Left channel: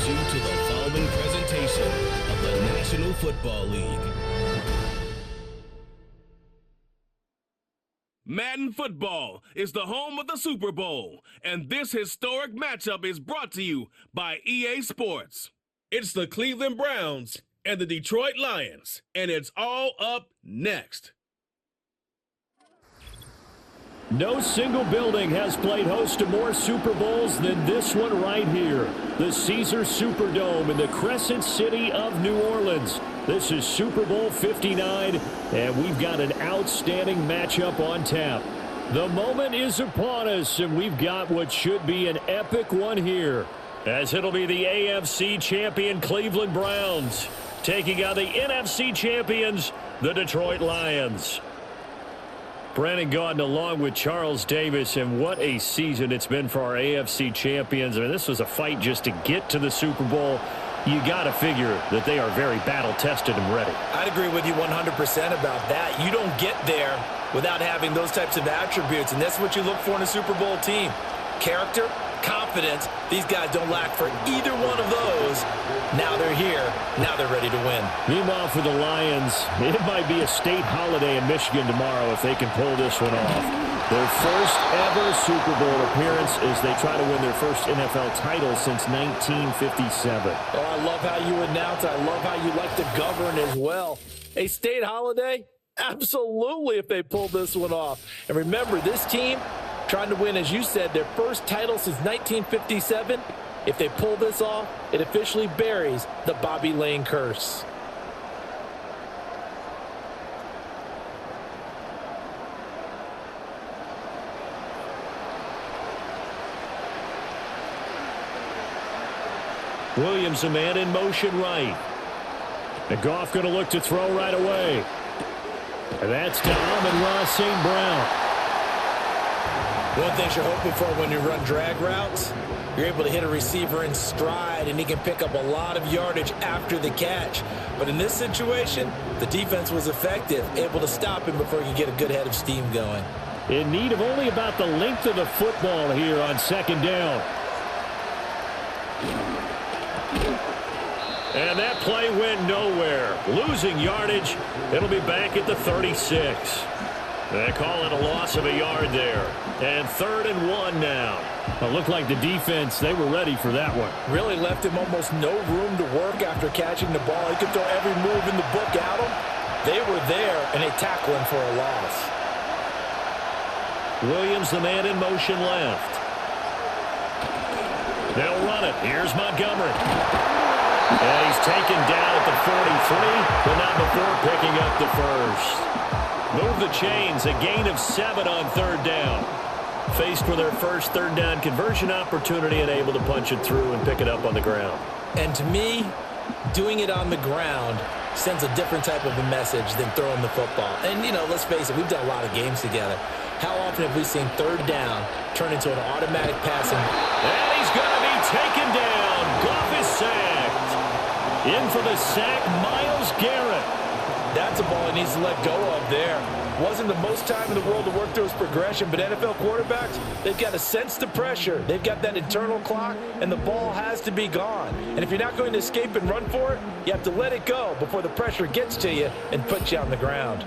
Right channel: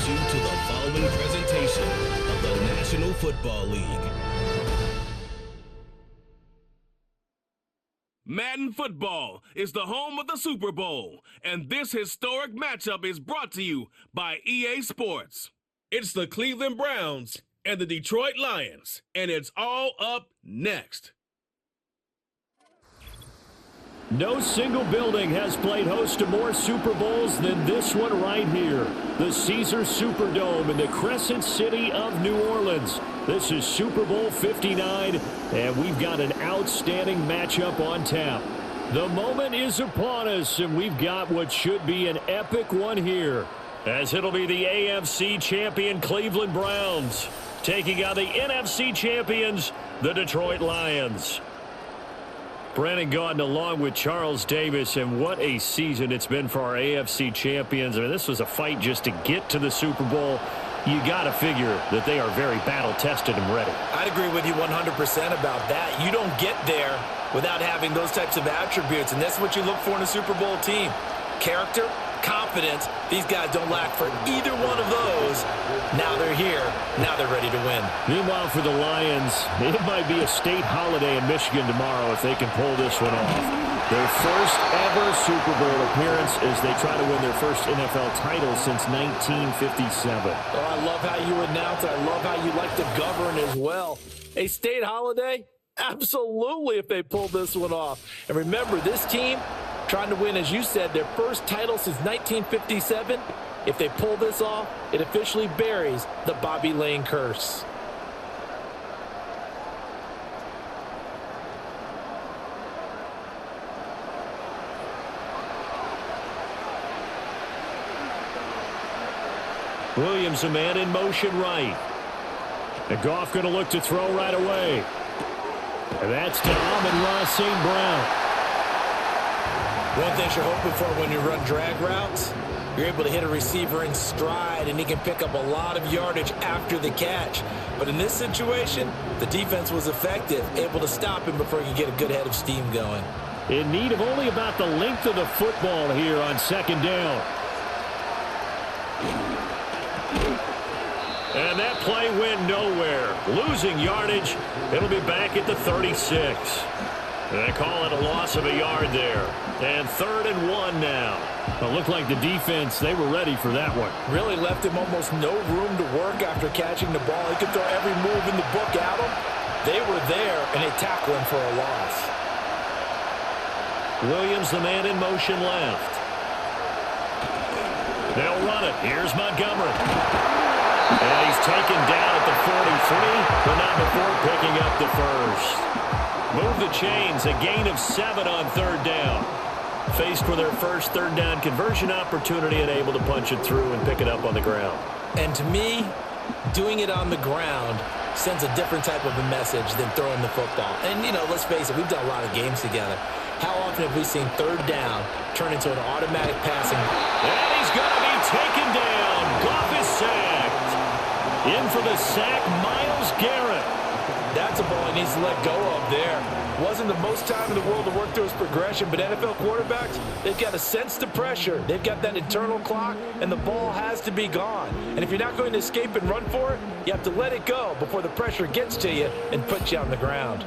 welcomes you to the following presentation of the National Football League. Madden Football is the home of the Super Bowl, and this historic matchup is brought to you by EA Sports. It's the Cleveland Browns and the Detroit Lions, and it's all up next. No single building has played host to more Super Bowls than this one right here. The Caesars Superdome in the Crescent City of New Orleans. This is Super Bowl 59, and we've got an outstanding matchup on tap. The moment is upon us, and we've got what should be an epic one here, as it'll be the AFC champion Cleveland Browns taking on the NFC champions, the Detroit Lions. Brandon Gaudin along with Charles Davis, and what a season it's been for our AFC champions. I mean, this was a fight just to get to the Super Bowl. You got to figure that they are very battle-tested and ready. I'd agree with you 100% about that. You don't get there without having those types of attributes, and that's what you look for in a Super Bowl team. Character, confidence. These guys don't lack for either one of those. Now they're here. Now they're ready to win. Meanwhile, for the Lions, it might be a state holiday in Michigan tomorrow if they can pull this one off. Their first ever Super Bowl appearance as they try to win their first NFL title since 1957. Oh, I love how you announce it. I love how you like to govern as well. A state holiday? Absolutely, if they pull this one off. And remember, this team trying to win, as you said, their first title since 1957. If they pull this off, it officially buries the Bobby Lane curse. Williams, a man in motion right. And Goff going to look to throw right away. And that's to Amon-Ra St. Brown. One thing you're hoping for when you run drag routes, you're able to hit a receiver in stride, and he can pick up a lot of yardage after the catch. But in this situation, the defense was effective, able to stop him before he could get a good head of steam going. In need of only about the length of the football here on second down. And that play went nowhere. Losing yardage. It'll be back at the 36. They call it a loss of a yard there. And 3rd and 1 now. Well, it looked like the defense, they were ready for that one. Really left him almost no room to work after catching the ball. He could throw every move in the book at him. They were there, and they tackle him for a loss. Williams, the man in motion left. They'll run it. Here's Montgomery. And he's taken down at the 43, but not before picking up the first. Move the chains, a gain of 7 on 3rd down. Faced with their first 3rd down conversion opportunity and able to punch it through and pick it up on the ground. And to me, doing it on the ground sends a different type of a message than throwing the football. And, you know, let's face it, we've done a lot of games together. How often have we seen 3rd down turn into an automatic passing? And he's going to be taken down. Goff is sacked. In for the sack, Myles Garrett. That's a ball he needs to let go of there. Wasn't the most time in the world to work through his progression, but NFL quarterbacks, they've got to sense the pressure. They've got that internal clock, and the ball has to be gone. And if you're not going to escape and run for it, you have to let it go before the pressure gets to you and puts you on the ground.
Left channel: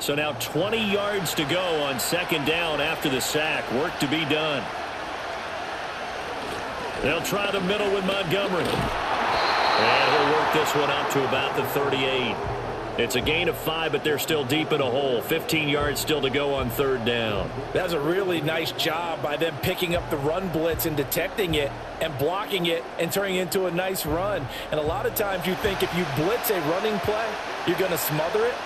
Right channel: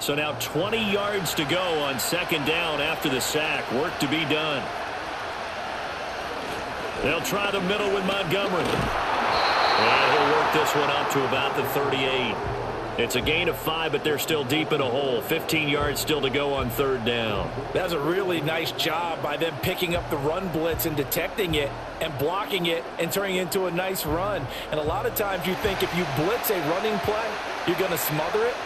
So now 20 yards to go on 2nd down after the sack. Work to be done. They'll try the middle with Montgomery. And he'll work this one up to about the 38. It's a gain of 5, but they're still deep in a hole. 15 yards still to go on 3rd down. That's a really nice job by them picking up the run blitz and detecting it and blocking it and turning it into a nice run. And a lot of times you think if you blitz a running play, you're going to smother it.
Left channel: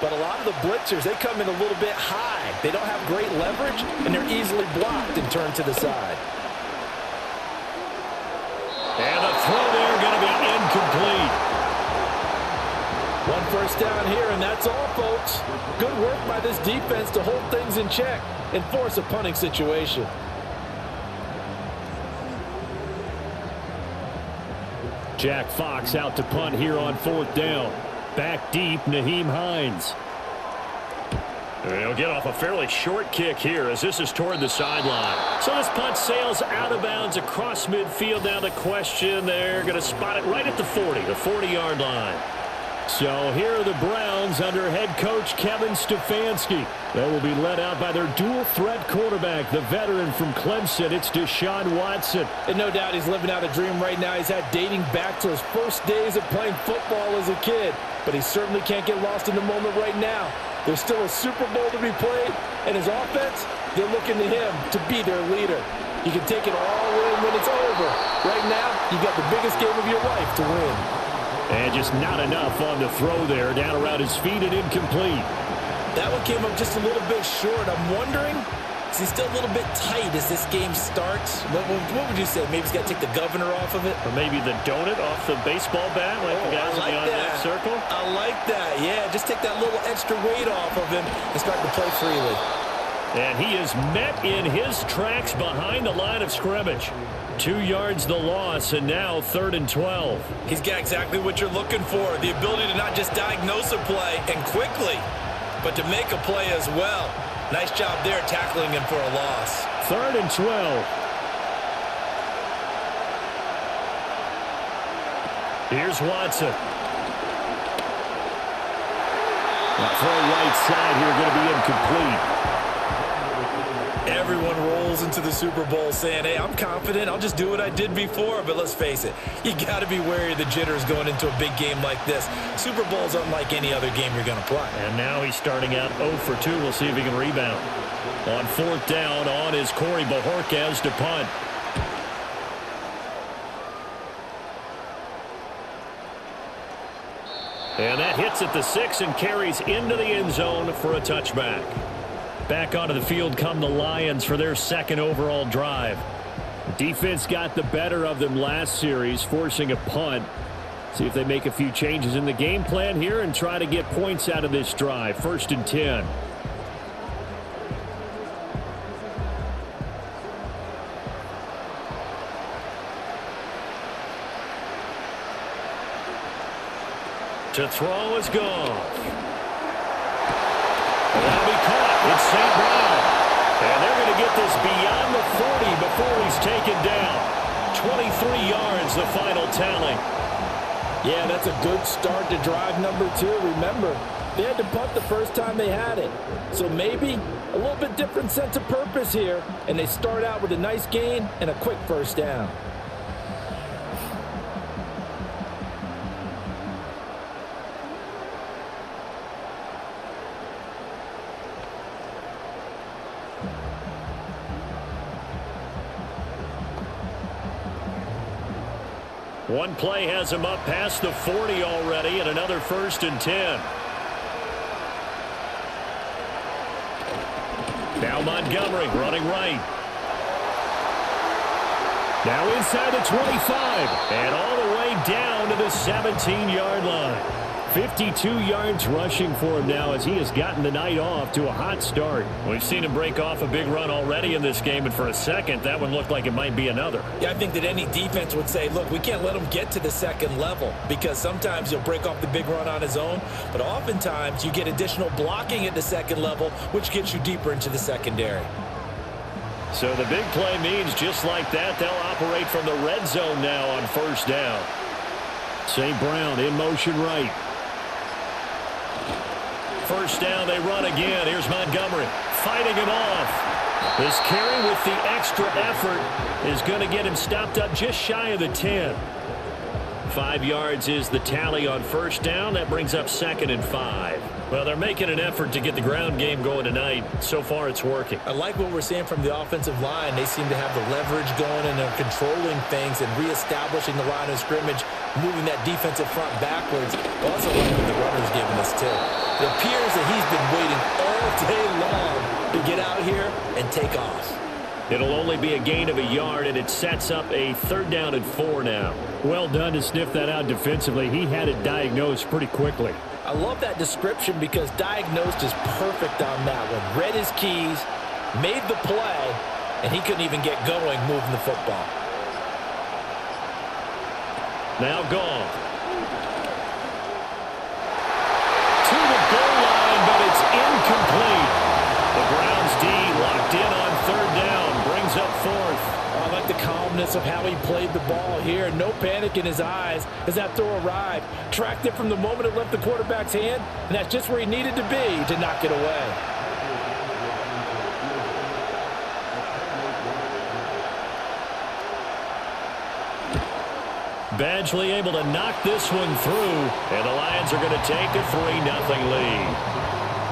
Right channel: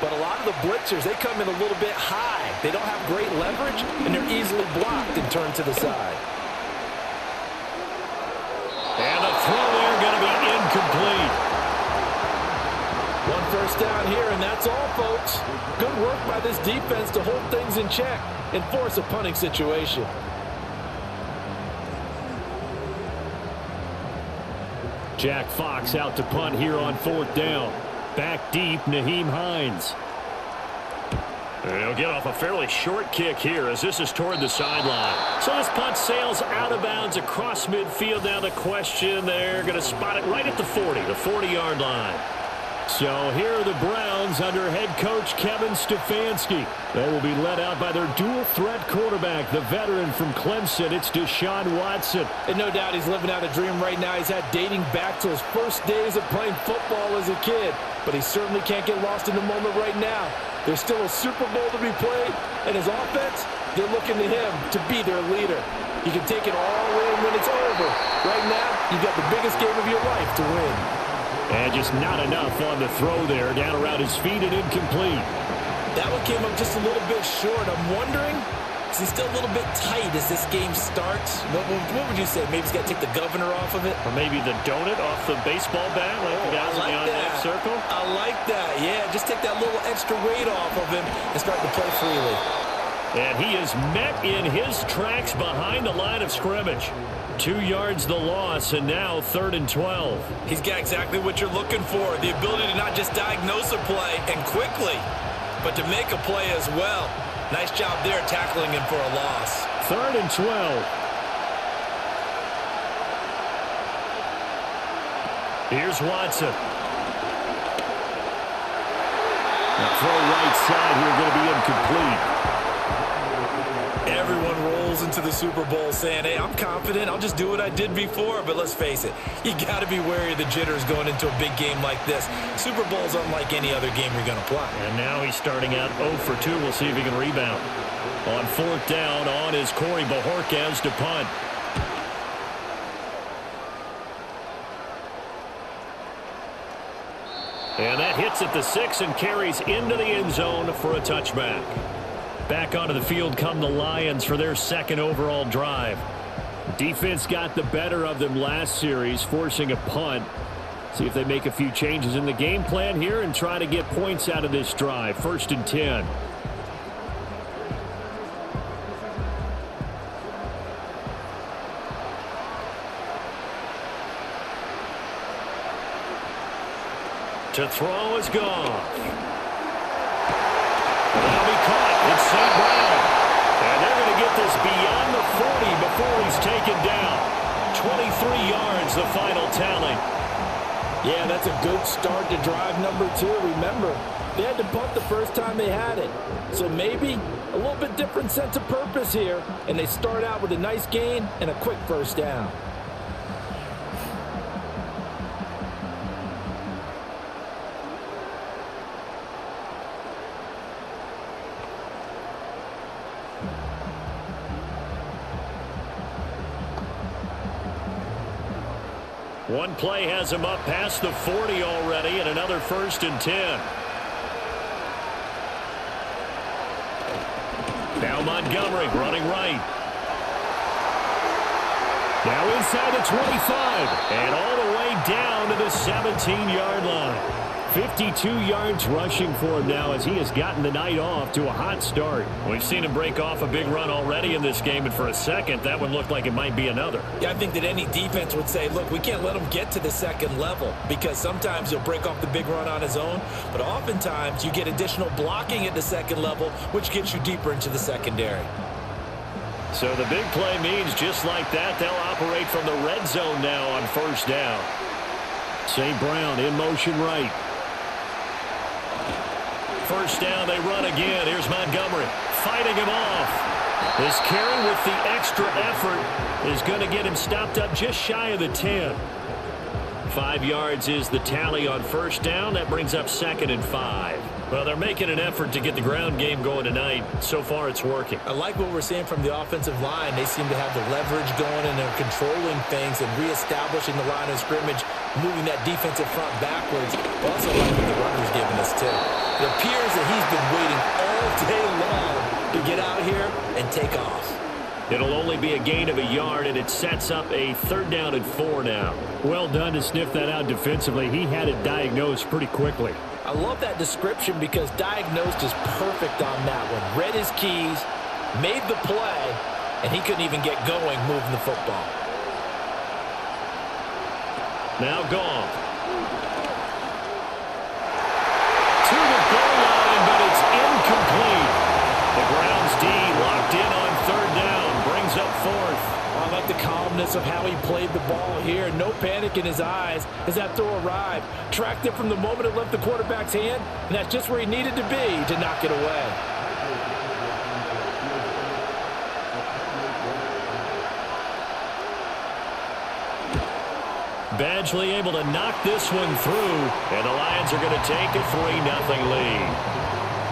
But a lot of the blitzers, they come in a little bit high. They don't have great leverage, and they're easily blocked and turned to the side. And the throw there going to be incomplete. 1 first down here, and that's all, folks. Good work by this defense to hold things in check and force a punting situation. Jack Fox out to punt here on 4th down. Back deep, Nyheim Hines. And he'll get off a fairly short kick here as this is toward the sideline. So this punt sails out of bounds across midfield. Now the question, they're going to spot it right at the 40-yard line. So here are the Browns under head coach Kevin Stefanski. They will be led out by their dual-threat quarterback, the veteran from Clemson. It's Deshaun Watson. And no doubt he's living out a dream right now. He's had dating back to his first days of playing football as a kid. But he certainly can't get lost in the moment right now. There's still a Super Bowl to be played, and his offense, they're looking to him to be their leader. You can take it all in when it's over. Right now, you got the biggest game of your life to win. And just not enough on the throw there, down around his feet and incomplete. That one came up just a little bit short. I'm wondering, is he still a little bit tight as this game starts? What would you say? Maybe he's got to take the governor off of it? Or maybe the donut off the baseball bat like the guys in the on-deck circle? I like that. Yeah, just take that little extra weight off of him and start to play freely. And he is met in his tracks behind the line of scrimmage. 2 yards the loss, and now 3rd and 12. He's got exactly what you're looking for, the ability to not just diagnose a play and quickly, but to make a play as well. Nice job there tackling him for a loss. 3rd and 12. Here's Watson. Now throw right side here, going to be incomplete. Everyone rolls into the Super Bowl saying, hey, I'm confident. I'll just do what I did before. But let's face it, you got to be wary of the jitters going into a big game like this. Super Bowl's unlike any other game you're going to play. And now he's starting out 0 for 2. We'll see if he can rebound. On 4th down, on is Corey Bojorquez to punt. And that hits at the 6 and carries into the end zone for a touchback. Back onto the field come the Lions for their 2nd overall drive. The defense got the better of them last series, forcing a punt. See if they make a few changes in the game plan here and try to get points out of this drive. 1st and 10. To throw is Goff. And that'll be caught. It's St. Brown. And they're going to get this beyond the 40 before he's taken down. 23 yards, the final tally. Yeah, that's a good start to drive number 2. Remember, they had to punt the first time they had it. So maybe a little bit different sense of purpose here. And they start out with a nice gain and a quick first down. One play has him up past the 40 already, and another 1st and 10. Now Montgomery running right. Now inside the 25, and all the way down to the 17-yard line. 52 yards rushing for him now as he has gotten the night off to a hot start. We've seen him break off a big run already in this game, and for a second, that one looked like it might be another. Yeah, I think that any defense would say, look, we can't let him get to the 2nd level because sometimes he'll break off the big run on his own, but oftentimes you get additional blocking at the 2nd level, which gets you deeper into the secondary. So the big play means just like that, they'll operate from the red zone now on 1st down. St. Brown in motion right. 1st down, they run again. Here's Montgomery fighting him off. This carry with the extra effort is going to get him stopped up just shy of the 10. 5 yards is the tally on 1st down. That brings up 2nd and 5. Well, they're making an effort to get the ground game going tonight. So far, it's working. I like what we're seeing from the offensive line. They seem to have the leverage going, and they're controlling things and reestablishing the line of scrimmage, moving that defensive front backwards. I also like what the runner's giving us, too. It appears that he's been waiting all day long to get out here and take off. It'll only be a gain of a yard, and it sets up a 3rd down and 4 now. Well done to sniff that out defensively. He had it diagnosed pretty quickly. I love that description because diagnosed is perfect on that one. Read his keys, made the play, and he couldn't even get going moving the football. Now Goff. To the goal line, but it's incomplete. The Browns D locked in on third down, brings up fourth. Oh, I like the calmness of how he played the ball here. No panic in his eyes as that throw arrived. Tracked it from the moment it left the quarterback's hand, and that's just where he needed to be to knock it away. Badgley able to knock this one through, and the Lions are going to take a 3-0 lead.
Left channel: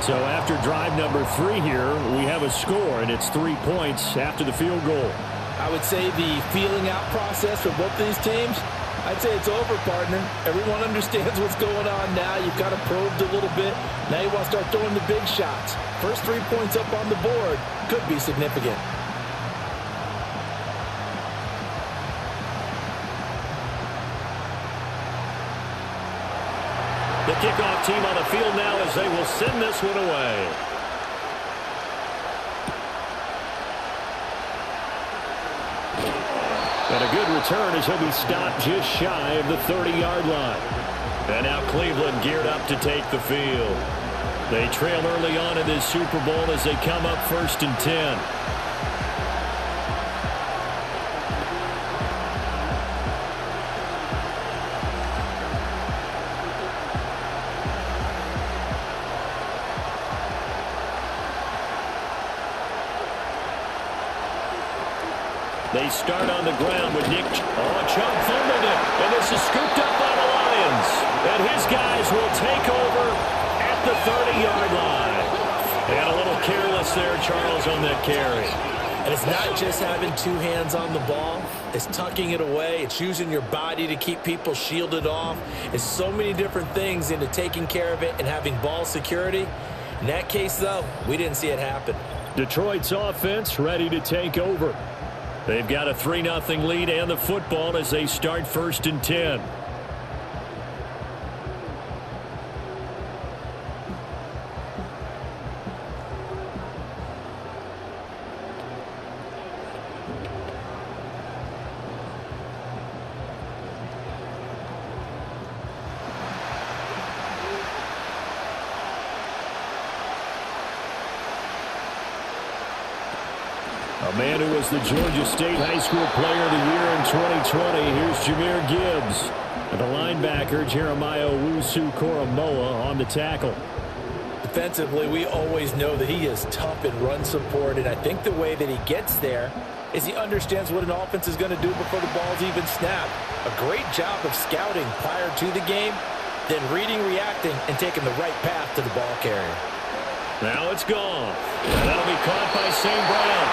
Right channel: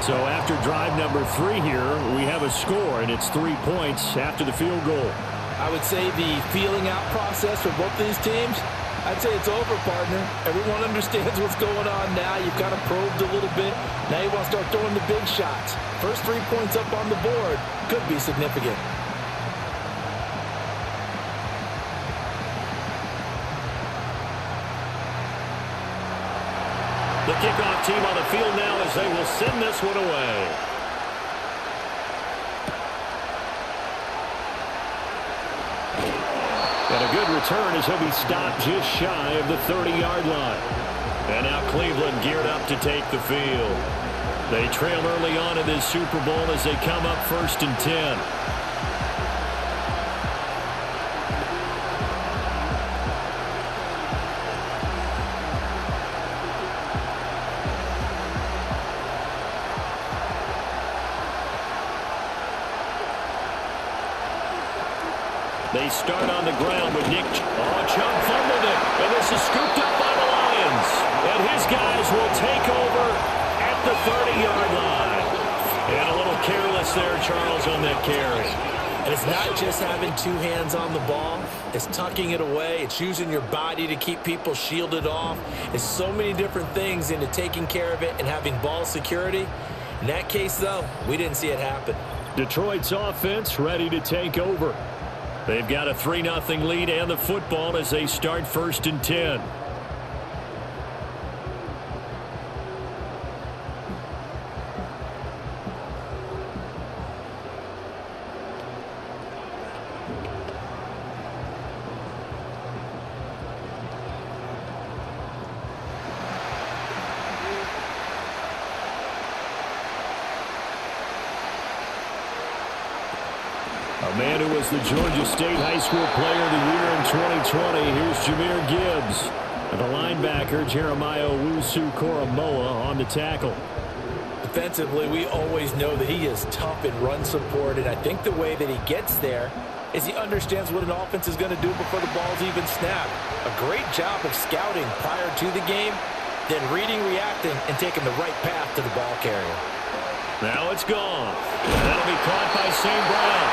So after drive number 3 here, we have a score, and it's 3 points after the field goal. I would say the feeling out process for both of these teams, I'd say it's over, partner. Everyone understands what's going on now. You've kind of probed a little bit. Now you want to start throwing the big shots. First 3 points up on the board could be significant. The kickoff team on the field now as they will send this one away. And a good return as he'll be stopped just shy of the 30-yard line. And now Cleveland geared up to take the field. They trail early on in this Super Bowl as they come up 1st and 10. They start on the ground with Nick. Chubb fumbled it, and this is scooped up by the Lions. And his guys will take over at the 30-yard line. And a little careless there, Charles, on that carry. And it's not just having 2 hands on the ball. It's tucking it away. It's using your body to keep people shielded off. It's so many different things into taking care of it and having ball security. In that case, though, we didn't see it happen. Detroit's offense ready to take over. They've got a 3-0 lead and the football as they start 1st and 10. A man who was the Georgia State High School Player of the Year in 2020. Here's Jahmyr Gibbs. And the linebacker, Jeremiah Owusu-Koramoah, on the tackle. Defensively, we always know that he is tough in run support, and I think the way that he gets there is he understands what an offense is going to do before the ball's even snapped. A great job of scouting prior to the game, then reading, reacting, and taking the right path to the ball carrier. Now it's gone. And that'll be caught by St. Brown.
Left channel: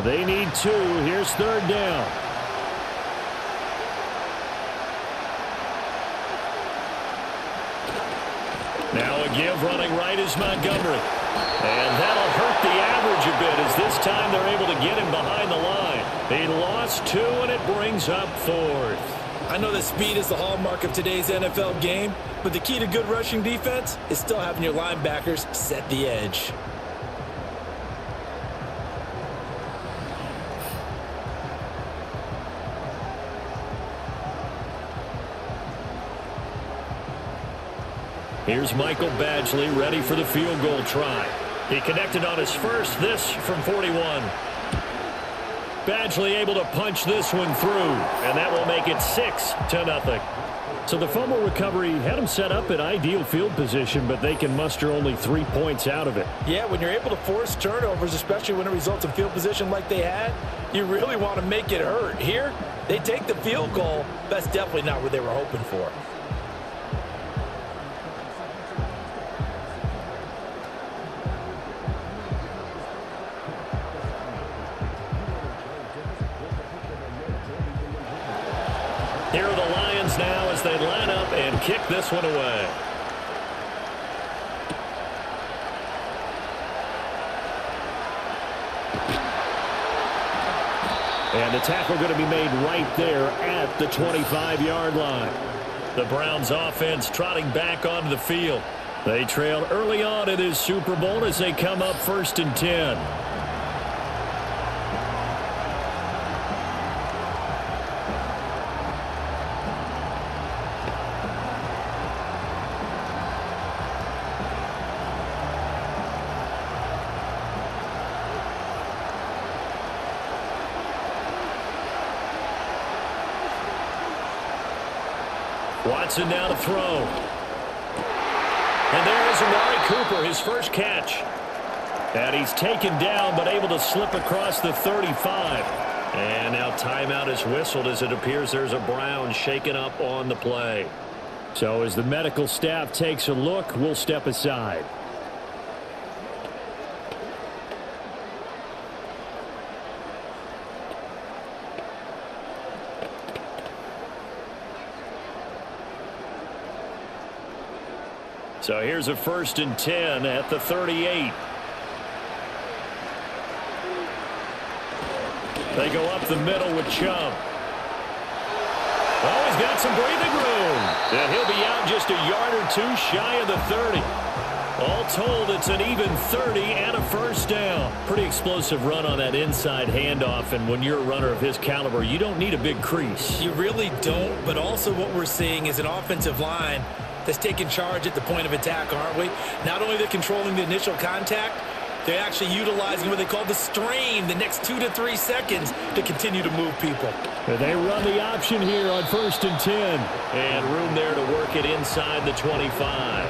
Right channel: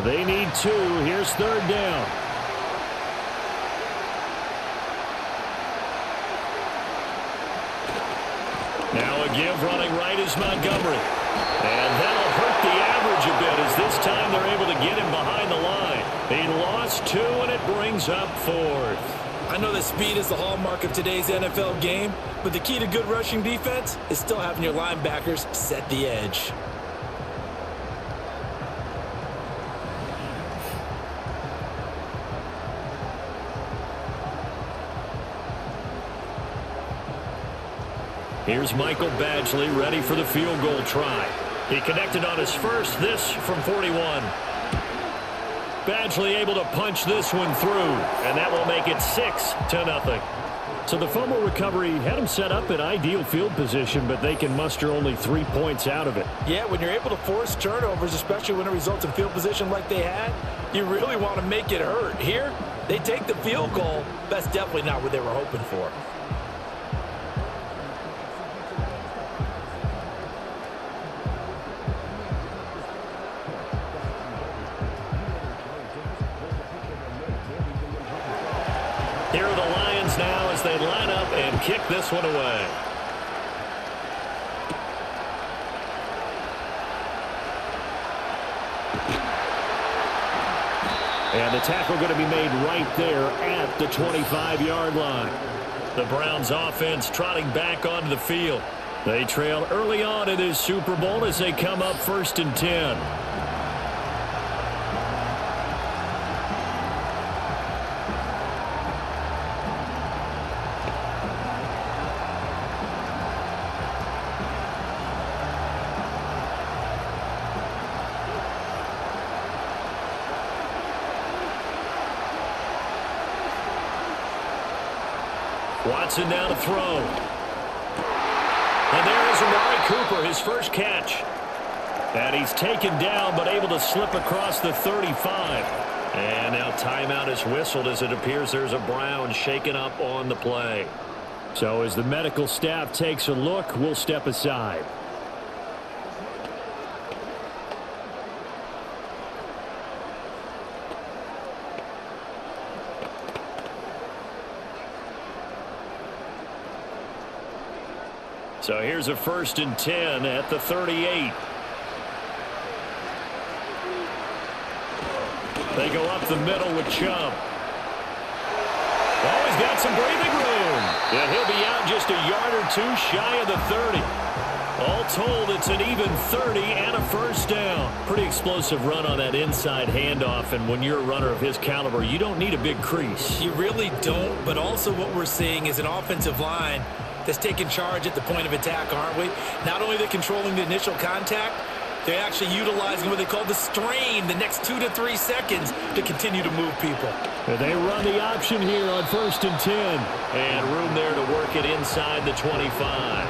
They need 2. Here's 3rd down. Now a give running right is Montgomery. And that'll hurt the average a bit as this time they're able to get him behind the line. He lost 2, and it brings up 4th. I know that speed is the hallmark of today's NFL game, but the key to good rushing defense is still having your linebackers set the edge. Here's Michael Badgley ready for the field goal try. He connected on his first, this from 41. Badgley able to punch this one through, and that will make it 6-0. So the fumble recovery had him set up in ideal field position, but they can muster only 3 points out of it. Yeah, when you're able to force turnovers, especially when it results in field position like they had, you really want to make it hurt. Here, they take the field goal. That's definitely not what they were hoping for. Here are the Lions now as they line up and kick this one away. And the tackle going to be made right there at the 25-yard line. The Browns offense trotting back onto the field. They trailed early on in this Super Bowl as they come up 1st and 10. Watson now to throw. And there is Amari Cooper, his first catch. And he's taken down but able to slip across the 35. And now timeout is whistled as it appears there's a Brown shaken up on the play. So as the medical staff takes a look, we'll step aside. So here's a 1st and 10 at the 38. They go up the middle with Chubb. Oh, he's got some breathing room. And he'll be out just a yard or two shy of the 30. All told, it's an even 30 and a first down. Pretty explosive run on that inside handoff, and when you're a runner of his caliber, you don't need a big crease. You really don't, but also what we're seeing is an offensive line that's taking charge at the point of attack, aren't we? Not only are they controlling the initial contact, they're actually utilizing what they call the strain, the next 2 to 3 seconds to continue to move people. They run the option here on 1st and 10. And room there to work it inside the 25.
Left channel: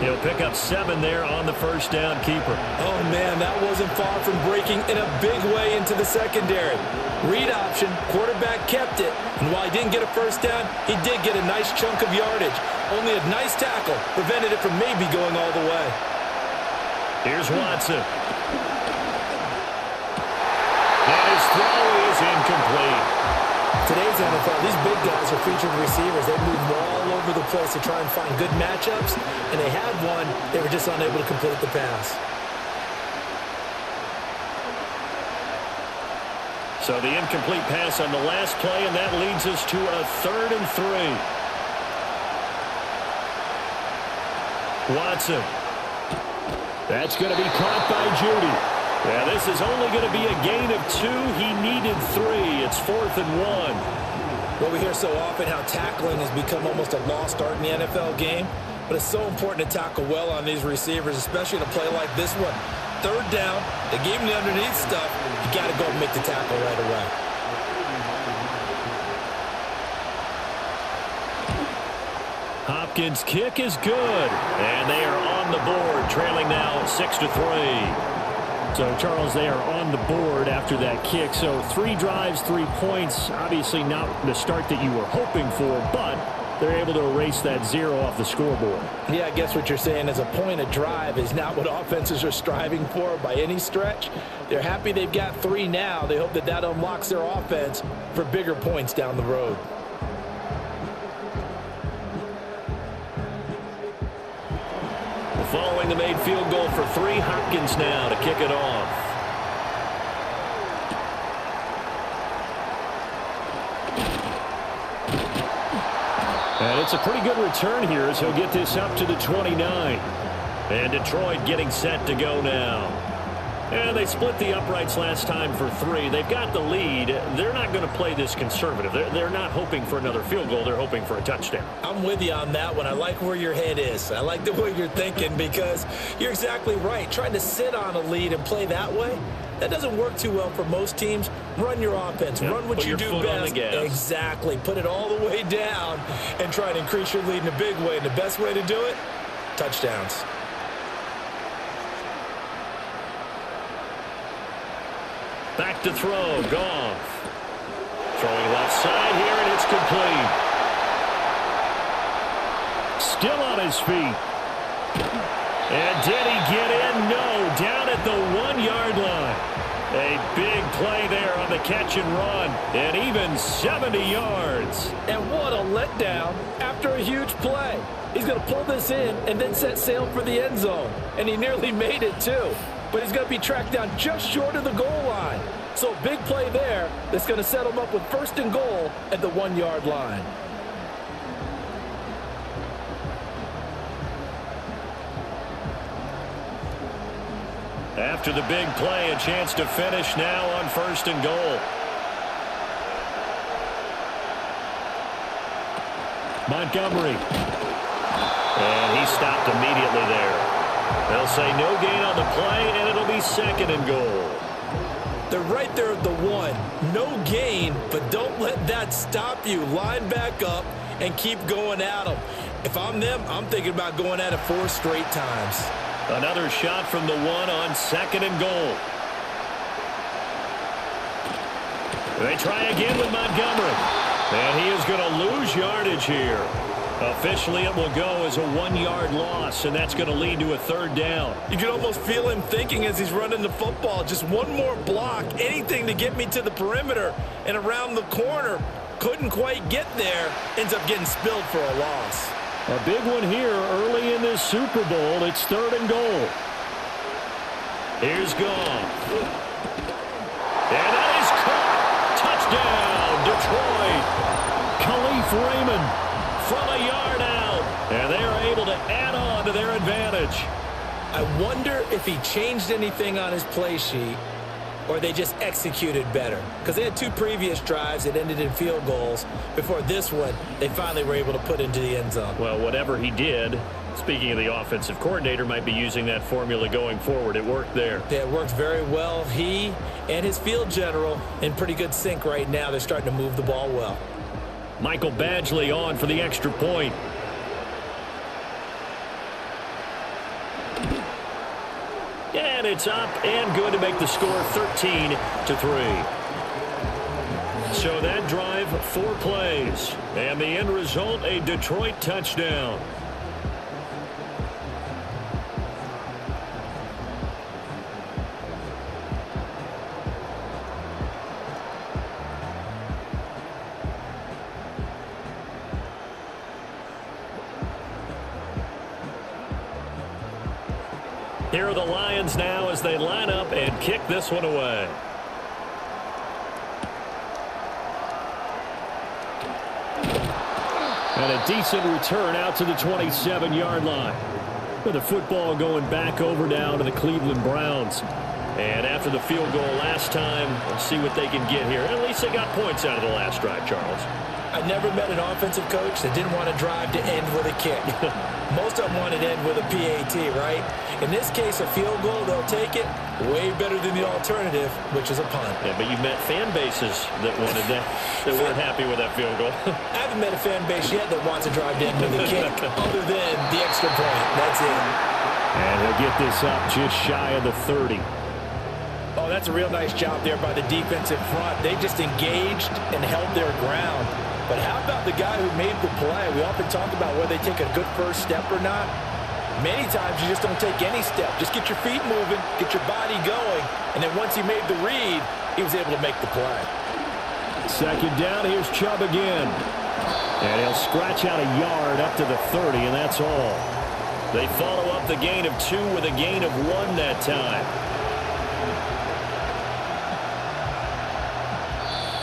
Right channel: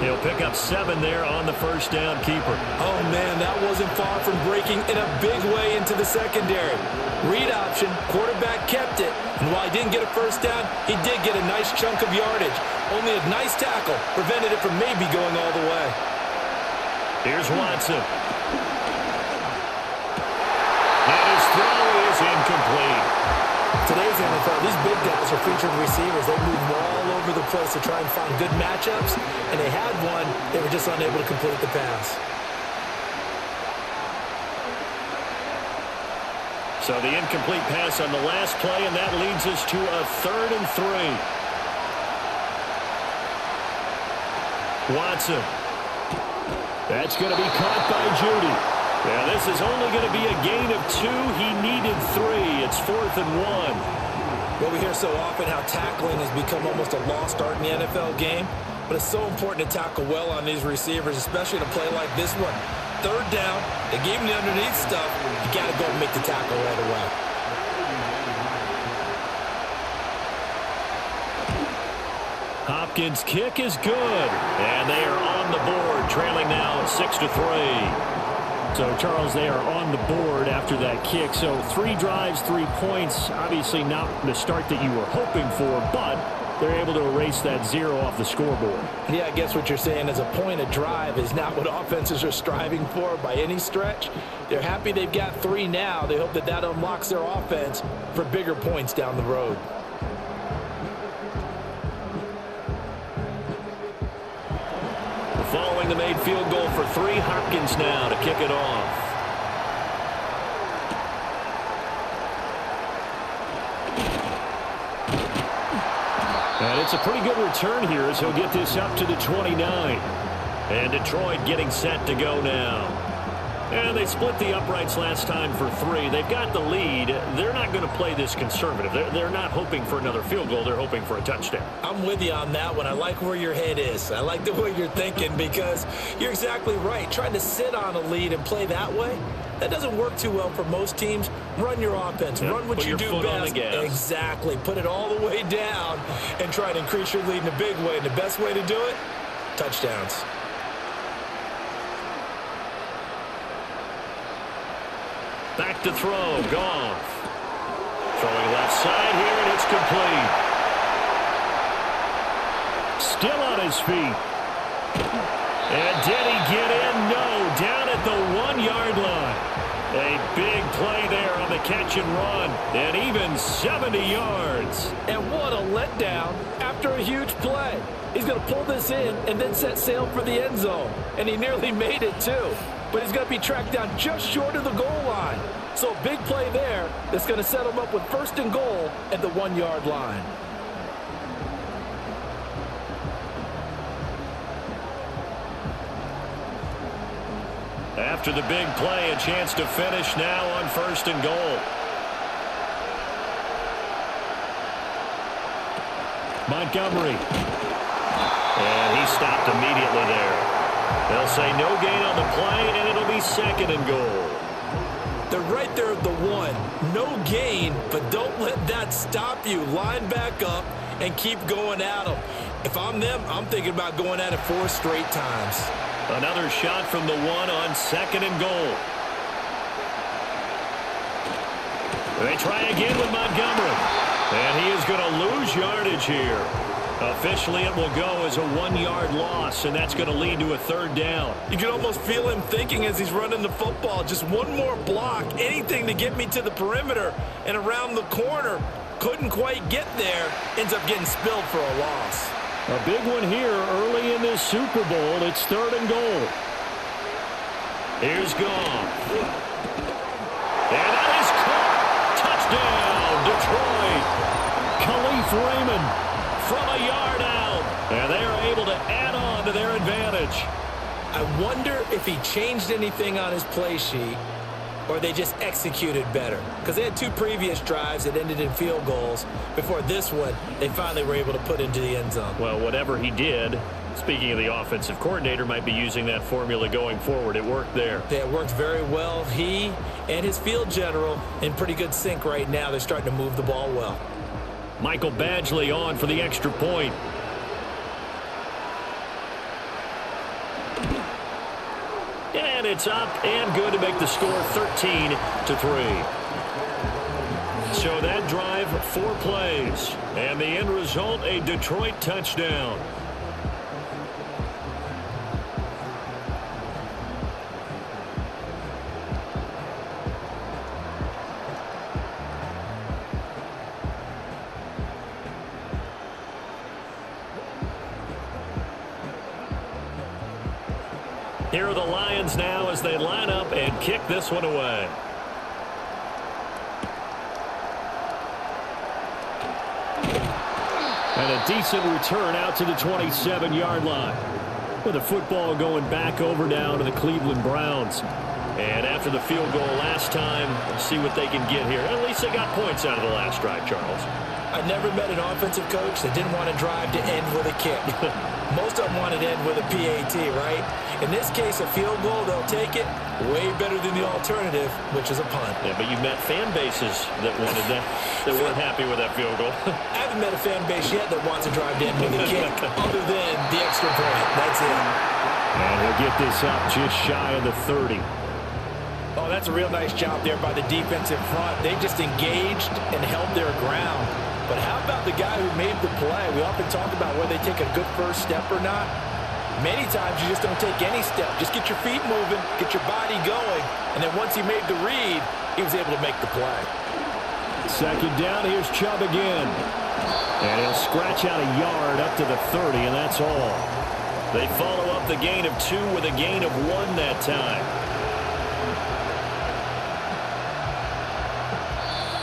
He'll pick up 7 there on the first down keeper. Oh, man, that wasn't far from breaking in a big way into the secondary. Read option, quarterback kept it, and while he didn't get a first down, he did get a nice chunk of yardage. Only a nice tackle prevented it from maybe going all the way. Here's Watson. And his throw is incomplete. Today's NFL, these big guys are featured receivers. They move all over the place to try and find good matchups, and they had one. They were just unable to complete the pass. So the incomplete pass on the last play, and that leads us to a 3rd and 3. Watson. That's going to be caught by Judy. Yeah, this is only going to be a gain of 2. He needed 3. It's 4th and 1. Well, we hear so often how tackling has become almost a lost art in the NFL game, but it's so important to tackle well on these receivers, especially in a play like this one. 3rd down, they gave him the underneath stuff. You got to go and make the tackle right away. Hopkins' kick is good, and they are on the board, trailing now 6-3. So, Charles, they are on the board after that kick. So 3 drives, 3 points. Obviously not the start that you were hoping for, but they're able to erase that 0 off the scoreboard. Yeah, I guess what you're saying is a point of drive is not what offenses are striving for by any stretch. They're happy they've got 3 now. They hope that that unlocks their offense for bigger points down the road. Following the made field goal for 3, Hopkins now to kick it off. And it's a pretty good return here as he'll get this up to the 29. And Detroit getting set to go now. And they split the uprights last time for 3. They've got the lead. They're not going to play this conservative. They're not hoping for another field goal. They're hoping for a touchdown. I'm with you on that one. I like where your head is. I like the way you're thinking because you're exactly right. Trying to sit on a lead and play that way, that doesn't work too well for most teams. Run your offense. Run what you do best. Exactly. Put it all the way down and try to increase your lead in a big way. And the best way to do it, touchdowns. Back to throw, Goff. Throwing left side here, and it's complete. Still on his feet. And did he get in? No, down at the 1-yard line. A big play there on the catch and run, and even 70 yards. And what a letdown after a huge play. He's going to pull this in and then set sail for the end zone. And he nearly made it, too. But he's going to be tracked down just short of the goal line. So a big play there that's going to set him up with 1st and goal at the 1-yard line. After the big play, a chance to finish now on 1st and goal. Montgomery. And he stopped immediately there. They'll say no gain on the play, and it'll be 2nd and goal. They're right there at the 1. No gain, but don't let that stop you. Line back up and keep going at them. If I'm them, I'm thinking about going at it 4 straight times. Another shot from the 1 on 2nd and goal. They try again with Montgomery. And he is going to lose yardage here. Officially, it will go as a 1-yard loss, and that's going to lead to a 3rd down. You can almost feel him thinking as he's running the football. Just one more block, anything to get me to the perimeter and around the corner. Couldn't quite get there. Ends up getting spilled for a loss. A big one here early in this Super Bowl. It's 3rd and goal. Here's Goff. And that is caught. Touchdown, Detroit. Khalif Raymond from a yard out. And they are able to add on to their advantage. I wonder if he changed anything on his play sheet or they just executed better. Because they had 2 previous drives that ended in field goals. Before this one, they finally were able to put into the end zone. Well, whatever he did, speaking of the offensive coordinator, might be using that formula going forward. It worked there. Yeah, it worked very well. He and his field general in pretty good sync right now. They're starting to move the ball well. Michael Badgley on for the extra point. And it's up and good to make the score 13-3. So that drive, 4 plays. And the end result, a Detroit touchdown. Here are the Lions now as they line up and kick this one away. And a decent return out to the 27-yard line. The football going back over now to the Cleveland Browns. And after the field goal last time, we'll see what they can get here. At least they got points out of the last drive, Charles. I never met an offensive coach that didn't want to drive to end with a kick. Most of them wanted to end with a PAT, right? In this case, a field goal, they'll take it. Way better than the alternative, which is a punt. Yeah, but you met fan bases that wanted that, that weren't happy with that field goal. I haven't met a fan base yet that wants to drive to end with a kick other than the extra point. That's it. And he'll get this up just shy of the 30. Oh, that's a real nice job there by the defensive front. They just engaged and held their ground. But how about the guy who made the play? We often talk about whether they take a good first step or not. Many times you just don't take any step. Just get your feet moving, get your body going, and then once he made the read, he was able to make the play. 2nd down, here's Chubb again. And he'll scratch out a yard up to the 30, and that's all. They follow up the gain of 2 with a gain of 1 that time.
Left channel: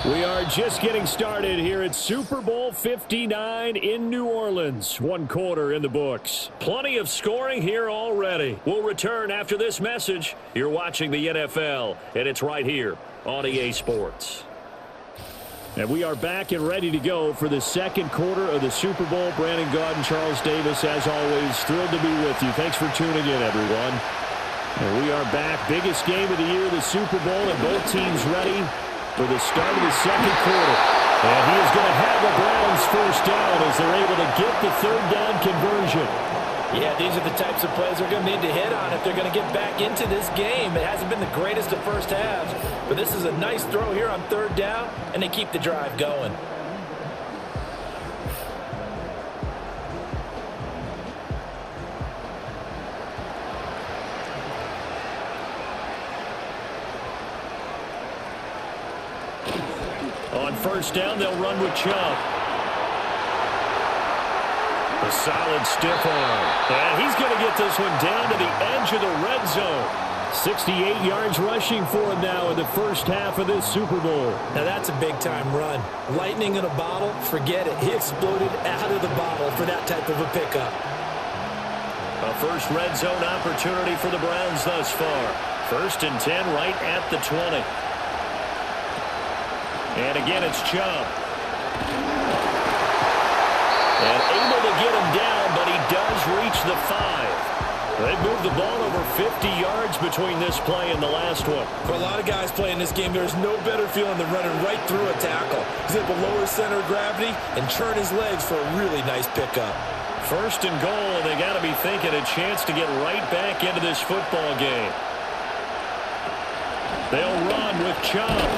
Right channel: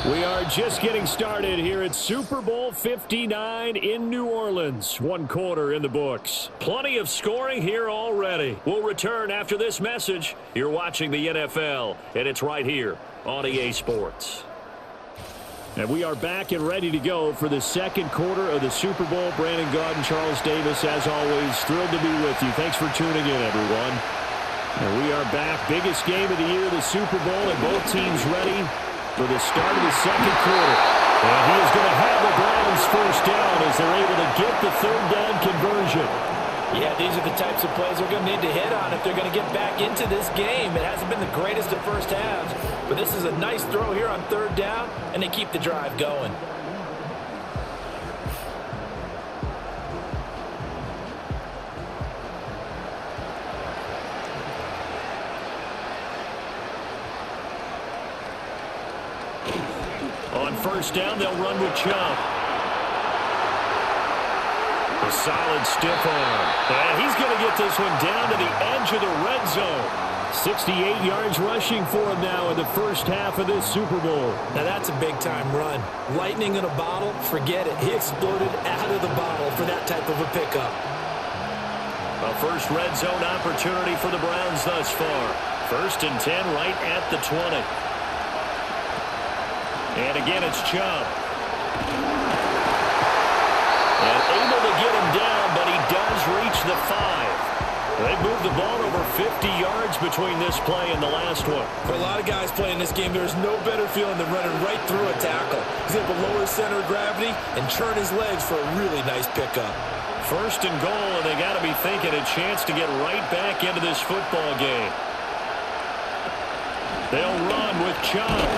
We are just getting started here at Super Bowl 59 in New Orleans. 1 quarter in the books. Plenty of scoring here already. We'll return after this message. You're watching the NFL, and it's right here on EA Sports. And we are back and ready to go for the 2nd quarter of the Super Bowl. Brandon Gaudin, Charles Davis, as always, thrilled to be with you. Thanks for tuning in, everyone. And we are back. Biggest game of the year, the Super Bowl, and both teams ready for the start of the 2nd quarter. And he is going to have the Browns first down as they're able to get the 3rd down conversion. Yeah, these are the types of plays they're going to need to hit on if they're going to get back into this game. It hasn't been the greatest of first halves, but this is a nice throw here on 3rd down, and they keep the drive going. On 1st down, they'll run with Chubb. A solid stiff arm. And he's going to get this one down to the edge of the red zone. 68 yards rushing for him now in the first half of this Super Bowl. Now that's a big-time run. Lightning in a bottle, forget it. He exploded out of the bottle for that type of a pickup. A first red zone opportunity for the Browns thus far. First and 10 right at the 20. And again, it's Chubb. And able to get him down, but he does reach the 5. They moved the ball over 50 yards between this play and the last one. For a lot of guys playing this game, there's no better feeling than running right through a tackle. He's able to lower center of gravity and churn his legs for a really nice pickup. First and goal, and they got to be thinking a chance to get right back into this football game. They'll run with Chubb.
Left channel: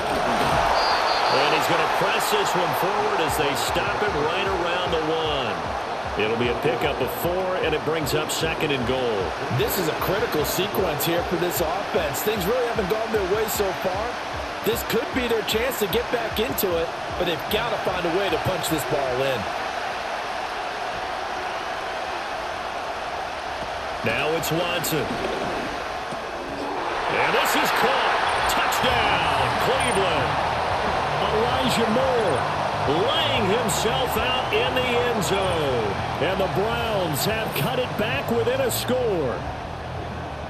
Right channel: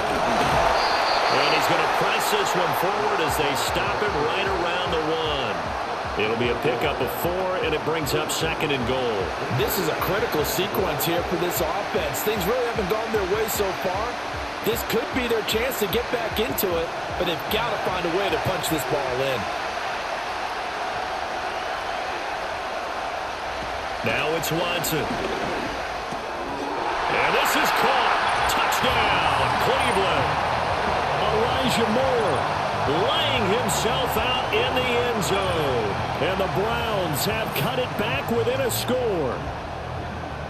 And he's going to press this one forward as they stop him right around the 1. It'll be a pickup of 4, and it brings up second and goal. This is a critical sequence here for this offense. Things really haven't gone their way so far. This could be their chance to get back into it, but they've got to find a way to punch this ball in. Now it's Watson. And this is caught. Touchdown, Cleveland. Elijah Moore laying himself out in the end zone. And the Browns have cut it back within a score.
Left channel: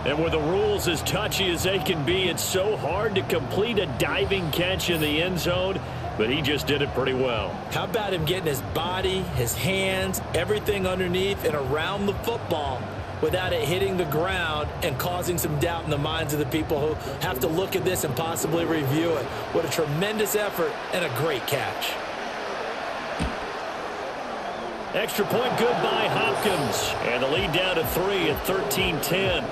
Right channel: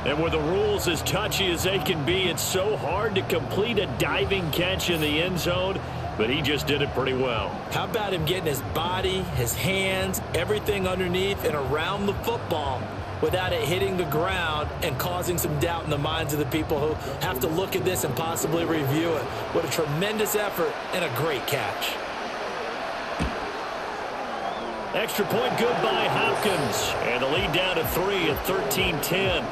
And with the rules as touchy as they can be, it's so hard to complete a diving catch in the end zone, but he just did it pretty well. How about him getting his body, his hands, everything underneath and around the football without it hitting the ground and causing some doubt in the minds of the people who have to look at this and possibly review it. What a tremendous effort and a great catch. Extra point good by Hopkins. And the lead down to 3 at 13-10.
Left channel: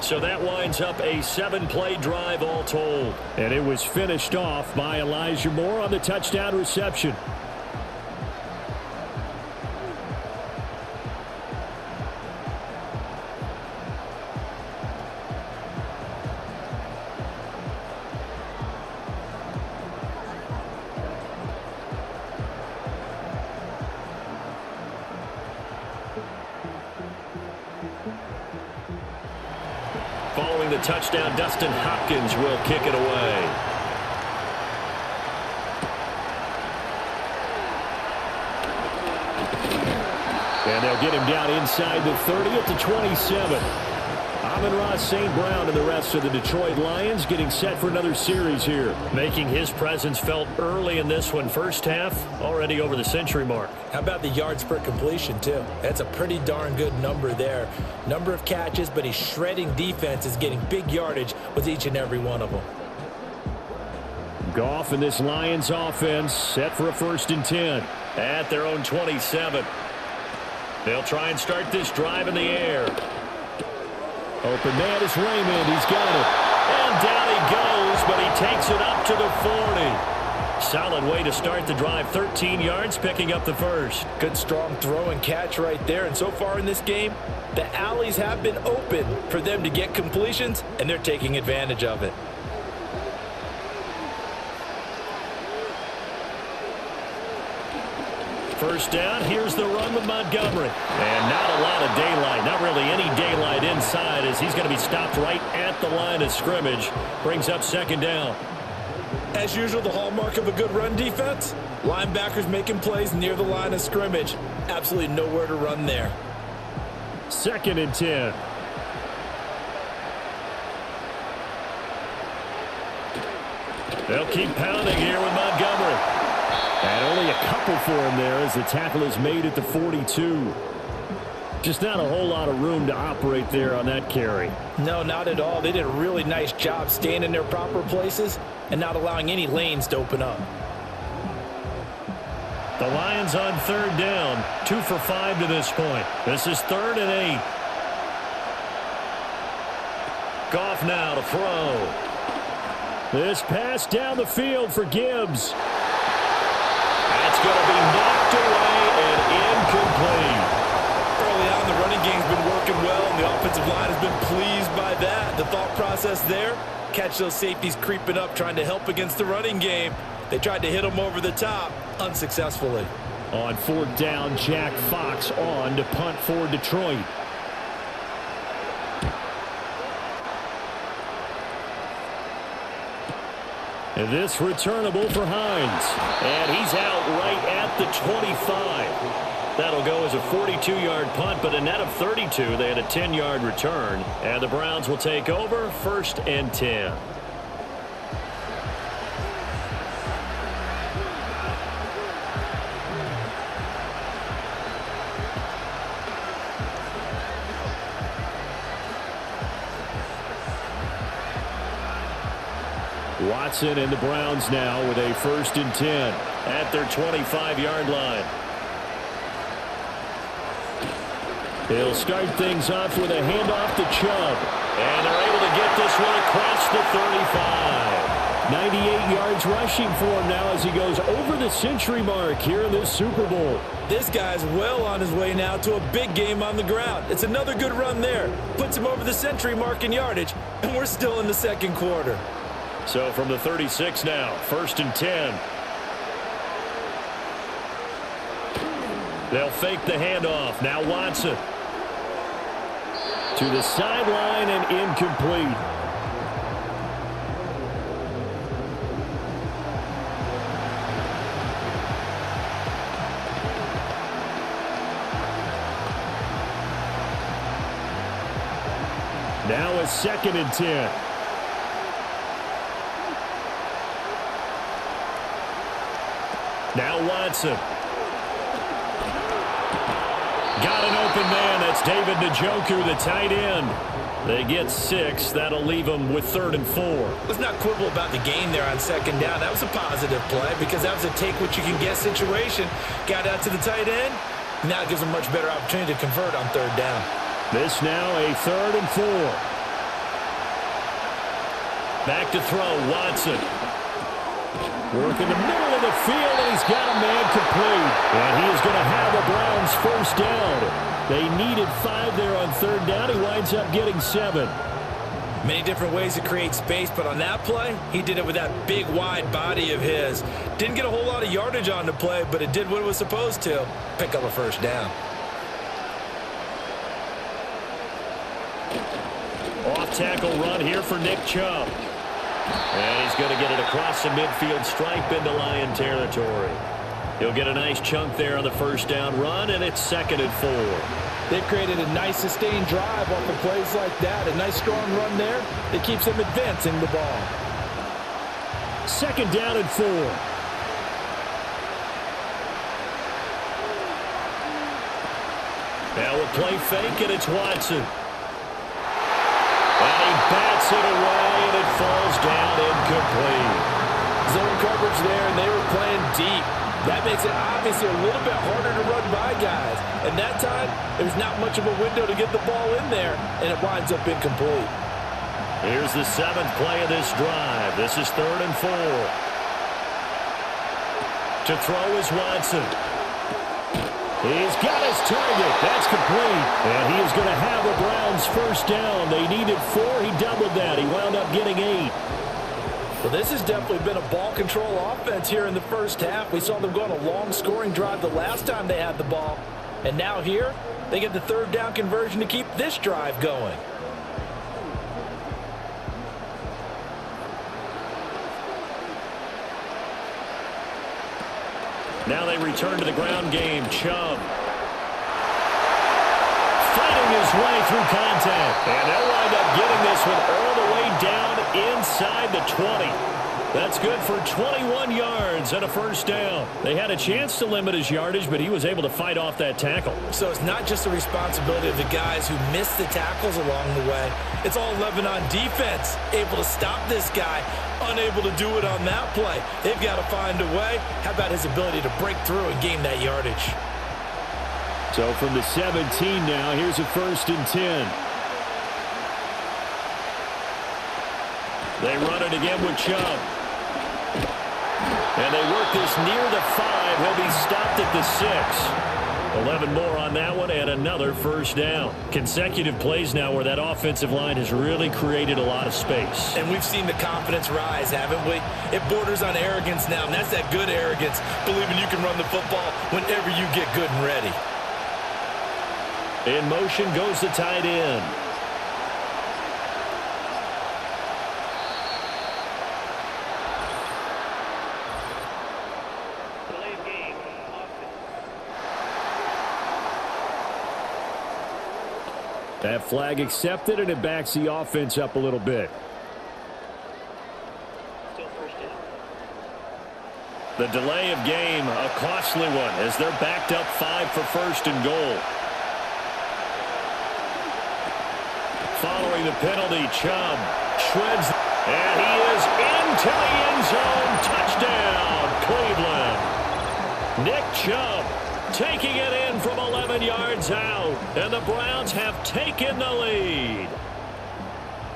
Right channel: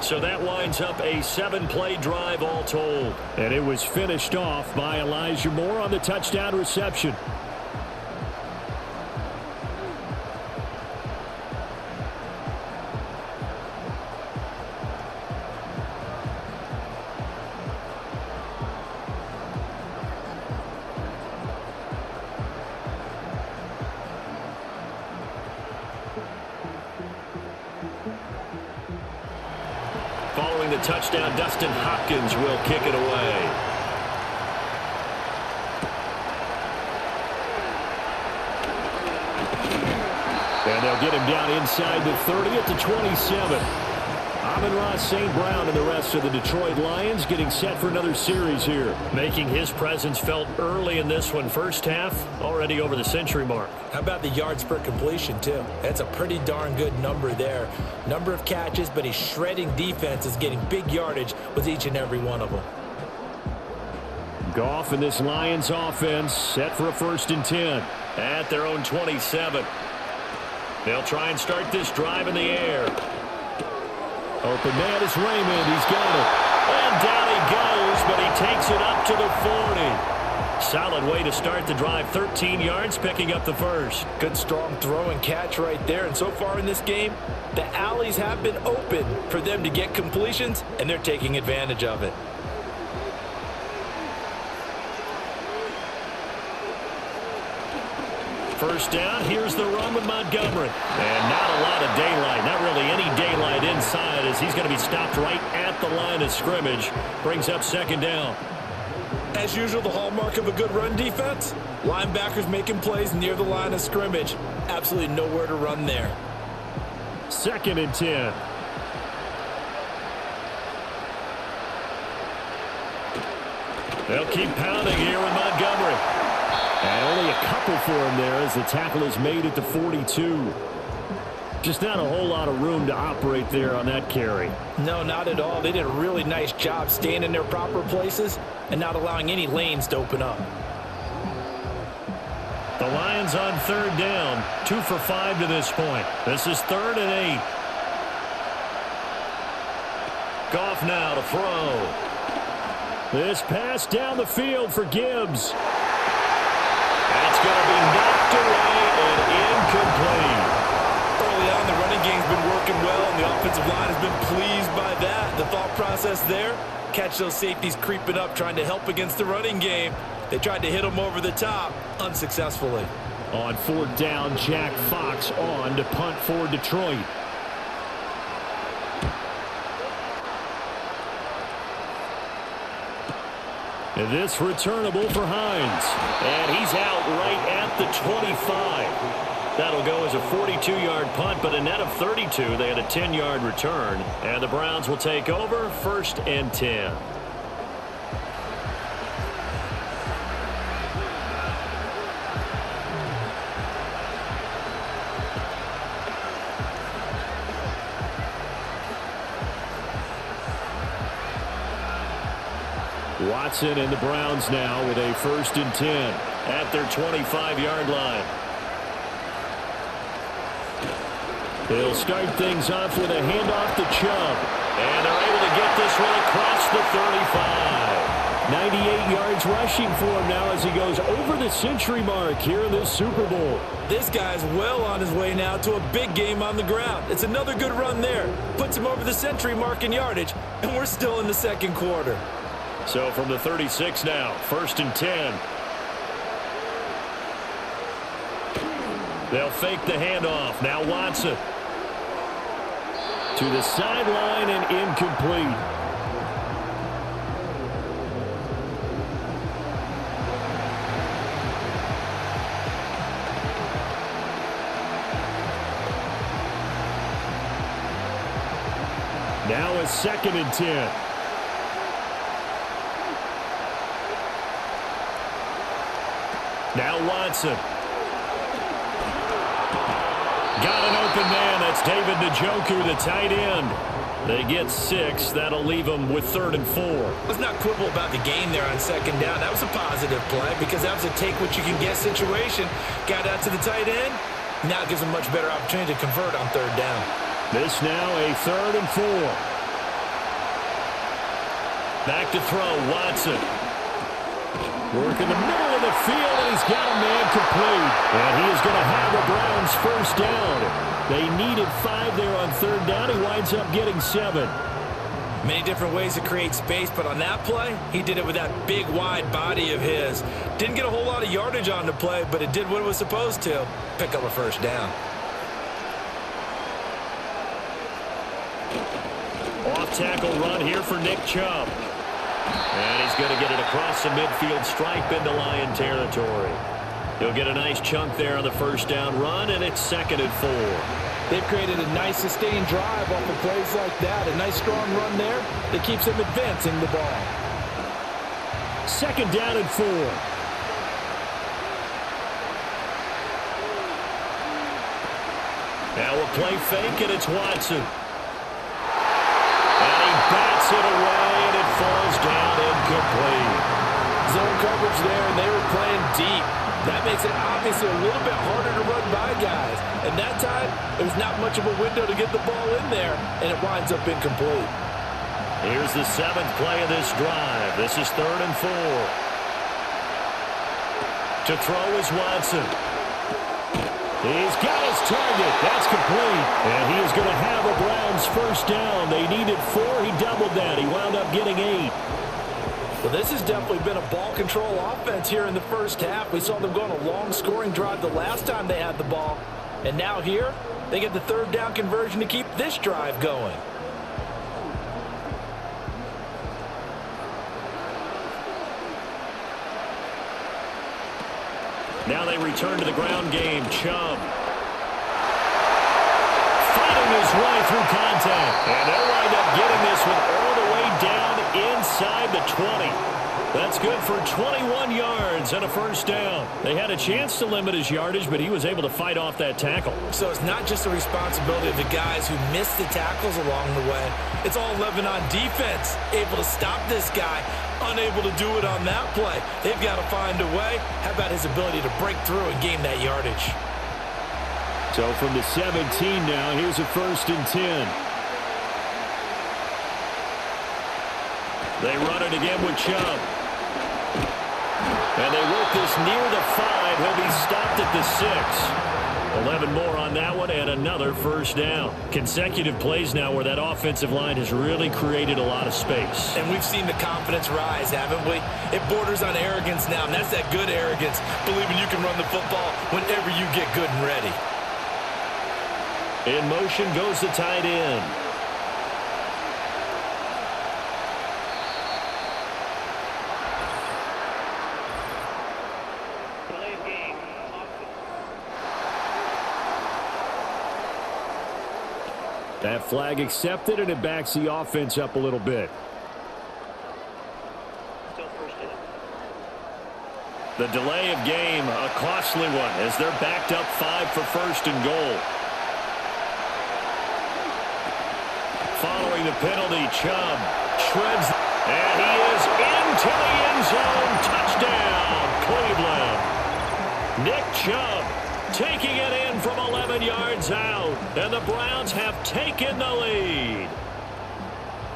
So that winds up a 7-play drive all told. And it was finished off by Elijah Moore on the touchdown reception. Following the touchdown, Dustin Hopkins will kick it away. And they'll get him down inside the 30 at the 27. Amon-Ra St. Brown and the rest of the Detroit Lions getting set for another series here. Making his presence felt early in this one. First half, already over the century mark. How about the yards per completion, too? That's a pretty darn good number there. Number of catches, but he's shredding defenses, getting big yardage with each and every one of them. Goff and this Lions offense set for a 1st and 10 at their own 27. They'll try and start this drive in the air. Open man is Raymond. He's got it. And down he goes, but he takes it up to the 40. Solid way to start the drive. 13 yards, picking up the first. Good strong throw and catch right there. And so far in this game, the alleys have been open for them to get completions, and they're taking advantage of it. First down, here's the run with Montgomery. And not a lot of daylight, not really any daylight inside as he's going to be stopped right at the line of scrimmage. Brings up second down. As usual, the hallmark of a good run defense, linebackers making plays near the line of scrimmage. Absolutely nowhere to run there. 2nd and 10. They'll keep pounding here with Montgomery. And only a couple for him there as the tackle is made at the 42. Just not a whole lot of room to operate there on that carry. No, not at all. They did a really nice job staying in their proper places and not allowing any lanes to open up. The Lions on 3rd down, 2 for 5 to this point. This is 3rd and 8. Goff now to throw. This pass down the field for Gibbs. That's going to be knocked away and incomplete. Early on, the running game's been working well, and the offensive line has been pleased by that. The thought process there, catch those safeties creeping up, trying to help against the running game. They tried to hit them over the top, unsuccessfully. On 4th down, Jack Fox on to punt for Detroit. And this returnable for Hines. And he's out right at the 25. That'll go as a 42-yard punt, but a net of 32. They had a 10-yard return. And the Browns will take over 1st and 10. Watson and the Browns now with a 1st and 10 at their 25-yard line. He'll start things off with a handoff to Chubb. And they're able to get this one across the 35. 98 yards rushing for him now as he goes over the century mark here in this Super Bowl. This guy's well on his way now to a big game on the ground. It's another good run there. Puts him over the century mark in yardage, and we're still in the second quarter. So from the 36 now, 1st and 10. They'll fake the handoff. Now Watson. To the sideline and incomplete. Now a 2nd and 10. Now Watson. Got an open man. That's David Njoku, the tight end. They get 6. That'll leave them with 3rd and 4. Let's not quibble about the gain there on 2nd down. That was a positive play because that was a take-what-you-can-get situation. Got out to the tight end. Now it gives them a much better opportunity to convert on 3rd down. This now a 3rd and 4. Back to throw, Watson. Work in the middle of the field, and he's got a man complete. And he is going to have a Browns 1st down. They needed 5 there on 3rd down. He winds up getting 7. Many different ways to create space, but on that play, he did it with that big, wide body of his. Didn't get a whole lot of yardage on the play, but it did what it was supposed to. Pick up a 1st down. Off-tackle run here for Nick Chubb. And he's going to get it across the midfield stripe into Lion territory. He'll get a nice chunk there on the 1st down run, and it's 2nd and 4. They've created a nice sustained drive off of plays like that. A nice strong run there that keeps them advancing the ball. 2nd down and 4. Now a play fake, and it's Watson. And he bats it away, and it falls down incomplete. Zone coverage there, and they were playing deep. That makes it obviously a little bit harder to run by guys. And that time, there's not much of a window to get the ball in there, and it winds up incomplete. Here's the 7th play of this drive. This is 3rd and 4. To throw is Watson. He's got his target. That's complete. And he is going to have a Browns 1st down. They needed 4. He doubled that. He wound up getting 8. Well, this has definitely been a ball control offense here in the 1st half. We saw them go on a long scoring drive the last time they had the ball. And now here, they get the 3rd down conversion to keep this drive going. Now they return to the ground game. Chubb fighting his way through contact. And they'll wind up getting this one all the way down inside the 20. That's good for 21 yards and a 1st down. They had a chance to limit his yardage, but he was able to fight off that tackle. So it's not just the responsibility of the guys who missed the tackles along the way. It's all 11 on defense, able to stop this guy, unable to do it on that play. They've got to find a way. How about his ability to break through and gain that yardage? So from the 17 now, here's a 1st and 10. They run it again with Chubb. And they work this near the 5. He'll be stopped at the 6. 11 more on that one and another 1st down. Consecutive plays now where that offensive line has really created a lot of space. And we've seen the confidence rise, haven't we? It borders on arrogance now, and that's that good arrogance, believing you can run the football whenever you get good and ready. In motion goes the tight end. That flag accepted, and it backs the offense up a little bit. Still first down. The delay of game, a costly one, as they're backed up 5 for first and goal. Following the penalty, Chubb shreds, and he is into the end zone. Touchdown, Cleveland. Nick Chubb taking it in from 11 yards out, and the Browns have taken the lead.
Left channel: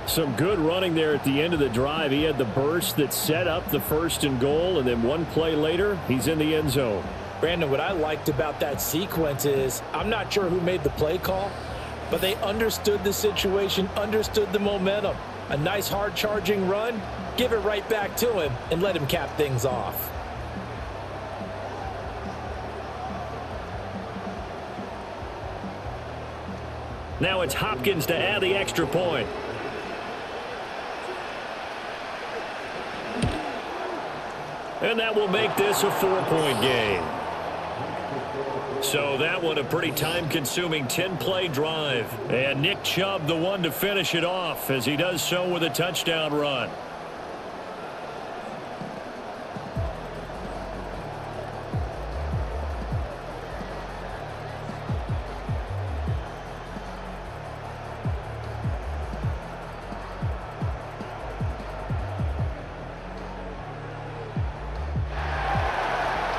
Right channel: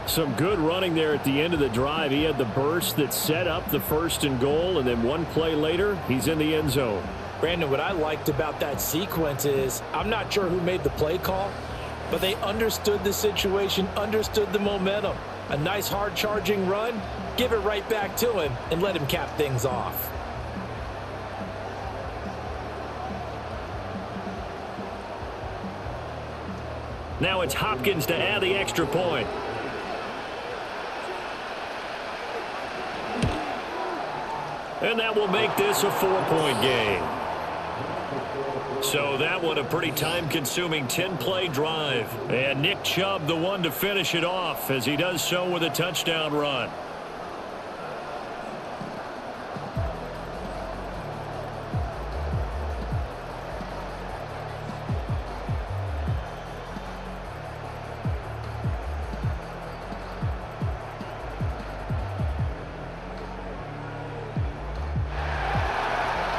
Some good running there at the end of the drive. He had the burst that set up the first and goal, and then one play later, he's in the end zone. Brandon, what I liked about that sequence is I'm not sure who made the play call, but they understood the situation, understood the momentum. A nice hard-charging run, give it right back to him, and let him cap things off. Now it's Hopkins to add the extra point. And that will make this a 4-point game. So that one a pretty time-consuming 10-play drive. And Nick Chubb the one to finish it off as he does so with a touchdown run.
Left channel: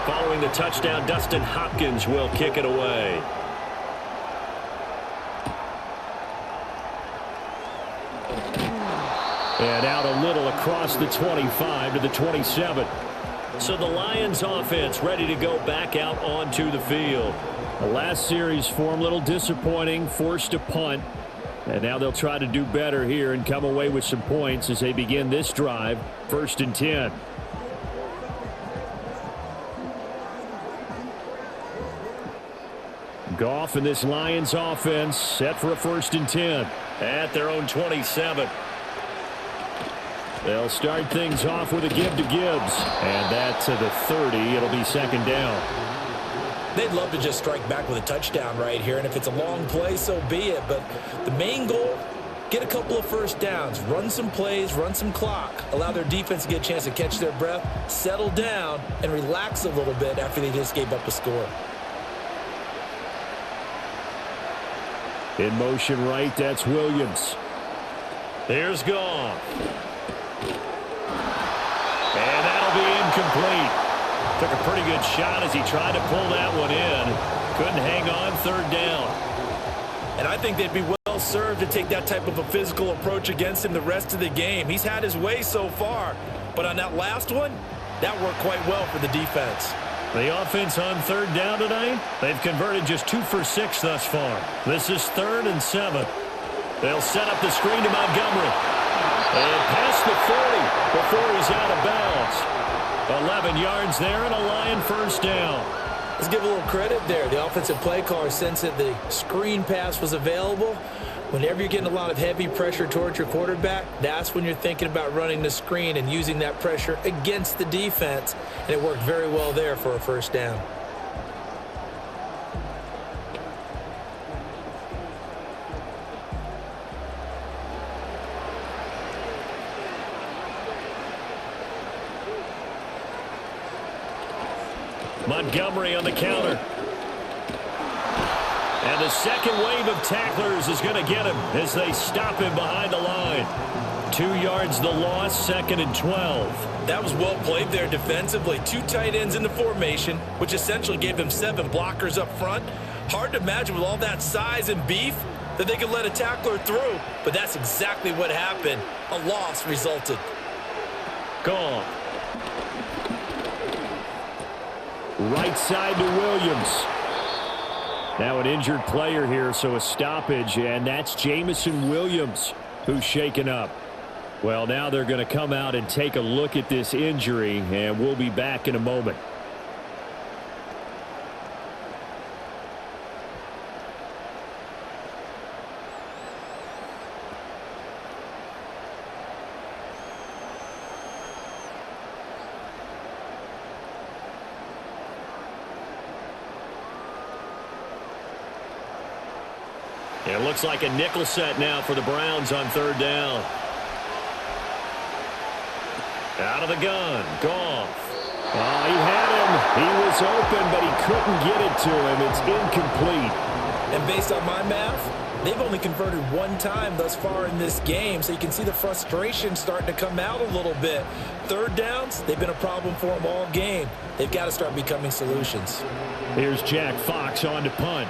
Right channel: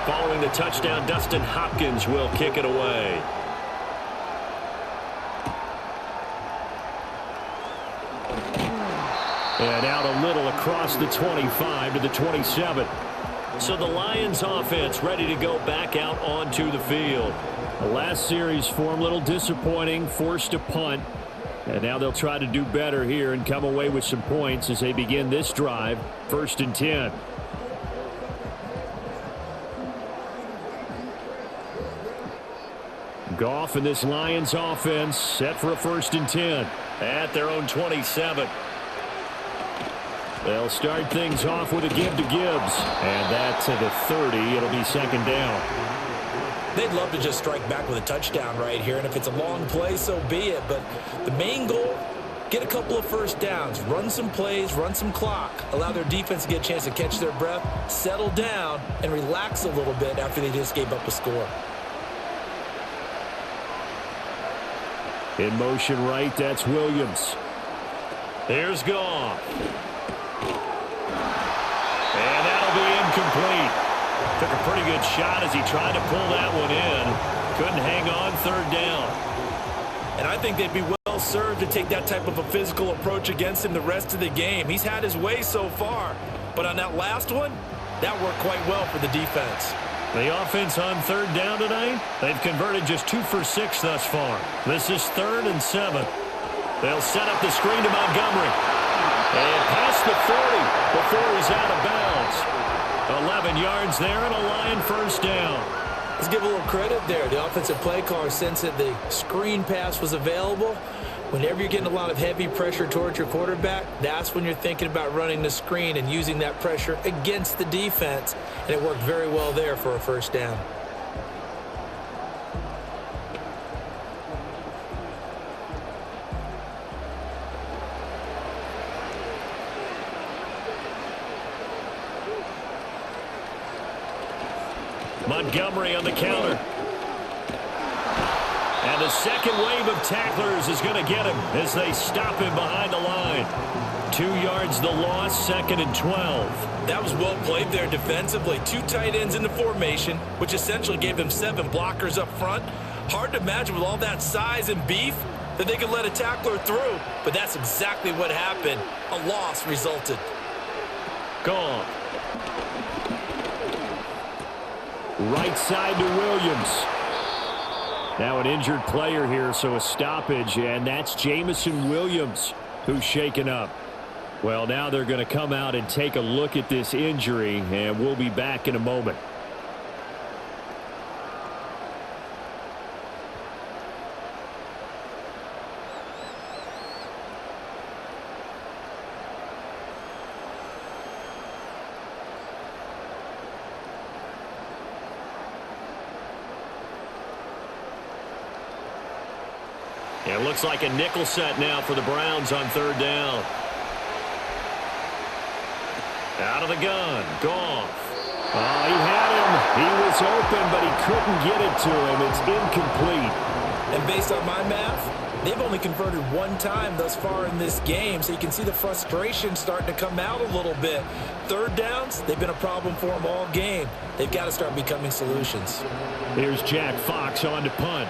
Following the touchdown, Dustin Hopkins will kick it away. And out a little across the 25 to the 27. So the Lions offense ready to go back out onto the field. The last series for them, a little disappointing, forced a punt. And now they'll try to do better here and come away with some points as they begin this drive, 1st and 10. Goff and this Lions offense set for a 1st and 10 at their own 27. They'll start things off with a give to Gibbs, and that to the 30. It'll be 2nd down. They'd love to just strike back with a touchdown right here, and if it's a long play, so be it. But the main goal, get a couple of first downs, run some plays, run some clock, allow their defense to get a chance to catch their breath, settle down, and relax a little bit after they just gave up a score. In motion right, that's Williams. Here's Goff. And that'll be incomplete. Took a pretty good shot as he tried to pull that one in. Couldn't hang on, 3rd down. And I think they'd be well served to take that type of a physical approach against him the rest of the game. He's had his way so far, but on that last one, that worked quite well for the defense. The offense on 3rd down tonight, they've converted just 2 for 6 thus far. This is 3rd and 7. They'll set up the screen to Montgomery. And past the 40 before he's out of bounds. 11 yards there and a Lion 1st down. Let's give a little credit there. The offensive play caller sensed that the screen pass was available. Whenever you're getting a lot of heavy pressure towards your quarterback, that's when you're thinking about running the screen and using that pressure against the defense. And it worked very well there for a 1st down. Montgomery on the counter. And the second wave of tacklers is going to get him as they stop him behind the line. 2 yards the loss, 2nd and 12. That was well played there defensively. 2 tight ends in the formation, which essentially gave them 7 blockers up front. Hard to imagine with all that size and beef that they could let a tackler through, but that's exactly what happened. A loss resulted. Gone. Right side to Williams. Now an injured player here, so a stoppage, and that's Jamison Williams who's shaken up. Well, now they're going to come out and take a look at this injury, and we'll be back in a moment. It looks like a nickel set now for the Browns on third down. Out of the gun, Goff. Oh, he had him. He was open, but he couldn't get it to him. It's incomplete. And based on my math, they've only converted one time thus far in this game, so you can see the frustration starting to come out a little bit. Third downs, they've been a problem for them all game. They've got to start becoming solutions. Here's Jack Fox on to punt.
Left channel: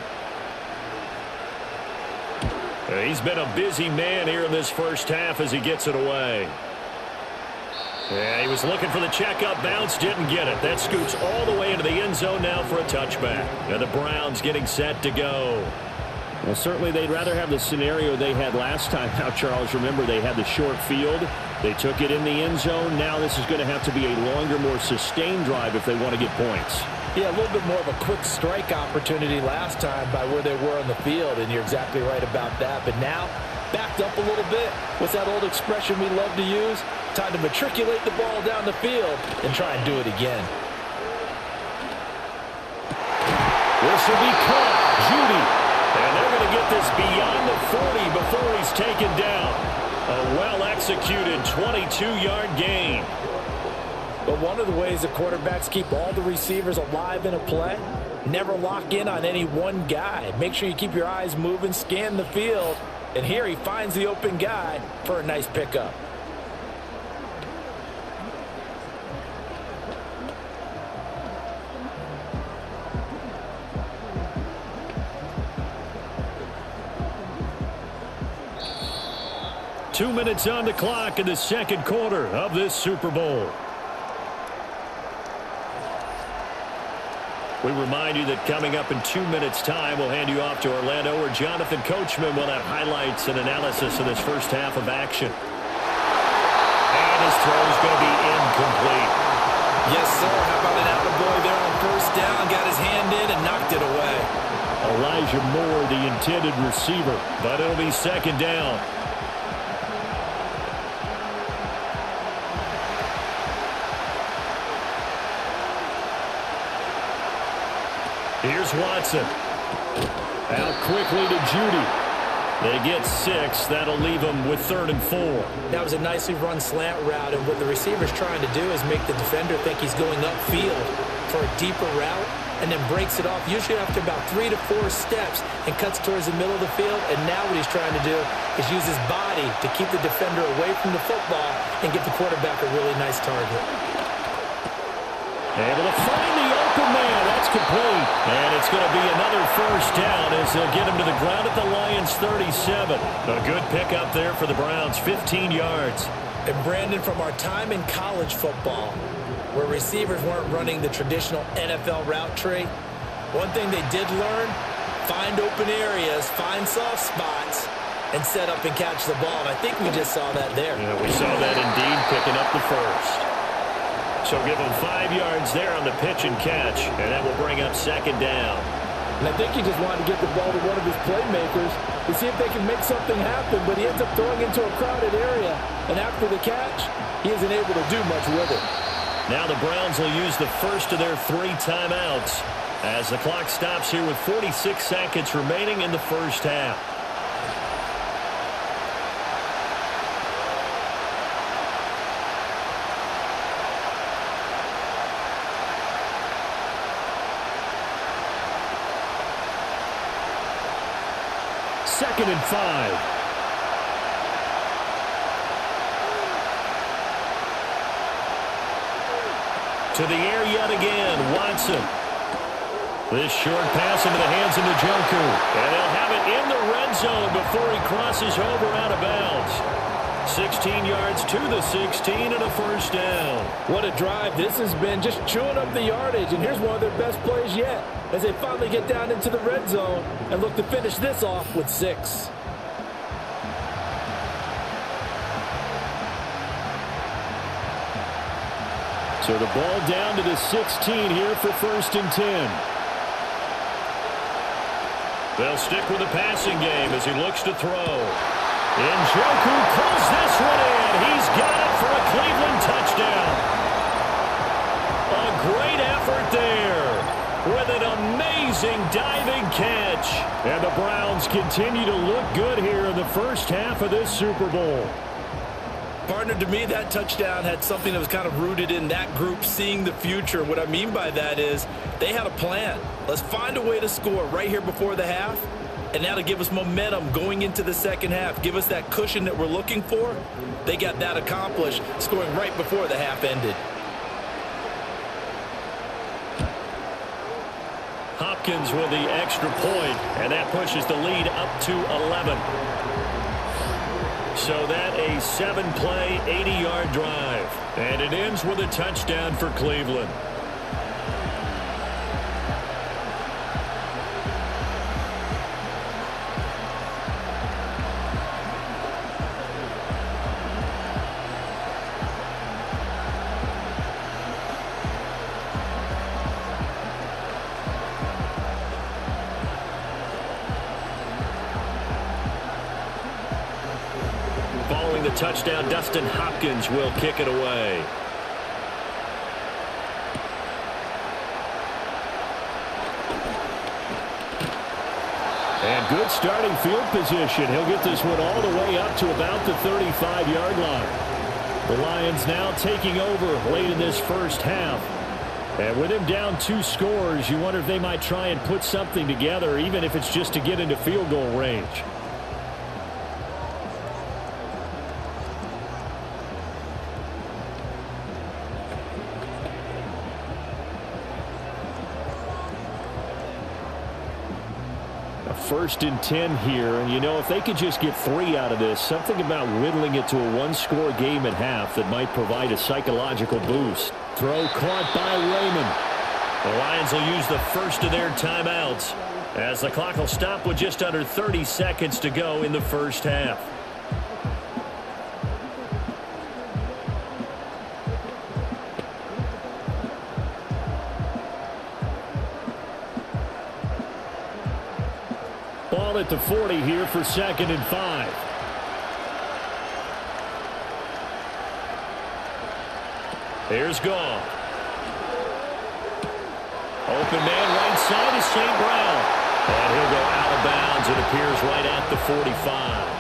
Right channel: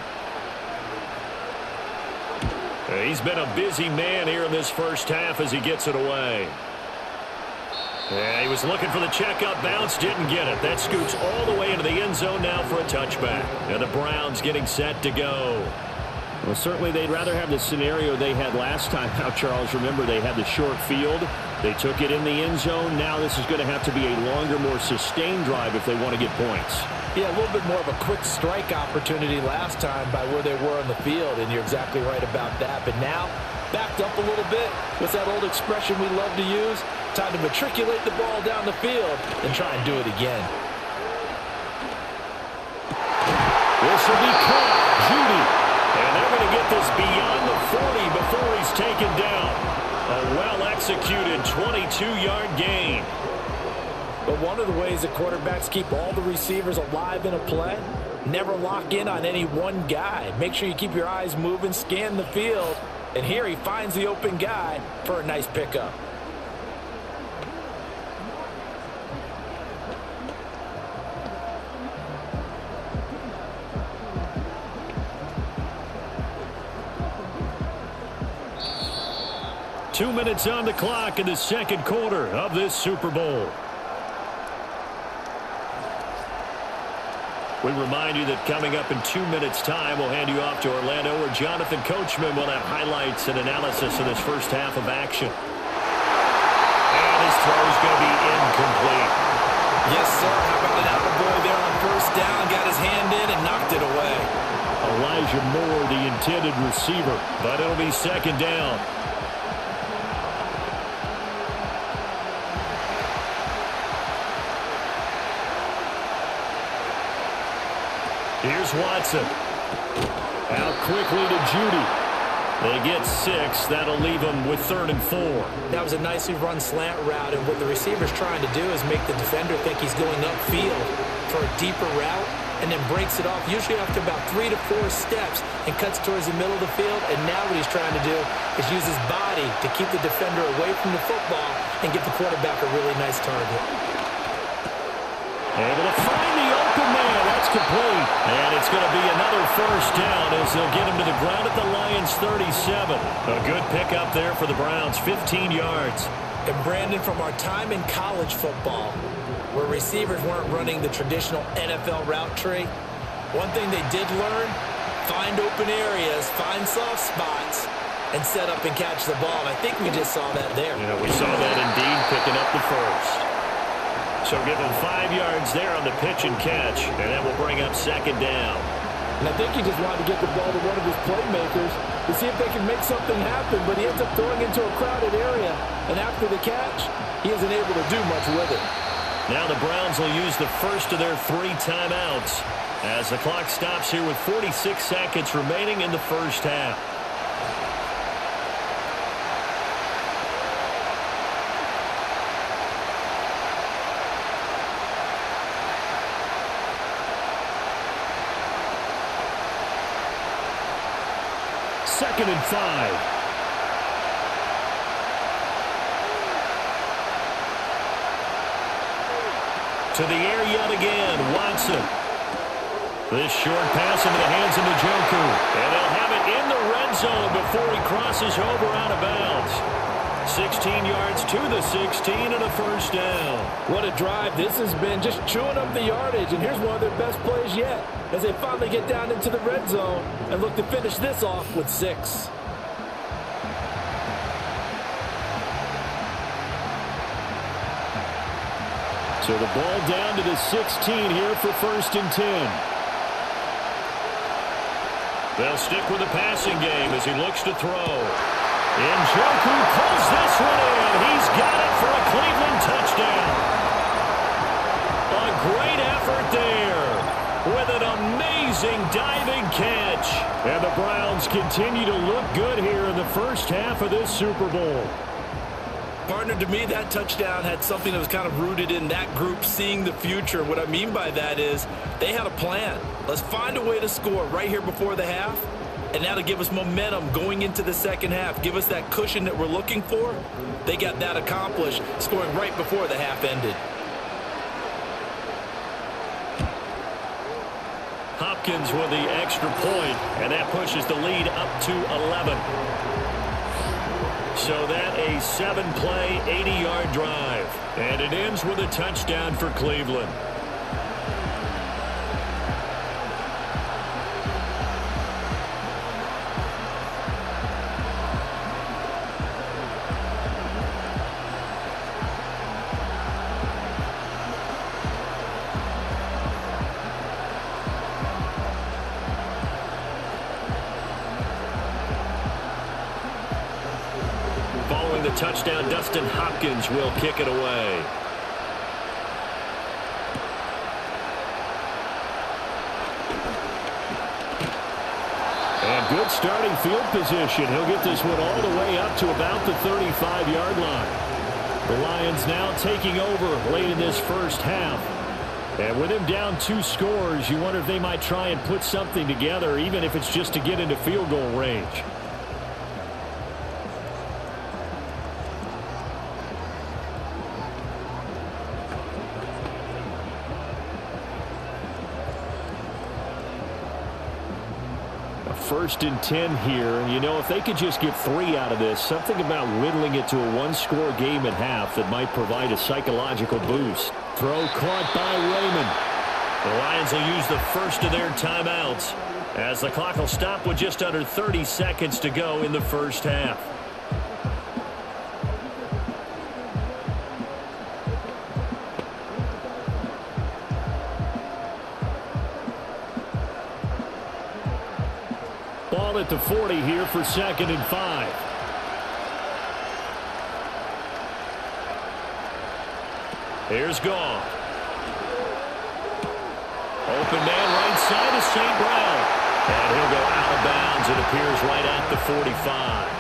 He's been a busy man here in this first half as he gets it away. Yeah, he was looking for the checkup bounce, didn't get it. That scoots all the way into the end zone now for a touchback. And the Browns getting set to go. Well, certainly they'd rather have the scenario they had last time out, Charles. Remember, they had the short field. They took it in the end zone. Now this is going to have to be a longer, more sustained drive if they want to get points. Yeah, a little bit more of a quick strike opportunity last time by where they were on the field, and you're exactly right about that. But now, backed up a little bit. What's that old expression we love to use? Time to matriculate the ball down the field and try and do it again. This will be caught. Judy. And they're going to get this beyond the 40 before he's taken down. A well-executed 22-yard gain. But one of the ways the quarterbacks keep all the receivers alive in a play, never lock in on any one guy. Make sure you keep your eyes moving, scan the field. And here he finds the open guy for a nice pickup. Two minutes on the clock in the second quarter of this Super Bowl. We remind you that coming up in 2 minutes' time, we'll hand you off to Orlando, where Jonathan Coachman will have highlights and analysis of this first half of action. And his throw's going to be incomplete. Yes, sir. How about an attaboy there on first down? Got his hand in and knocked it away. Elijah Moore, the intended receiver, but it'll be second down. Here's Watson. Out quickly to Judy. They get 6. That'll leave them with 3rd and 4. That was a nicely run slant route, and what the receiver's trying to do is make the defender think he's going upfield for a deeper route, and then breaks it off, usually after about 3 to 4 steps, and cuts towards the middle of the field. And now what he's trying to do is use his body to keep the defender away from the football and give the quarterback a really nice target. Able to find the open man. That's complete. And it's going to be another first down as they'll get him to the ground at the Lions' 37. A good pickup there for the Browns, 15 yards. And Brandon, from our time in college football, where receivers weren't running the traditional NFL route tree, one thing they did learn, find open areas, find soft spots, and set up and catch the ball. And I think we just saw that there. Yeah, we saw that indeed, picking up the first. So give them 5 yards there on the pitch and catch, and that will bring up second down. And I think he just wanted to get the ball to one of his playmakers to see if they can make something happen, but he ends up throwing into a crowded area, and after the catch, he isn't able to do much with it. Now the Browns will use the first of their 3 timeouts as the clock stops here with 46 seconds remaining in the first half. Second and 5. To the air yet again, Watson. This short pass into the hands of Njoku. And they'll have it in the red zone before he crosses over out of bounds. 16 yards to the 16 and a first down. What a drive this has been, just chewing up the yardage. And here's one of their best plays yet as they finally get down into the red zone and look to finish this off with 6. So the ball down to the 16 here for 1st and 10. They'll stick with the passing game as he looks to throw. Njoku pulls this one in. He's got it for a Cleveland touchdown. A great effort there. with an amazing diving catch. And the Browns continue to look good here in the first half of this Super Bowl. Partner, to me, that touchdown had something that was kind of rooted in that group seeing the future. What I mean by that is they had a plan. Let's find a way to score right here before the half, and now to give us momentum going into the second half, give us that cushion that we're looking for. They got that accomplished, scoring right before the half ended. Hopkins with the extra point, and that pushes the lead up to 11. So that a 7-play, 80-yard drive. And it ends with a touchdown for Cleveland. Following the touchdown, Dustin Hopkins will kick it away. And good starting field position. He'll get this one all the way up to about the 35-yard line. The Lions now taking over late in this first half. And with him down 2 scores, you wonder if they might try and put something together, even if it's just to get into field goal range. First and 10 here, and you know, if they could just get 3 out of this, something about whittling it to a 1-score game at half that might provide a psychological boost. Throw caught by Raymond. The Lions will use the first of their timeouts as the clock will stop with just under 30 seconds to go in the first half. Ball at the 40 here for 2nd and 5. Here's Goff. Open man right side is St. Brown. And he'll go out of bounds. It appears right at the 45.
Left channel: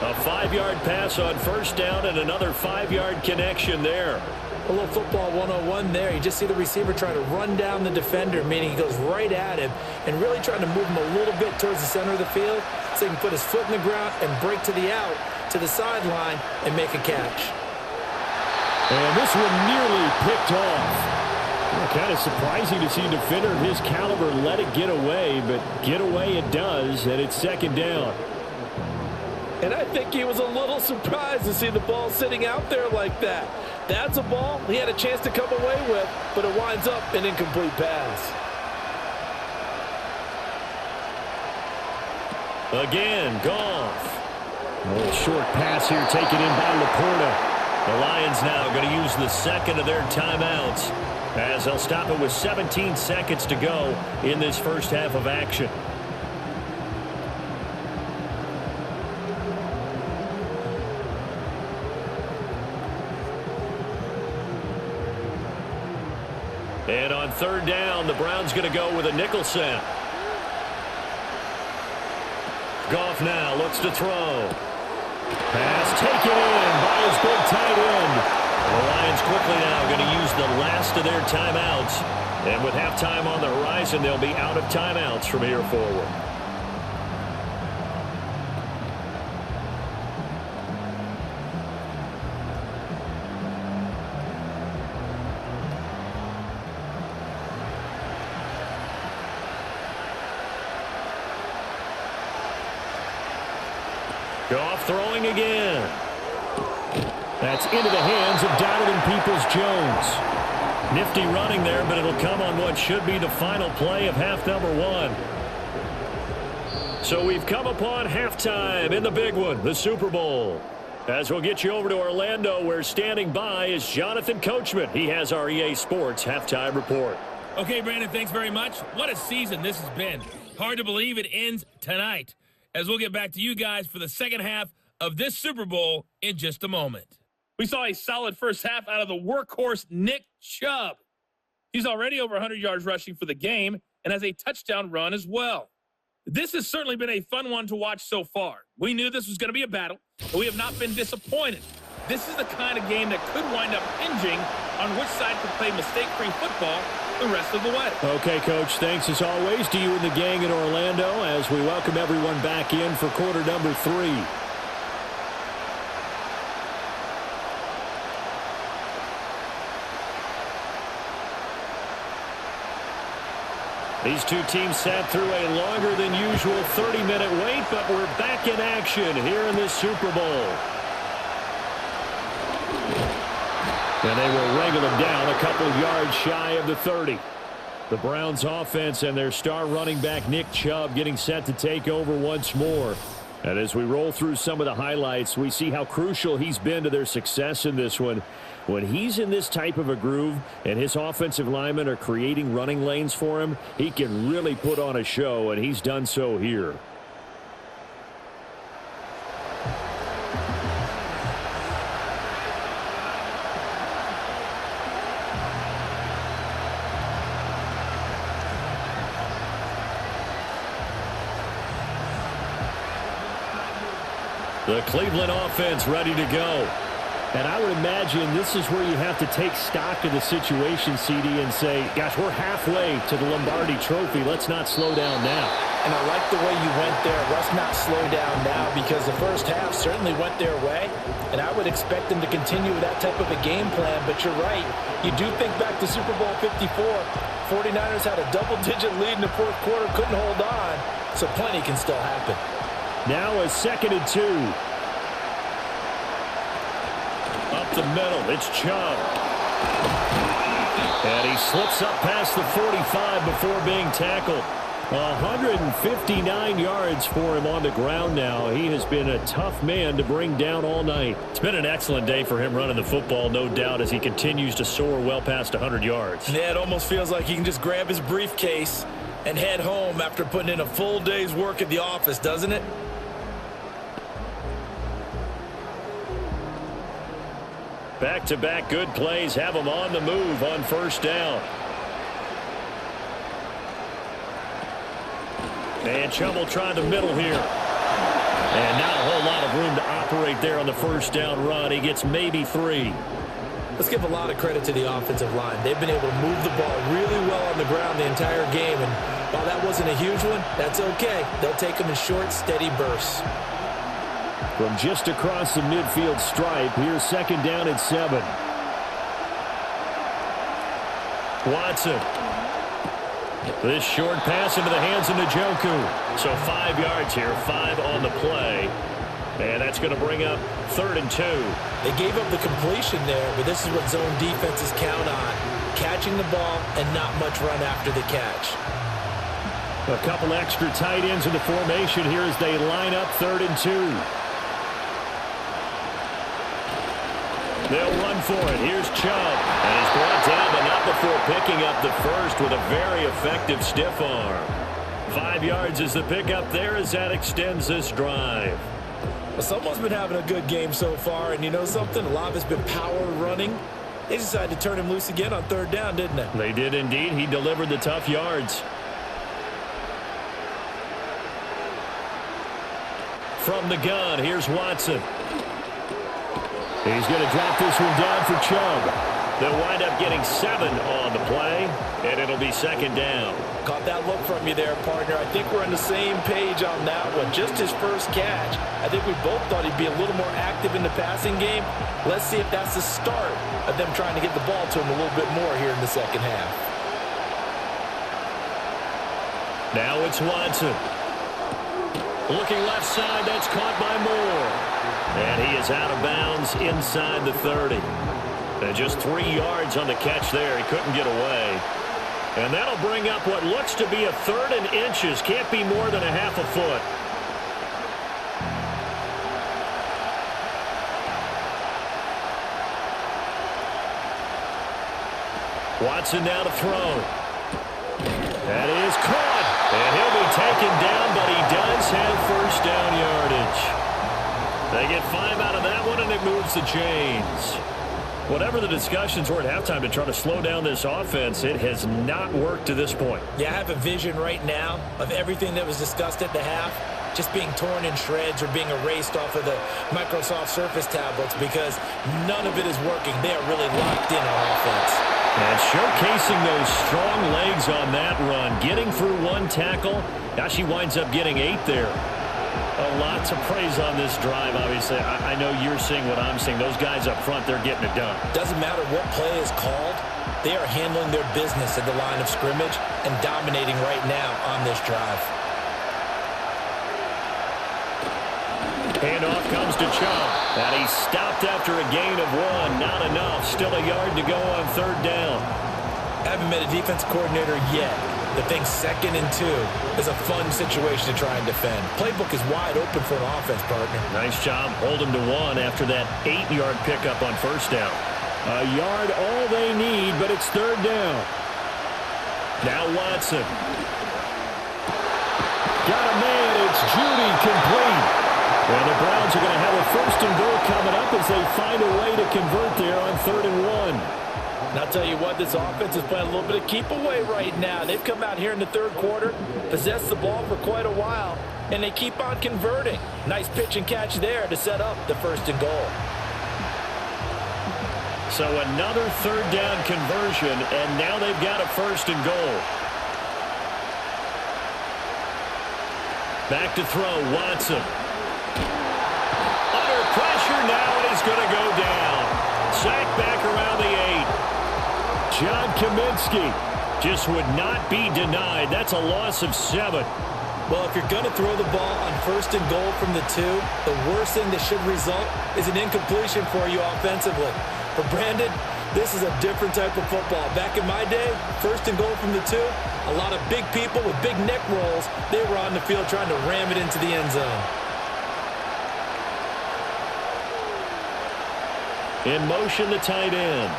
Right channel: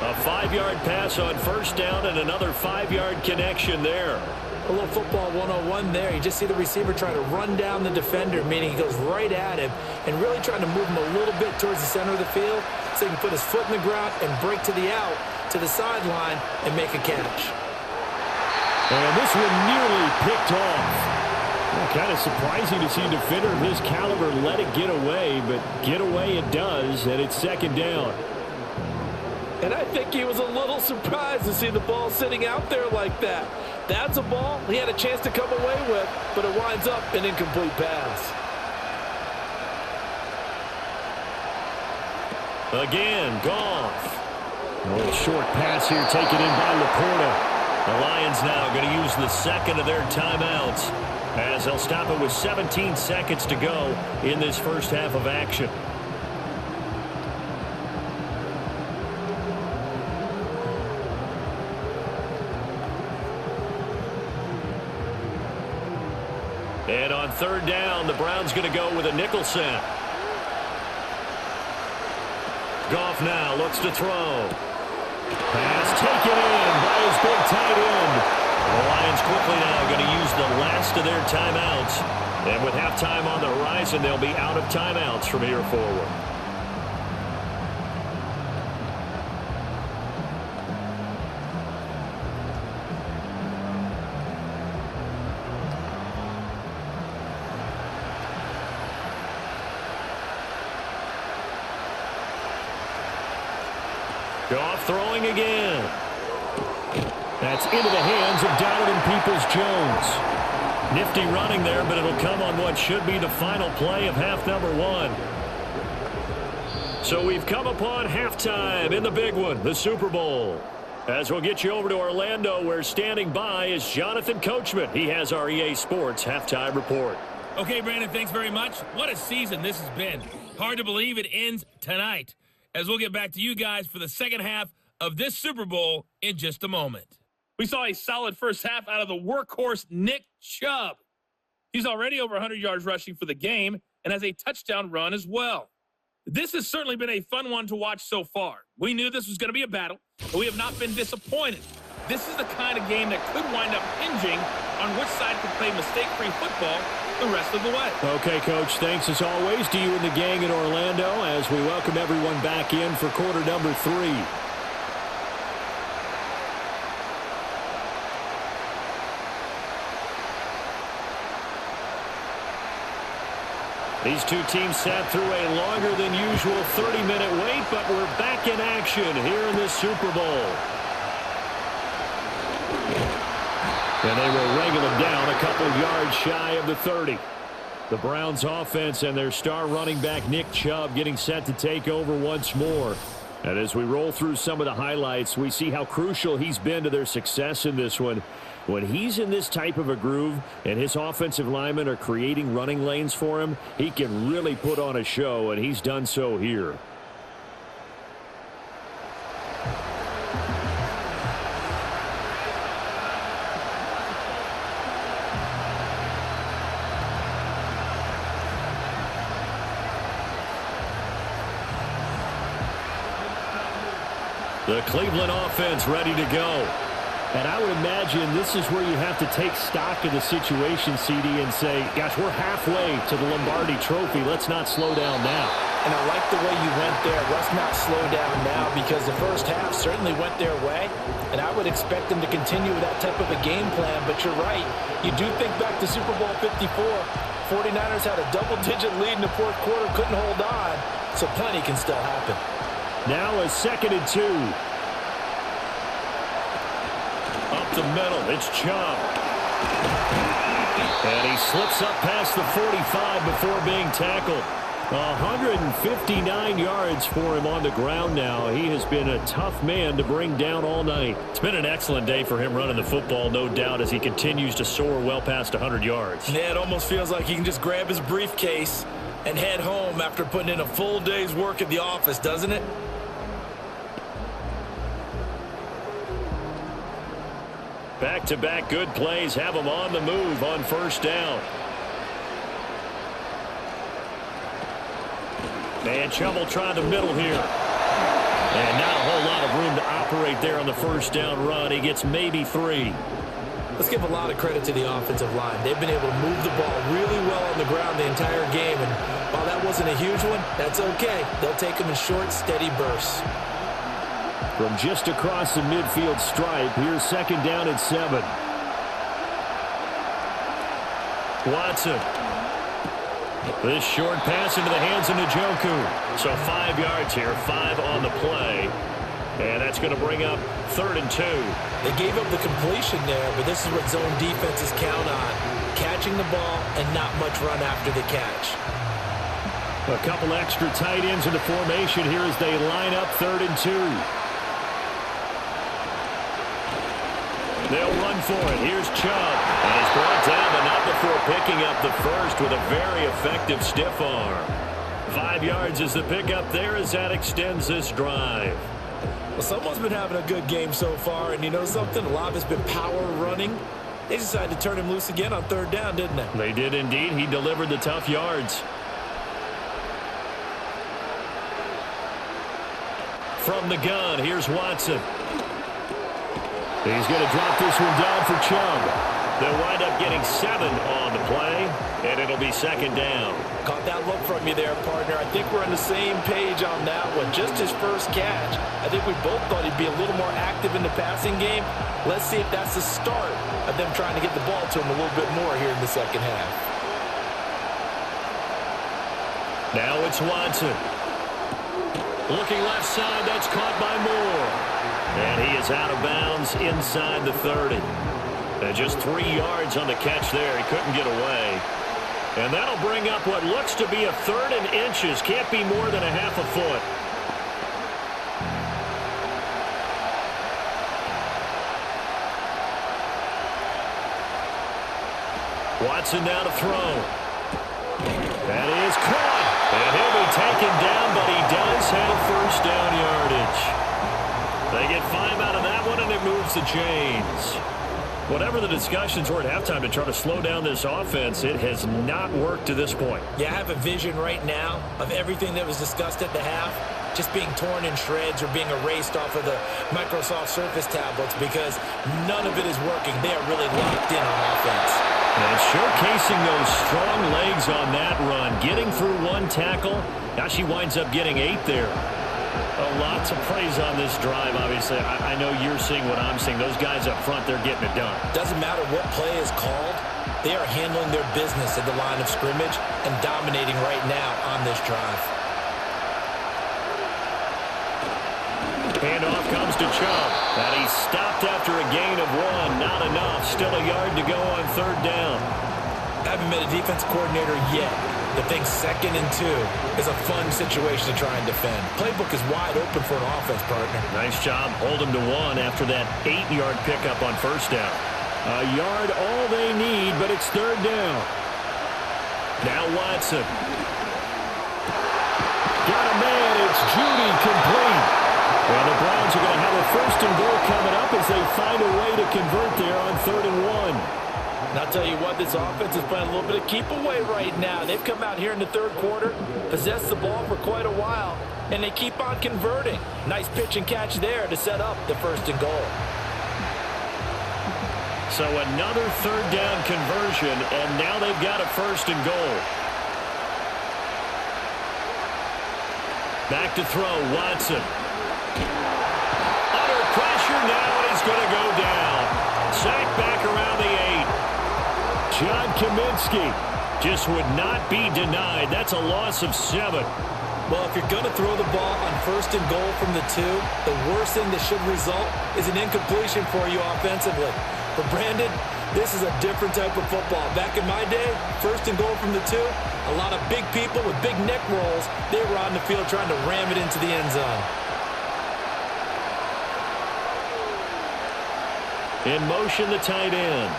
A 5-yard pass on first down and another 5-yard connection there. A little football 101 there. You just see the receiver trying to run down the defender, meaning he goes right at him and really trying to move him a little bit towards the center of the field so he can put his foot in the ground and break to the out, to the sideline, and make a catch. And this one nearly picked off. Yeah, kind of surprising to see a defender of his caliber let it get away, but get away it does, and it's 2nd down. And I think he was a little surprised to see the ball sitting out there like that. That's a ball he had a chance to come away with, but it winds up an incomplete pass. Again, Goff. A little short pass here taken in by Laporta. The Lions now going to use the second of their timeouts as they'll stop it with 17 seconds to go in this first half of action. And on 3rd down, the Browns going to go with a nickel set. Goff now looks to throw. Pass taken in by his big tight end. And the Lions quickly now going to use the last of their timeouts. And with halftime on the horizon, they'll be out of timeouts from here forward. Goff throwing again. That's into the hands of Donovan Peoples-Jones. Nifty running there, but it'll come on what should be the final play of half number 1. So we've come upon halftime in the big one, the Super Bowl. As we'll get you over to Orlando, where standing by is Jonathan Coachman. He has our EA Sports halftime report. Okay, Brandon, thanks very much. What a season this has been. Hard to believe it ends tonight, as we'll get back to you guys for the second half of this Super Bowl in just a moment. We saw a solid first half out of the workhorse Nick Chubb. He's already over 100 yards rushing for the game and has a touchdown run as well. This has certainly been a fun one to watch so far. We knew this was going to be a battle, but we have not been disappointed. This is the kind of game that could wind up hinging on which side could play mistake-free football the rest of the way. Okay, Coach, thanks as always to you and the gang in Orlando as we welcome everyone back in for quarter number 3. These two teams sat through a longer than usual 30-minute wait, but we're back in action here in this Super Bowl. And they will wrangle him down a couple yards shy of the 30. The Browns offense and their star running back Nick Chubb getting set to take over once more. And as we roll through some of the highlights, we see how crucial he's been to their success in this one. When he's in this type of a groove and his offensive linemen are creating running lanes for him, he can really put on a show, and he's done so here. The Cleveland offense ready to go. And I would imagine this is where you have to take stock of the situation, CD, and say, gosh, we're halfway to the Lombardi Trophy. Let's not slow down now. And I like the way you went there. Let's not slow down now, because the first half certainly went their way. And I would expect them to continue with that type of a game plan. But you're right. You do think back to Super Bowl 54. 49ers had a double-digit lead in the fourth quarter, couldn't hold on. So plenty can still happen. Now a 2nd and 2. Up the middle, it's Chubb. And he slips up past the 45 before being tackled. 159 yards for him on the ground now. He has been a tough man to bring down all night. It's been an excellent day for him running the football, no doubt, as he continues to soar well past 100 yards. Yeah, it almost feels like he can just grab his briefcase and head home after putting in a full day's work at the office, doesn't it? Back-to-back good plays have him on the move on first down. And Chubb will try the middle here. And not a whole lot of room to operate there on the first down run. He gets maybe 3. Let's give a lot of credit to the offensive line. They've been able to move the ball really well on the ground the entire game. And while that wasn't a huge one, that's okay. They'll take them in short, steady bursts. From just across the midfield stripe, here's 2nd down and 7. Watson. This short pass into the hands of Njoku. So 5 yards here, 5 on the play. And that's going to bring up 3rd and 2. They gave up the completion there, but this is what zone defenses count on. Catching the ball and not much run after the catch. A couple extra tight ends in the formation here as they line up 3rd and 2. They'll run for it. Here's Chubb. And he's brought down, but not before picking up the first with a very effective stiff arm. 5 yards is the pickup there as that extends this drive. Well, someone's been having a good game so far, and you know something? A lot of it's been power running. They decided to turn him loose again on 3rd down, didn't they? They did indeed. He delivered the tough yards. From the gun, here's Watson. He's going to drop this one down for Chubb. They'll wind up getting 7 on the play, and it'll be 2nd down. Caught that look from you there, partner. I think we're on the same page on that one. Just his first catch. I think we both thought he'd be a little more active in the passing game. Let's see if that's the start of them trying to get the ball to him a little bit more here in the second half. Now it's Watson. Looking left side, that's caught by Moore. And he is out of bounds inside the 30. And just 3 yards on the catch there. He couldn't get away. And that'll bring up what looks to be a 3rd and inches. Can't be more than a half a foot. Watson now to throw. That is caught. And he'll be taken down, but he does have first down yardage. They get 5 out of that one, and it moves the chains. Whatever the discussions were at halftime to try to slow down this offense, it has not worked to this point. Yeah, I have a vision right now of everything that was discussed at the half just being torn in shreds or being erased off of the Microsoft Surface tablets because none of it is working. They are really locked in on offense. And showcasing those strong legs on that run, getting through one tackle. Now she winds up getting 8 there. A lot to praise on this drive, obviously. I know you're seeing what I'm seeing. Those guys up front, they're getting it done. Doesn't matter what play is called. They are handling their business at the line of scrimmage and dominating right now on this drive. Handoff comes to Chubb. And he stopped after a gain of 1. Not enough. Still a yard to go on 3rd down. Haven't met a defense coordinator yet that thinks 2nd and 2 is a fun situation to try and defend. Playbook is wide open for an offense, partner. Nice job holding to 1 after that 8-yard pickup on 1st down. A yard all they need, but it's 3rd down. Now Watson. Got a man. It's Judy complete. Yeah, the Browns are going to have a 1st and goal coming up as they find a way to convert there on 3rd and 1. And I'll tell you what, this offense is playing a little bit of keep away right now. They've come out here in the 3rd quarter, possessed the ball for quite a while, and they keep on converting. Nice pitch and catch there to set up the 1st and goal. So another 3rd down conversion, and now they've got a 1st and goal. Back to throw, Watson. Under pressure now, and he's going to go down. Sacked back around the 8. John Kaminsky just would not be denied. That's a loss of 7. Well, if you're going to throw the ball on 1st and goal from the 2, the worst thing that should result is an incompletion for you offensively. For Brandon, this is a different type of football. Back in my day, 1st and goal from the 2, a lot of big people with big neck rolls, they were on the field trying to ram it into the end zone. In motion, the tight end.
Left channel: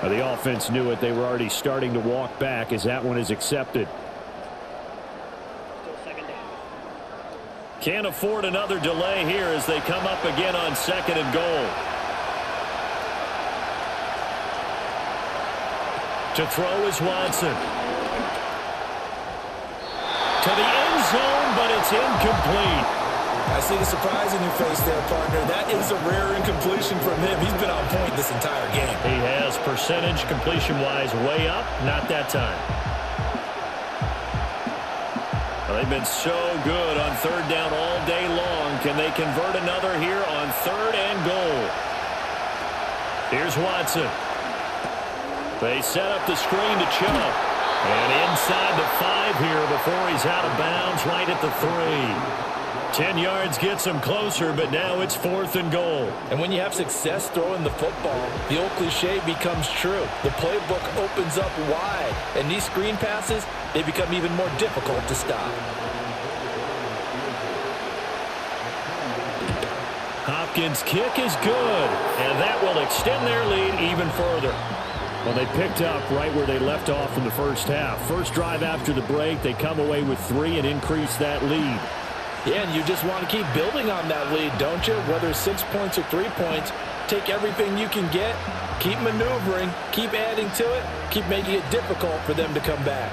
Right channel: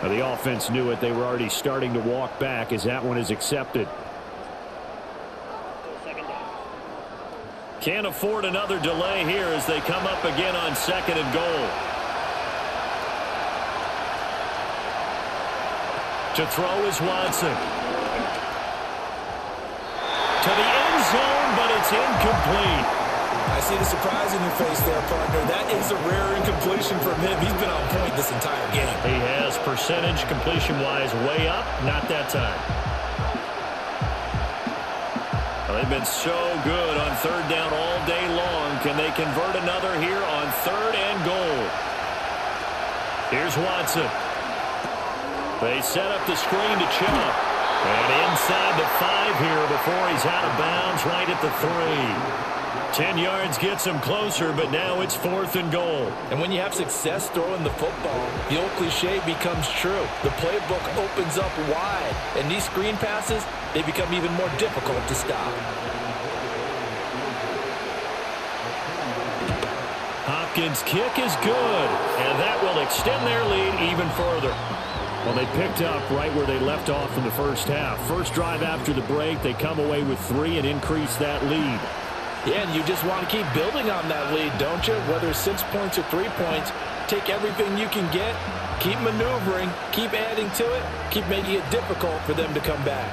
Now the offense knew it. They were already starting to walk back as that one is accepted. Still 2nd down. Can't afford another delay here as they come up again on 2nd and goal. To throw is Watson. To the end zone, but it's incomplete. I see the surprise in your face there, partner. That is a rare incompletion from him. He's been on point this entire game. He has percentage completion-wise way up. Not that time. Well, they've been so good on 3rd down all day long. Can they convert another here on 3rd and goal? Here's Watson. They set up the screen to Chubb. And inside the 5 here before he's out of bounds right at the 3. 10 yards gets him closer, but now it's 4th and goal. And when you have success throwing the football, the old cliche becomes true. The playbook opens up wide, and these screen passes, they become even more difficult to stop. Hopkins' kick is good, and that will extend their lead even further. Well, they picked up right where they left off in the 1st half. First drive after the break, they come away with 3 and increase that lead. Yeah, and you just want to keep building on that lead, don't you? Whether it's 6 points or 3 points, take everything you can get, keep maneuvering, keep adding to it, keep making it difficult for them to come back.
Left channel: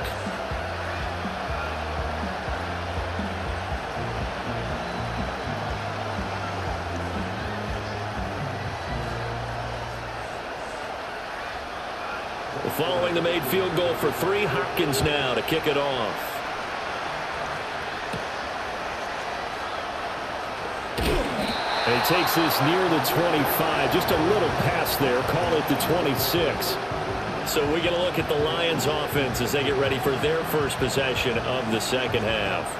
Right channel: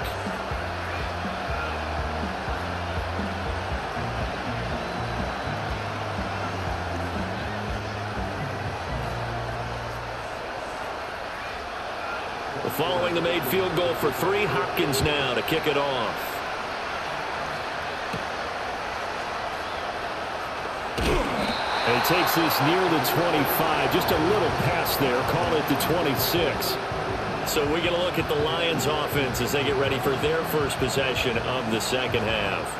Following the made field goal for 3, Hopkins now to kick it off. And he takes this near the 25. Just a little pass there. Call it the 26. So we're going to look at the Lions offense as they get ready for their first possession of the 2nd half.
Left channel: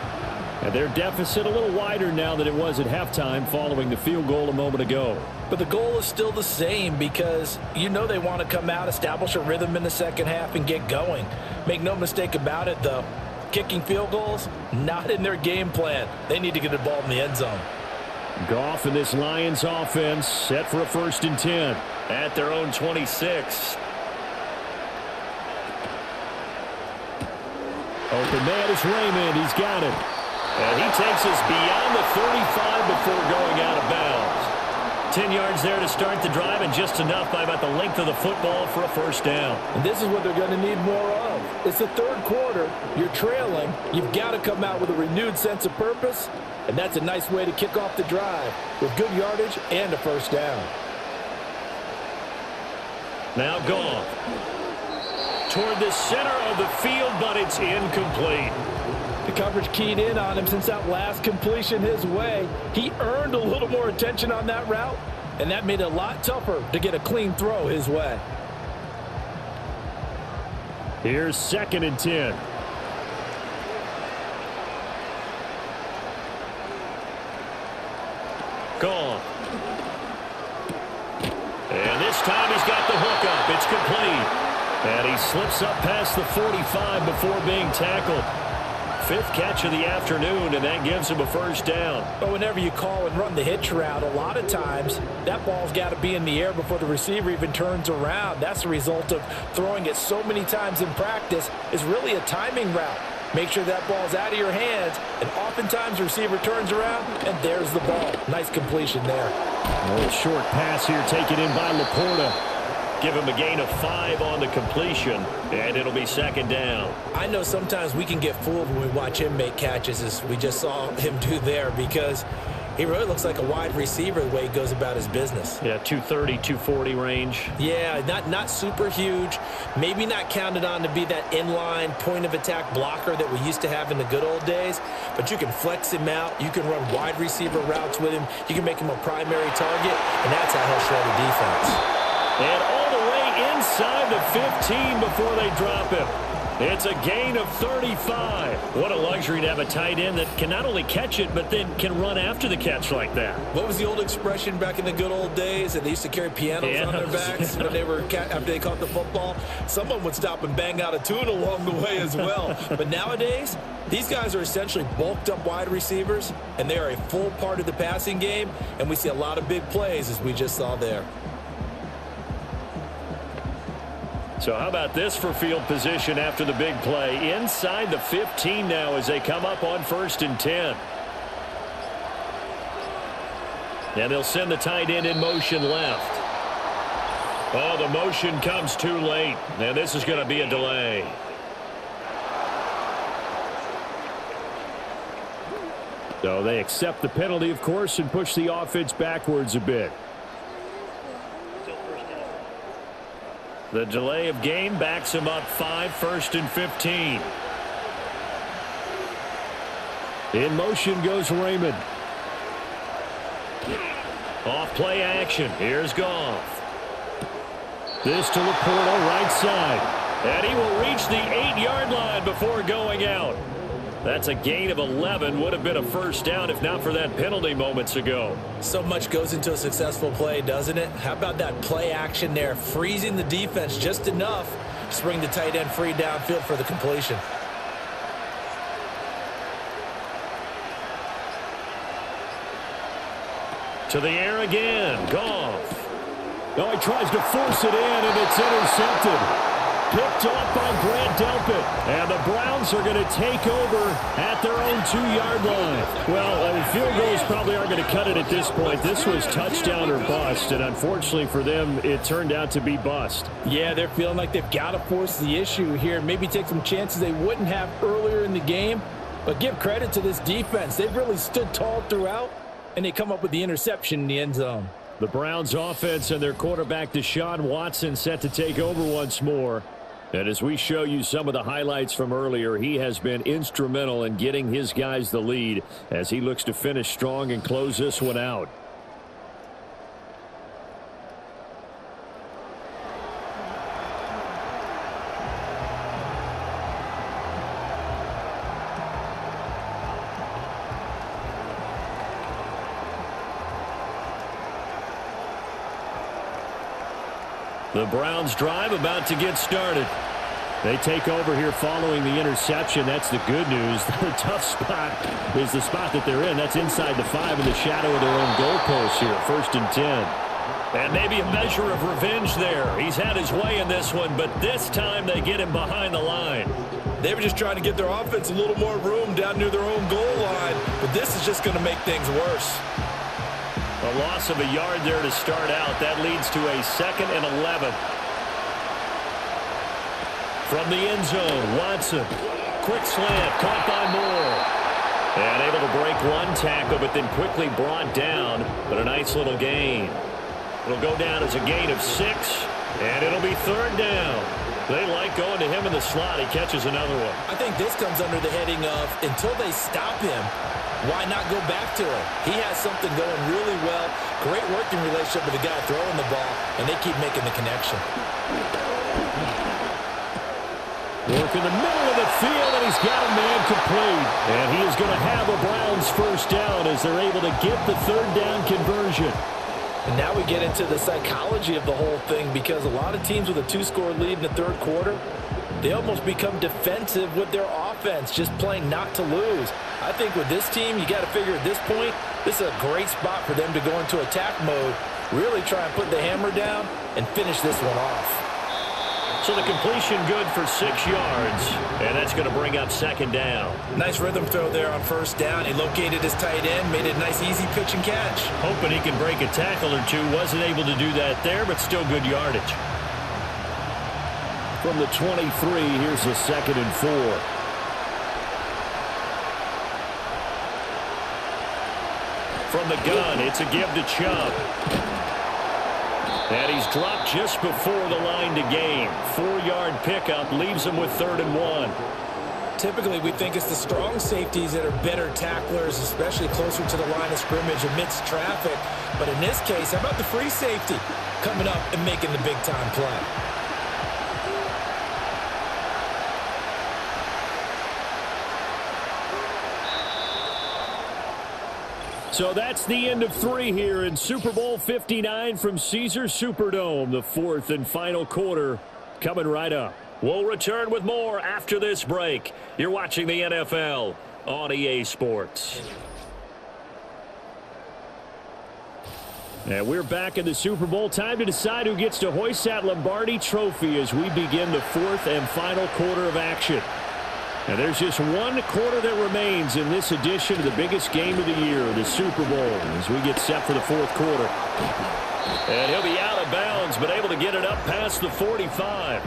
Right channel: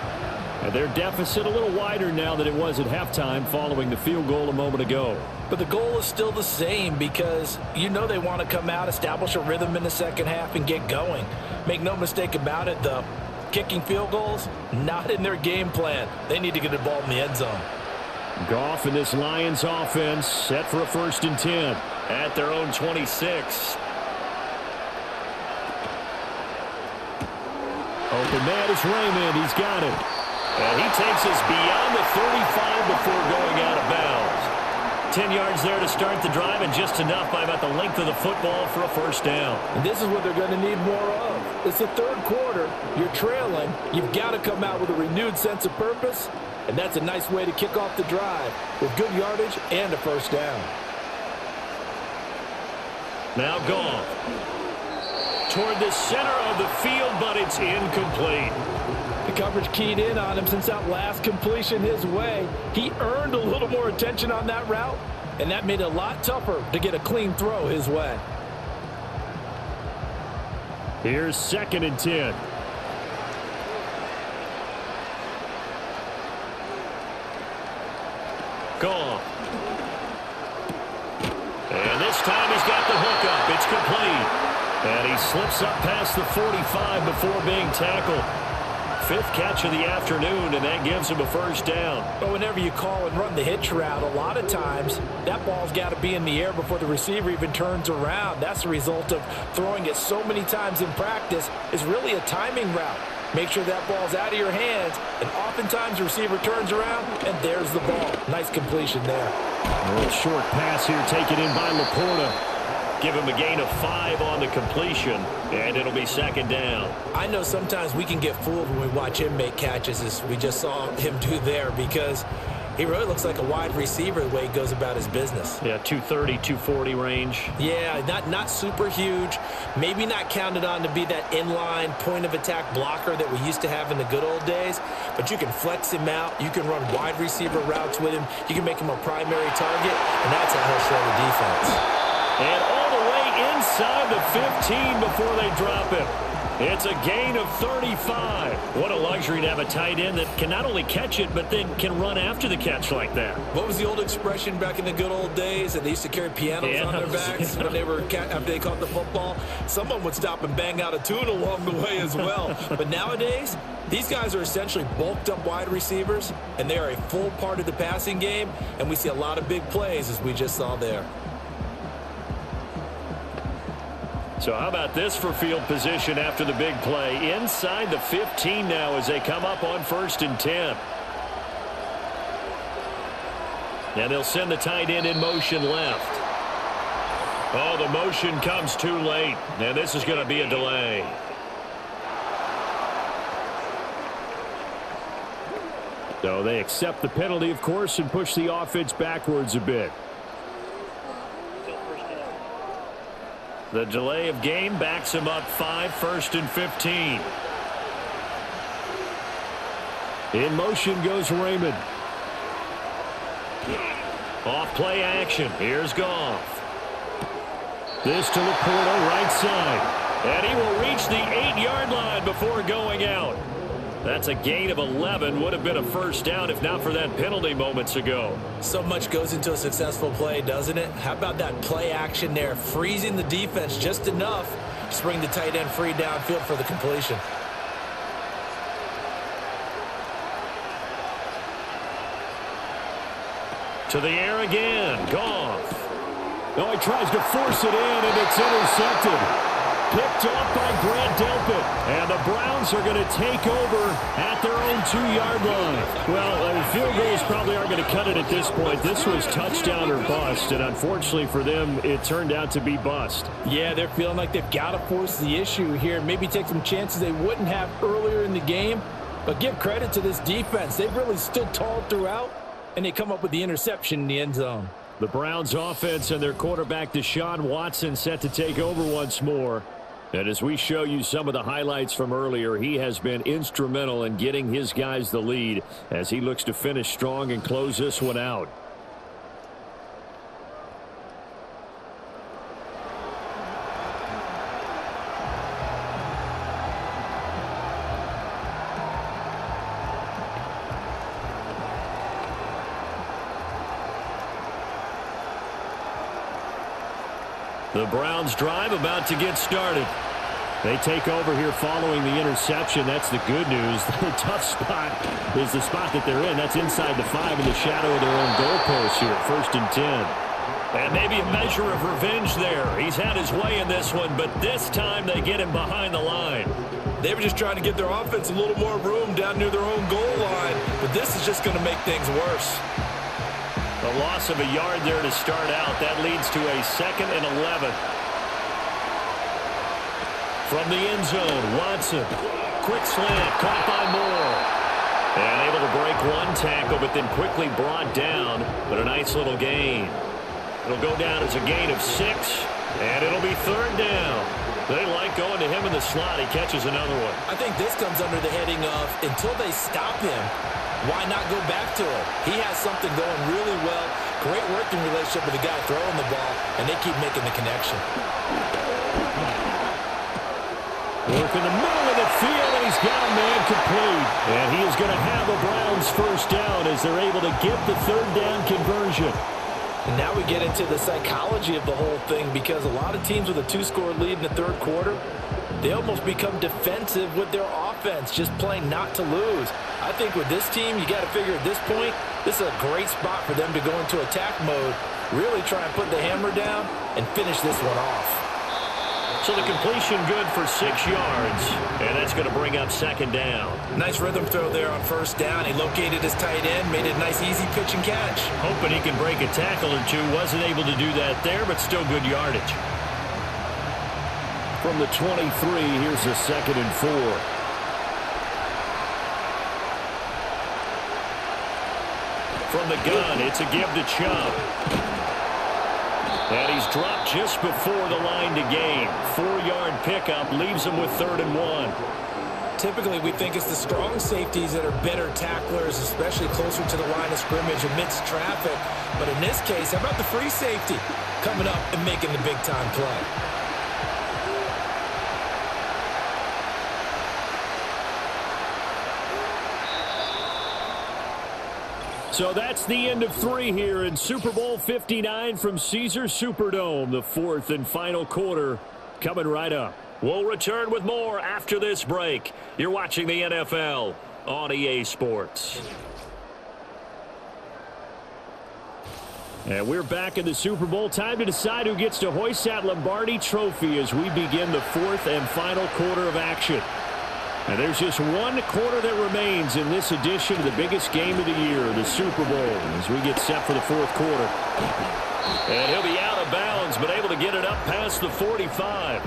And their deficit a little wider now than it was at halftime following the field goal a moment ago. But the goal is still the same because you know they want to come out, establish a rhythm in the 2nd half, and get going. Make no mistake about it, though. Kicking field goals, not in their game plan. They need to get the ball in the end zone. Goff and this Lions offense set for a 1st and 10 at their own 26. Open man is Raymond. He's got it. And he takes us beyond the 35 before going out of bounds. 10 yards there to start the drive, and just enough by about the length of the football for a first down. And this is what they're going to need more of. It's the third quarter. You're trailing. You've got to come out with a renewed sense of purpose, and that's a nice way to kick off the drive with good yardage and a first down. Now Goff toward the center of the field, but it's incomplete. The coverage keyed in on him since that last completion his way. He earned a little more attention on that route, and that made it a lot tougher to get a clean throw his way. Here's 2nd and 10. Goff. And this time he's got the hook up. It's complete. And he slips up past the 45 before being tackled. 5th catch of the afternoon, and that gives him a first down. But whenever you call and run the hitch route, a lot of times that ball's got to be in the air before the receiver even turns around. That's the result of throwing it so many times in practice. Is really a timing route. Make sure that ball's out of your hands, and oftentimes the receiver turns around, and there's the ball. Nice completion there. A little short pass here taken in by Laporta. Give him a gain of 5 on the completion, and it'll be 2nd down. I know sometimes we can get fooled when we watch him make catches, as we just saw him do there, because he really looks like a wide receiver the way he goes about his business. Yeah, 230, 240 range. Yeah, not super huge. Maybe not counted on to be that inline point-of-attack blocker that we used to have in the good old days, but you can flex him out. You can run wide receiver routes with him. You can make him a primary target, and that's how he'll shred a defense. And all the way inside the 15 before they drop him. It's a gain of 35. What a luxury to have a tight end that can not only catch it, but then can run after the catch like that. What was the old expression back in the good old days that they used to carry pianos on their backs when they were after they caught the football? Someone would stop and bang out a tune along the way as well. But nowadays, these guys are essentially bulked up wide receivers, and they are a full part of the passing game, and we see a lot of big plays as we just saw there. So how about this for field position after the big play? Inside the 15 now as they come up on 1st and 10. And they'll send the tight end in motion left. Oh, the motion comes too late. And this is going to be a delay. So they accept the penalty, of course, and push the offense backwards a bit. The delay of game backs him up 5, 1st and 15. In motion goes Raymond. Off play action. Here's Goff. This to Laporta, right side. And he will reach the 8-yard line before going out. That's a gain of 11. Would have been a first down if not for that penalty moments ago. So much goes into a successful play, doesn't it? How about that play action there? Freezing the defense just enough to bring the tight end free downfield for the completion. To the air again. Goff. Oh, he tries to force it in, and it's intercepted. Picked off by Grant Delpit. And the Browns are going to take over at their own 2-yard line. Well, field goals probably aren't going to cut it at this point. This was touchdown or bust, and unfortunately for them, it turned out to be bust. Yeah, they're feeling like they've got to force the issue here. Maybe take some chances they wouldn't have earlier in the game. But give credit to this defense. They've really stood tall throughout, and they come up with the interception in the end zone. The Browns offense and their quarterback Deshaun Watson set to take over once more. And as we show you some of the highlights from earlier, he has been instrumental in getting his guys the lead as he looks to finish strong and close this one out. The Browns drive about to get started. They take over here following the interception. That's the good news. The tough spot is the spot that they're in. That's inside the 5 in the shadow of their own goalpost here. 1st and 10. And maybe a measure of revenge there. He's had his way in this one, but this time they get him behind the line. They were just trying to get their offense a little more room down near their own goal line, but this is just going to make things worse. A loss of a yard there to start out. That leads to a 2nd and 11. From the end zone, Watson. Quick slant, caught by Moore. And able to break one tackle, but then quickly brought down. But a nice little gain. It'll go down as a gain of 6, and it'll be 3rd down. They like going to him in the slot. He catches another one. I think this comes under the heading of until they stop him, why not go back to it? He has something going really well. Great working relationship with the guy throwing the ball, and they keep making the connection. Work in the middle of the field, and he's got a man complete. And he is going to have a Browns first down as they're able to get the 3rd down conversion. And now we get into the psychology of the whole thing, because a lot of teams with a 2-score lead in the 3rd quarter, they almost become defensive with their offense, just playing not to lose. I think with this team, you got to figure at this point, this is a great spot for them to go into attack mode, really try and put the hammer down and finish this one off. So the completion good for 6 yards, and that's going to bring up 2nd down. Nice rhythm throw there on 1st down. He located his tight end, made it a nice easy pitch and catch. Hoping he can break a tackle or two. Wasn't able to do that there, but still good yardage. From the 23, here's a 2nd and 4. From the gun, it's a give to Chubb. And he's dropped just before the line to gain. 4-yard pickup leaves him with 3rd and 1. Typically, we think it's the strong safeties that are better tacklers, especially closer to the line of scrimmage amidst traffic. But in this case, how about the free safety coming up and making the big-time play? So that's the end of 3 here in Super Bowl 59 from Caesars Superdome. The 4th and final quarter coming right up. We'll return with more after this break. You're watching the NFL on EA Sports. And we're back in the Super Bowl. Time to decide who gets to hoist that Lombardi trophy as we begin the 4th and final quarter of action. And there's just one quarter that remains in this edition of the biggest game of the year, the Super Bowl, as we get set for the 4th quarter. And he'll be out of bounds, but able to get it up past the 45.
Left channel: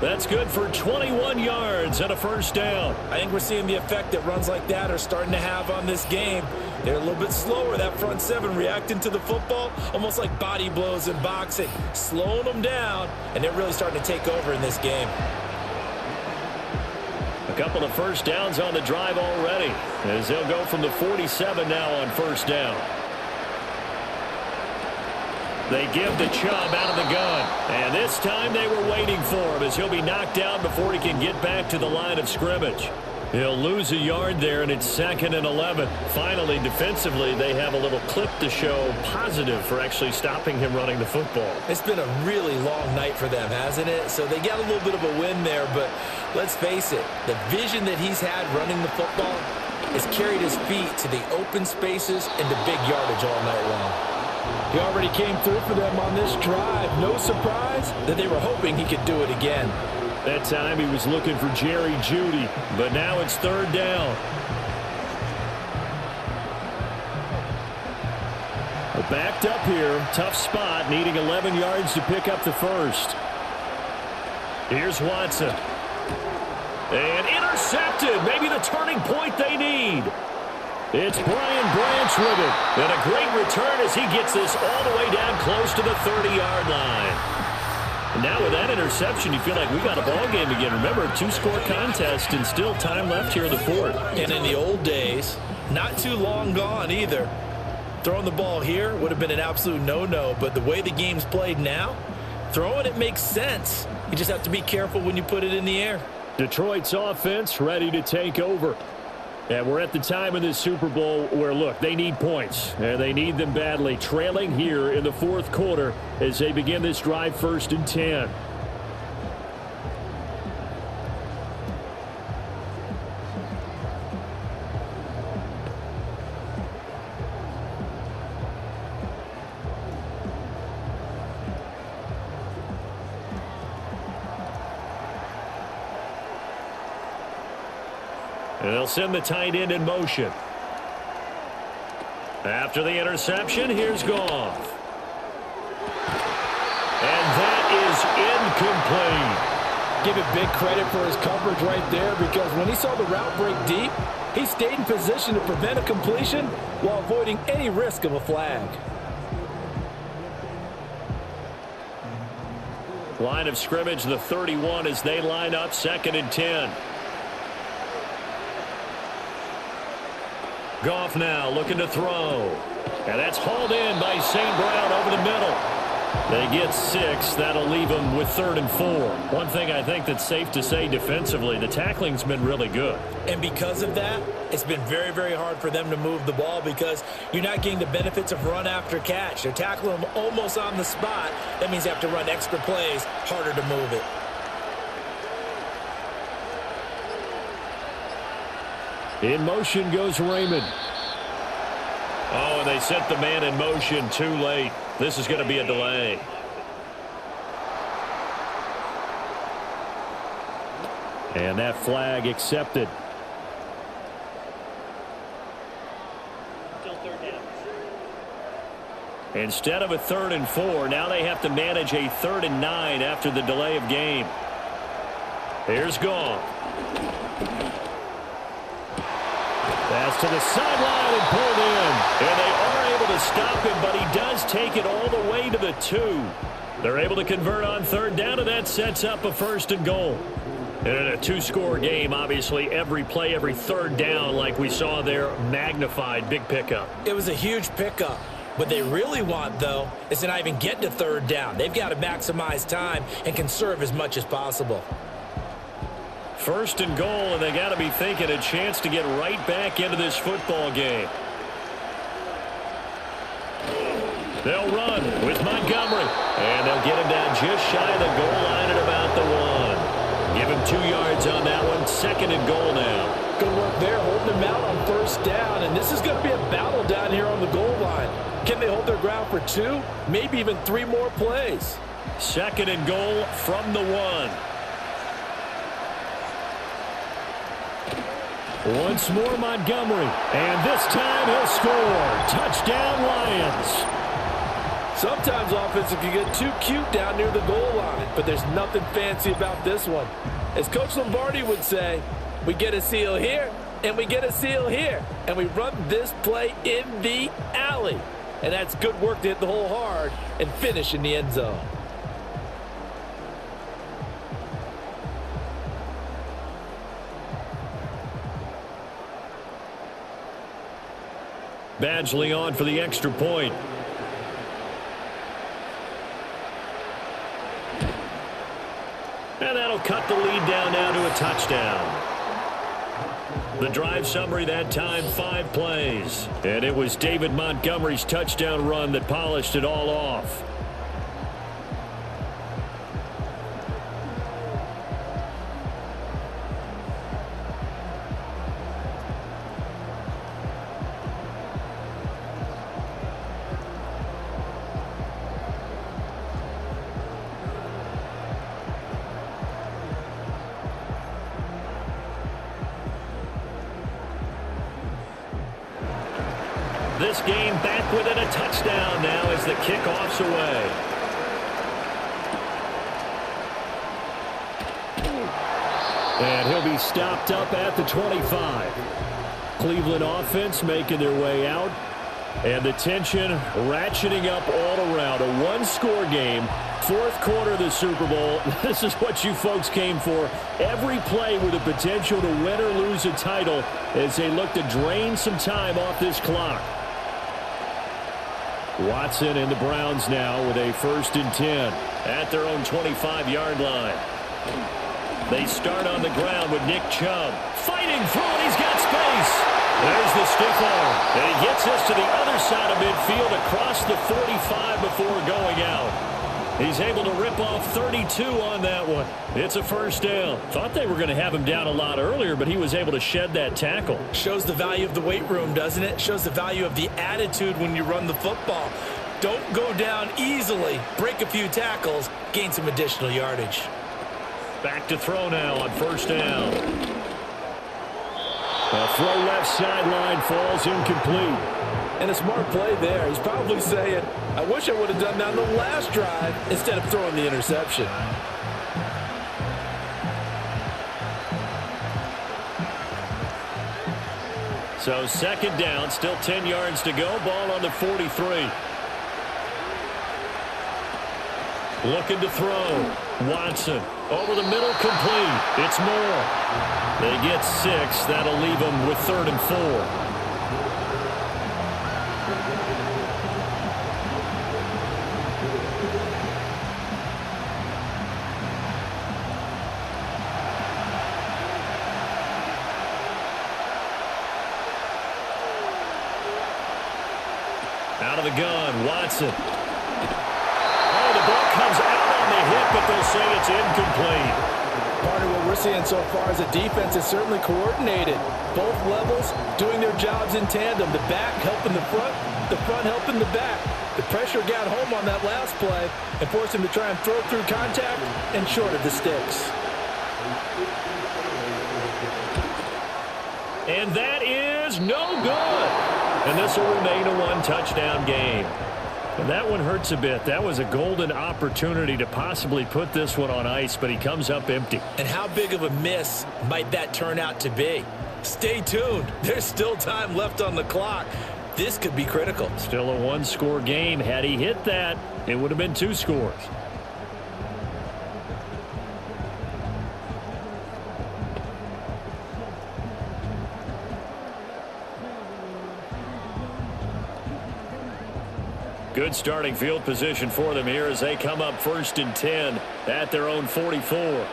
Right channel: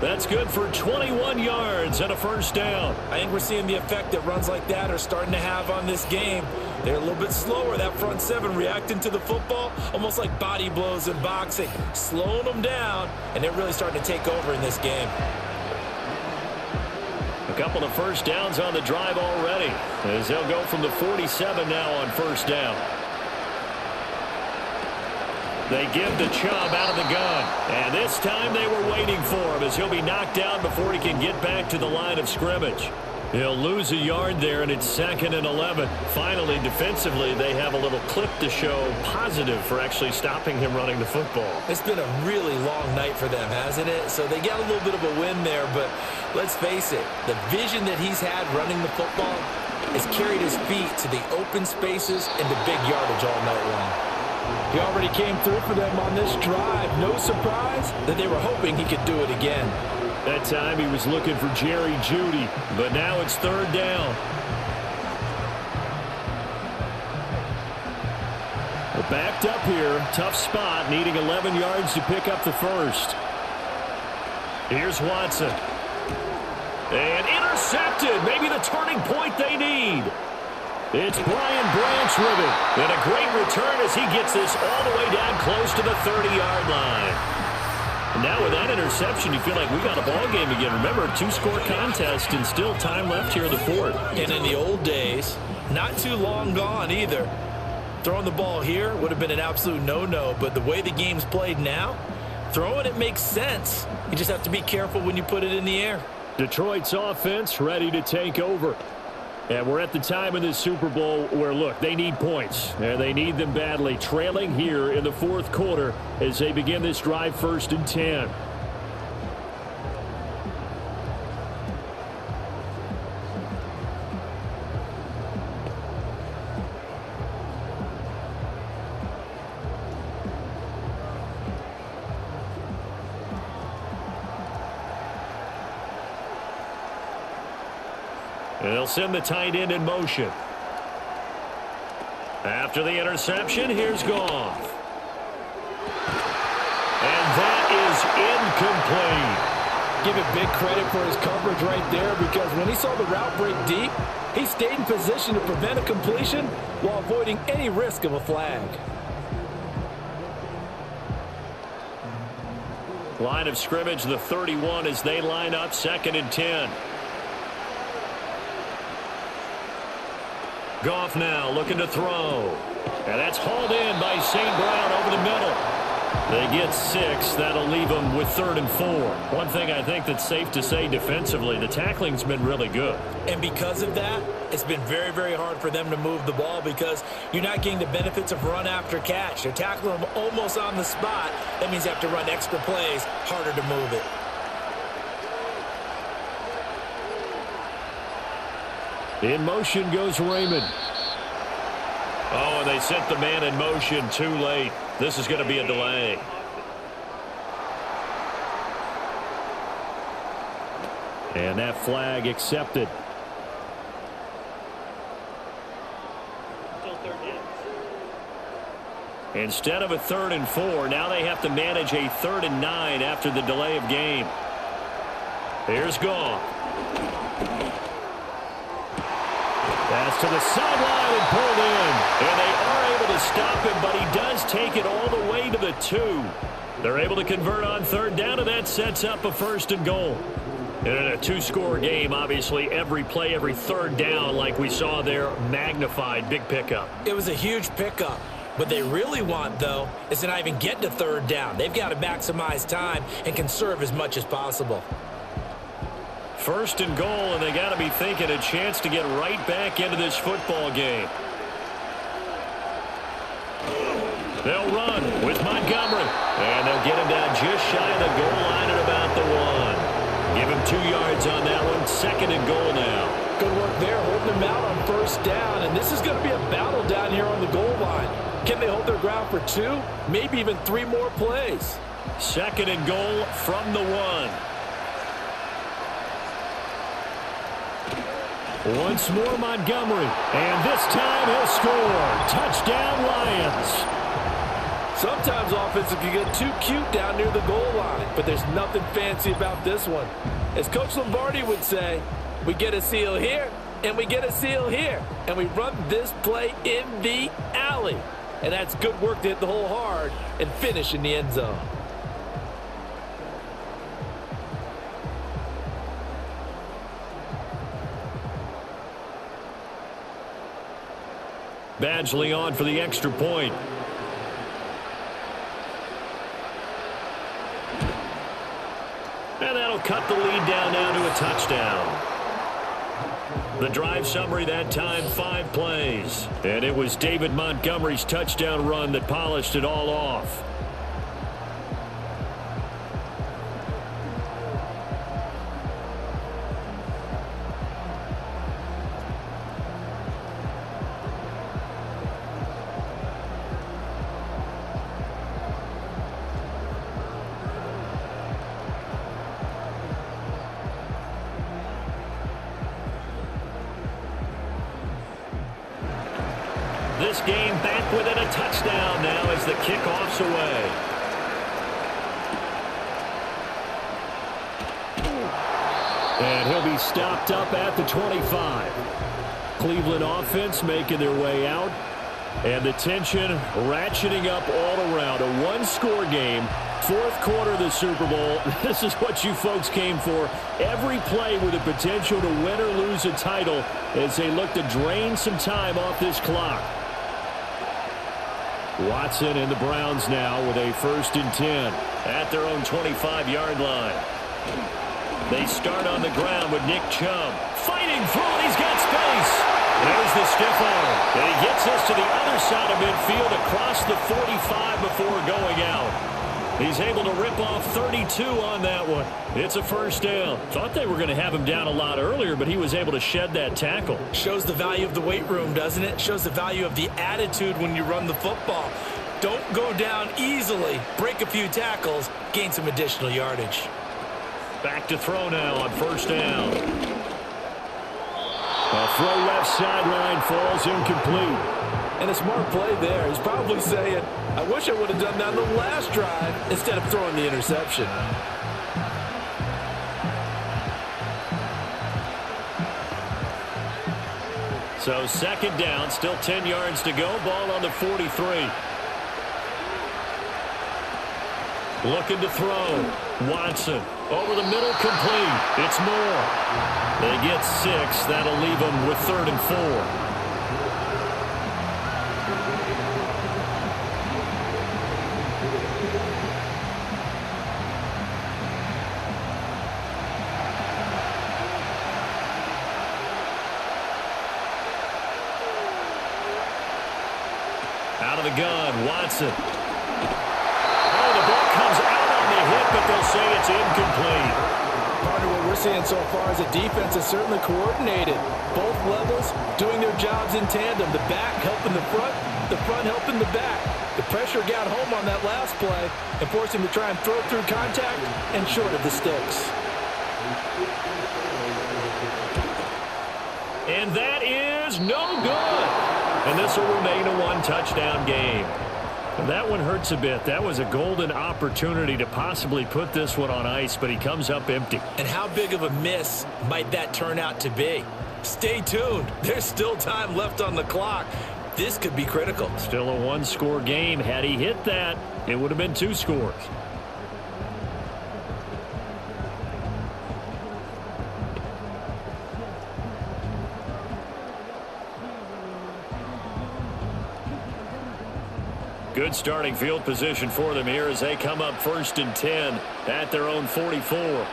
That's good for 21 yards and a 1st down. I think we're seeing the effect that runs like that are starting to have on this game. They're a little bit slower, that front 7 reacting to the football, almost like body blows in boxing, slowing them down, and they're really starting to take over in this game. A couple of 1st downs on the drive already, as they'll go from the 47 now on 1st down. They give to Chubb out of the gun, and this time they were waiting for him as he'll be knocked down before he can get back to the line of scrimmage. He'll lose a yard there, and it's 2nd and 11. Finally, defensively, they have a little clip to show positive for actually stopping him running the football. It's been a really long night for them, hasn't it? So they got a little bit of a win there, but let's face it, the vision that he's had running the football has carried his feet to the open spaces and to big yardage all night long. He already came through for them on this drive. No surprise that they were hoping he could do it again. That time he was looking for Jerry Jeudy, but now it's 3rd down. Backed up here, tough spot, needing 11 yards to pick up the 1st. Here's Watson. And intercepted, maybe the turning point they need. It's Brian Branch with it. And a great return as he gets this all the way down close to the 30-yard line. Now with that interception, you feel like we got a ball game again. Remember, 2-score contest and still time left here in the 4th. And in the old days, not too long gone either, throwing the ball here would have been an absolute no-no. But the way the game's played now, throwing it makes sense. You just have to be careful when you put it in the air. Detroit's offense ready to take over. And we're at the time in this Super Bowl where, look, they need points. And they need them badly. Trailing here in the 4th quarter as they begin this drive 1st and 10. And they'll send the tight end in motion. After the interception, here's Goff. And that is incomplete. Give it big credit for his coverage right there, because when he saw the route break deep, he stayed in position to prevent a completion while avoiding any risk of a flag. Line of scrimmage, the 31, as they line up 2nd and 10. Goff now looking to throw. And that's hauled in by St. Brown over the middle. They get 6. That'll leave them with 3rd and 4. One thing I think that's safe to say defensively, the tackling's been really good. And because of that, it's been very, very hard for them to move the ball, because you're not getting the benefits of run after catch. They're tackling them almost on the spot. That means you have to run extra plays, harder to move it. In motion goes Raymond. Oh, and they sent the man in motion too late. This is going to be a delay. And that flag accepted. Still 3rd down. Instead of a 3rd and 4, now they have to manage a 3rd and 9 after the delay of game. Here's Goff. That's to the sideline and pulled in. And they are able to stop him, but he does take it all the way to the 2. They're able to convert on 3rd down, and that sets up a 1st and goal. And in a 2-score game, obviously, every play, every 3rd down, like we saw there, magnified. Big pickup. It was a huge pickup. What they really want, though, is to not even get to 3rd down. They've got to maximize time and conserve as much as possible. 1st and goal, and they got to be thinking a chance to get right back into this football game. They'll run with Montgomery, and they'll get him down just shy of the goal line at about the 1. Give him 2 yards on that one. 2nd and goal now. Good work there, holding him out on 1st down, and this is going to be a battle down here on the goal line. Can they hold their ground for 2, maybe even 3 more plays? 2nd and goal from the 1. Once more Montgomery, and this time he'll score. Touchdown Lions. Sometimes offenses can get too cute down near the goal line, but there's nothing fancy about this one. As Coach Lombardi would say, we get a seal here, and we get a seal here, and we run this play in the alley. And that's good work to hit the hole hard and finish in the end zone. Badgley on for the extra point. And that'll cut the lead down now to a touchdown. The drive summary that time, 5 plays. And it was David Montgomery's touchdown run that polished it all off. This game back within a touchdown now as the kickoff's away. And he'll be stopped up at the 25. Cleveland offense making their way out. And the tension ratcheting up all around. A 1-score game. 4th quarter of the Super Bowl. This is what you folks came for. Every play with the potential to win or lose a title as they look to drain some time off this clock. Watson and the Browns now with a 1st and 10 at their own 25-yard line. They start on the ground with Nick Chubb fighting through, and he's got space. There's the stiff arm, and he gets us to the other side of midfield across the 45 before going out. He's able to rip off 32 on that one. It's a 1st down. Thought they were going to have him down a lot earlier, but he was able to shed that tackle. Shows the value of the weight room, doesn't it? Shows the value of the attitude when you run the football. Don't go down easily. Break a few tackles. Gain some additional yardage. Back to throw now on 1st down. A throw left sideline falls incomplete. And a smart play there. He's probably saying, I wish I would have done that on the last drive instead of throwing the interception. So second down, still 10 yards to go. Ball on the 43. Looking to throw. Watson over the middle, complete. It's Moore. They get 6. That'll leave them with 3rd and 4. Out of the gun, Watson. Oh, the ball comes out on the hit, but they'll say it's incomplete. Partner, what we're seeing so far is a defense is certainly coordinated. Both levels doing their jobs in tandem. The back helping the front helping the back. The pressure got home on that last play and forced him to try and throw through contact and short of the sticks. And that is no good. And this will remain a 1-touchdown game. And that one hurts a bit. That was a golden opportunity to possibly put this one on ice, but he comes up empty. And how big of a miss might that turn out to be? Stay tuned. There's still time left on the clock. This could be critical. Still a 1-score game. Had he hit that, it would have been 2 scores. Good starting field position for them here as they come up 1st and 10 at their own 44.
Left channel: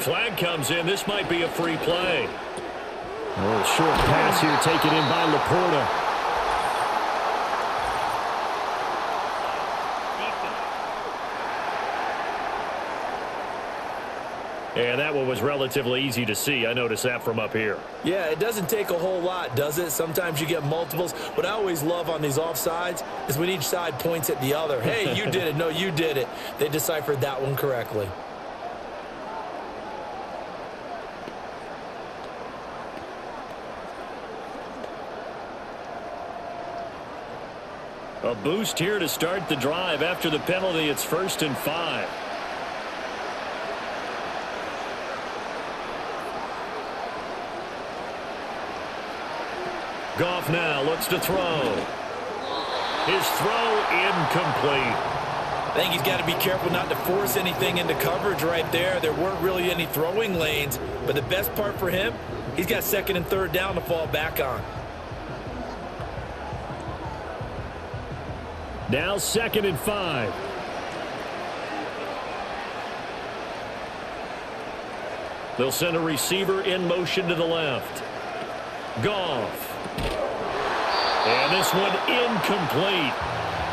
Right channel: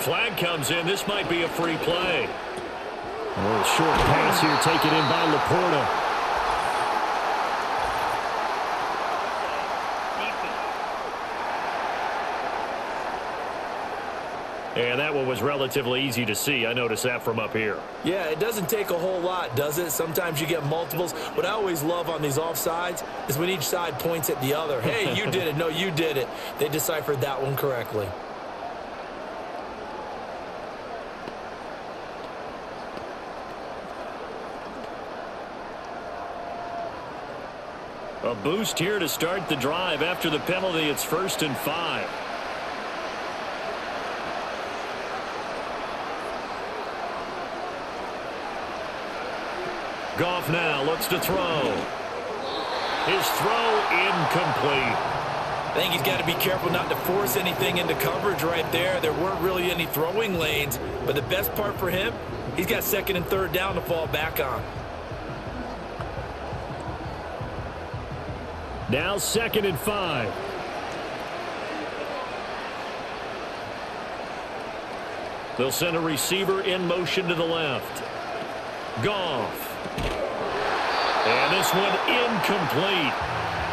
Flag comes in. This might be a free play. Oh, short pass here taken in by Laporta. And that one was relatively easy to see. I noticed that from up here. Yeah, it doesn't take a whole lot, does it? Sometimes you get multiples. What I always love on these offsides is when each side points at the other. Hey, you did it. No, you did it. They deciphered that one correctly. A boost here to start the drive. After the penalty, it's 1st and 5. Goff now looks to throw. His throw incomplete. I think he's got to be careful not to force anything into coverage right there. There weren't really any throwing lanes, but the best part for him, he's got 2nd and 3rd down to fall back on. Now 2nd and 5. They'll send a receiver in motion to the left. Goff. And this one incomplete.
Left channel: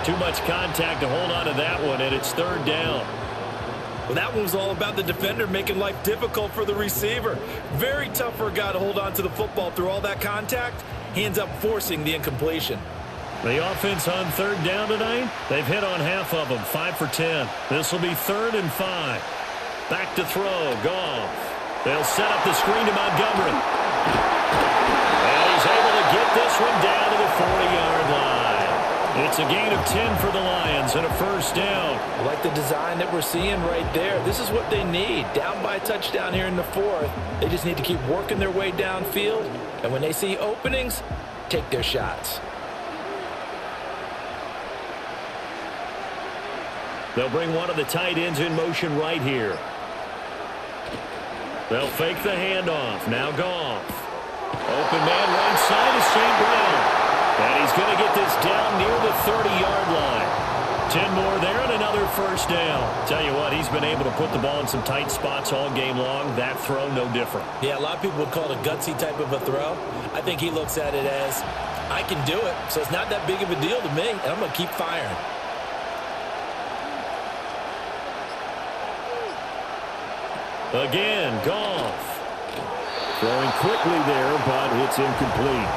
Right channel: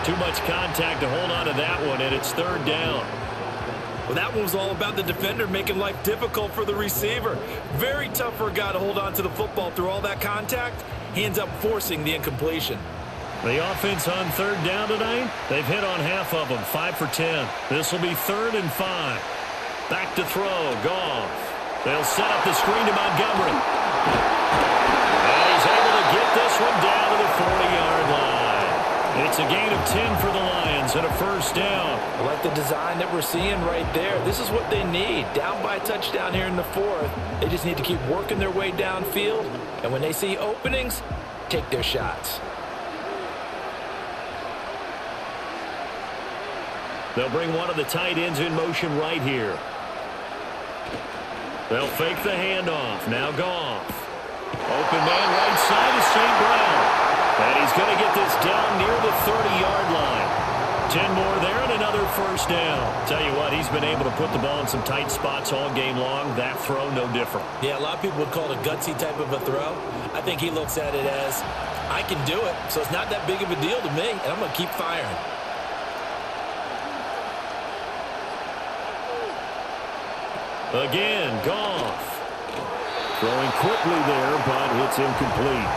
Too much contact to hold on to that one, and it's 3rd down. Well, that one was all about the defender making life difficult for the receiver. Very tough for a guy to hold on to the football through all that contact. He ends up forcing the incompletion. The offense on 3rd down tonight, they've hit on half of them, 5 for 10. This will be 3rd and 5. Back to throw, Goff. They'll set up the screen to Montgomery. And he's able to get this one down to the 40-yard line. It's a gain of 10 for the Lions and a 1st down. I like the design that we're seeing right there. This is what they need. Down by a touchdown here in the 4th. They just need to keep working their way downfield. And when they see openings, take their shots. They'll bring one of the tight ends in motion right here. They'll fake the handoff. Now Goff. Open man right side is St. Brown. And he's going to get this down near the 30-yard line. 10 more there and another 1st down. Tell you what, he's been able to put the ball in some tight spots all game long. That throw, no different. Yeah, a lot of people would call it a gutsy type of a throw. I think he looks at it as, I can do it, so it's not that big of a deal to me, and I'm going to keep firing. Again, Goff. Throwing quickly there, but it's incomplete.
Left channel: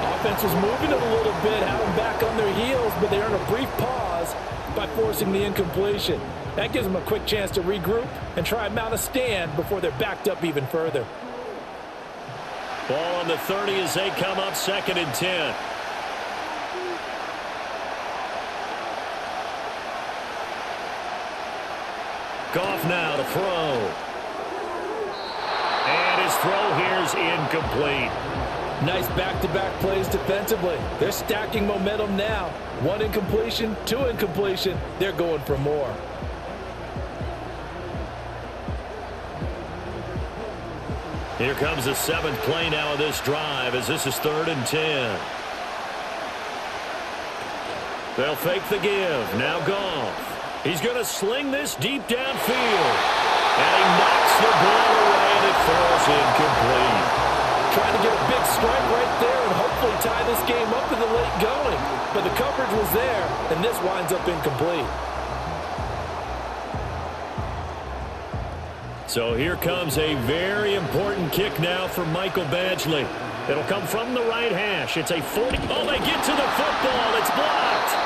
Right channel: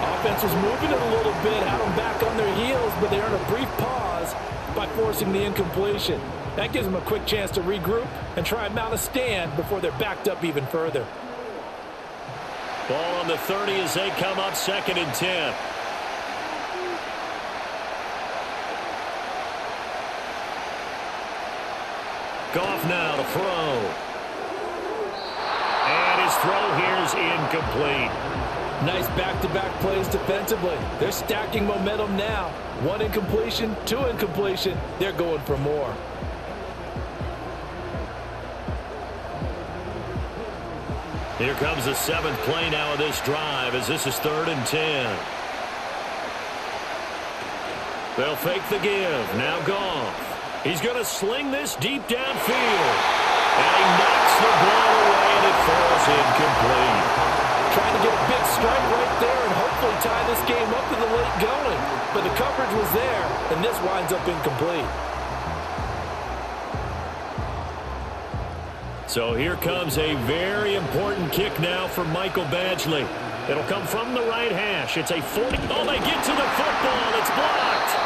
Offense was moving it a little bit, had them back on their heels, but they earned a brief pause by forcing the incompletion. That gives them a quick chance to regroup and try and mount a stand before they're backed up even further. Ball on the 30 as they come up 2nd and 10. Goff now to throw. And his throw here is incomplete. Nice back-to-back plays defensively. They're stacking momentum now. 1 incompletion, 2 incompletion. They're going for more. Here comes the 7th play now of this drive as this is 3rd and 10. They'll fake the give. Now Goff. He's going to sling this deep downfield. And he knocks the ball away and it falls incomplete. Trying to get a big strike right there and hopefully tie this game up to the late going. But the coverage was there, and this winds up incomplete. So here comes a very important kick now for Michael Badgley. It'll come from the right hash. It's a 40. Oh, they get to the football. It's blocked.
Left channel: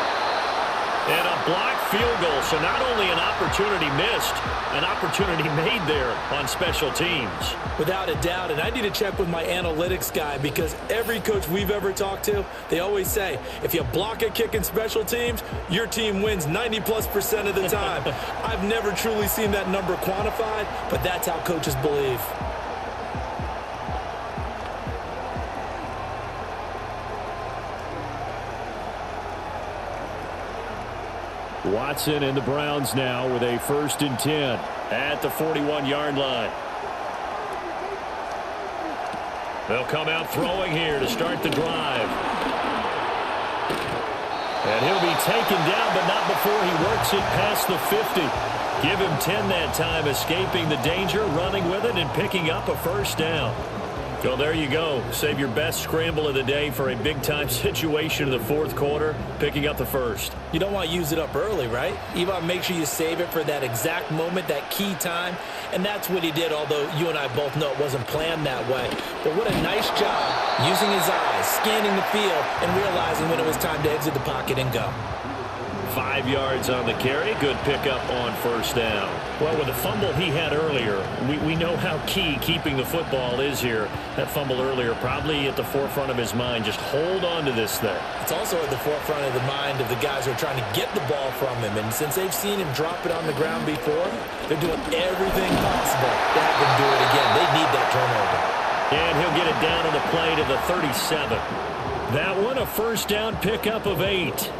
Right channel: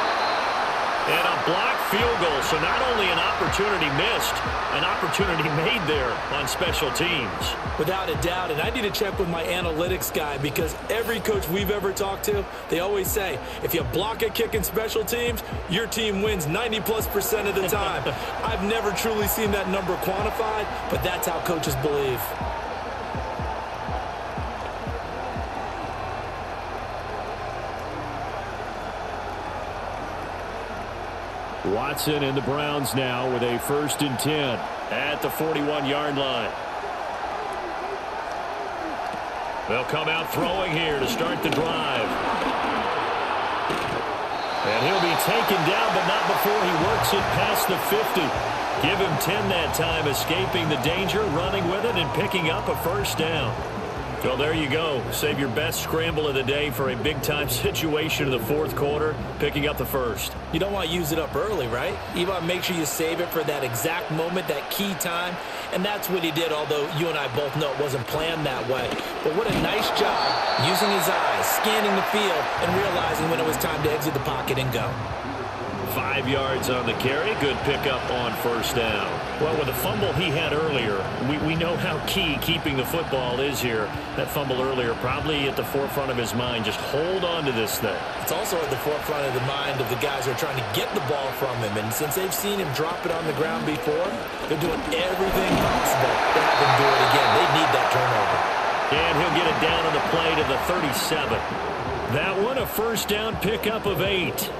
And a blocked field goal. So not only an opportunity missed, an opportunity made there on special teams. Without a doubt, and I need to check with my analytics guy because every coach we've ever talked to, they always say, if you block a kick in special teams, your team wins 90+% of the time. I've never truly seen that number quantified, but that's how coaches believe. Watson and the Browns now with a 1st and 10 at the 41-yard line. They'll come out throwing here to start the drive. And he'll be taken down, but not before he works it past the 50. Give him 10 that time, escaping the danger, running with it, and picking up a 1st down. So there you go. Save your best scramble of the day for a big-time situation in the 4th quarter, picking up the 1st. You don't want to use it up early, right? You want to make sure you save it for that exact moment, that key time. And that's what he did, although you and I both know it wasn't planned that way. But what a nice job using his eyes, scanning the field, and realizing when it was time to exit the pocket and go. 5 yards on the carry. Good pickup on 1st down. Well, with the fumble he had earlier, we know how key keeping the football is here. That fumble earlier probably at the forefront of his mind. Just hold on to this thing. It's also at the forefront of the mind of the guys who are trying to get the ball from him. And since they've seen him drop it on the ground before, they're doing everything possible to have him do it again. They need that turnover. And he'll get it down on the play to the 37. That one a 1st down pickup of 8.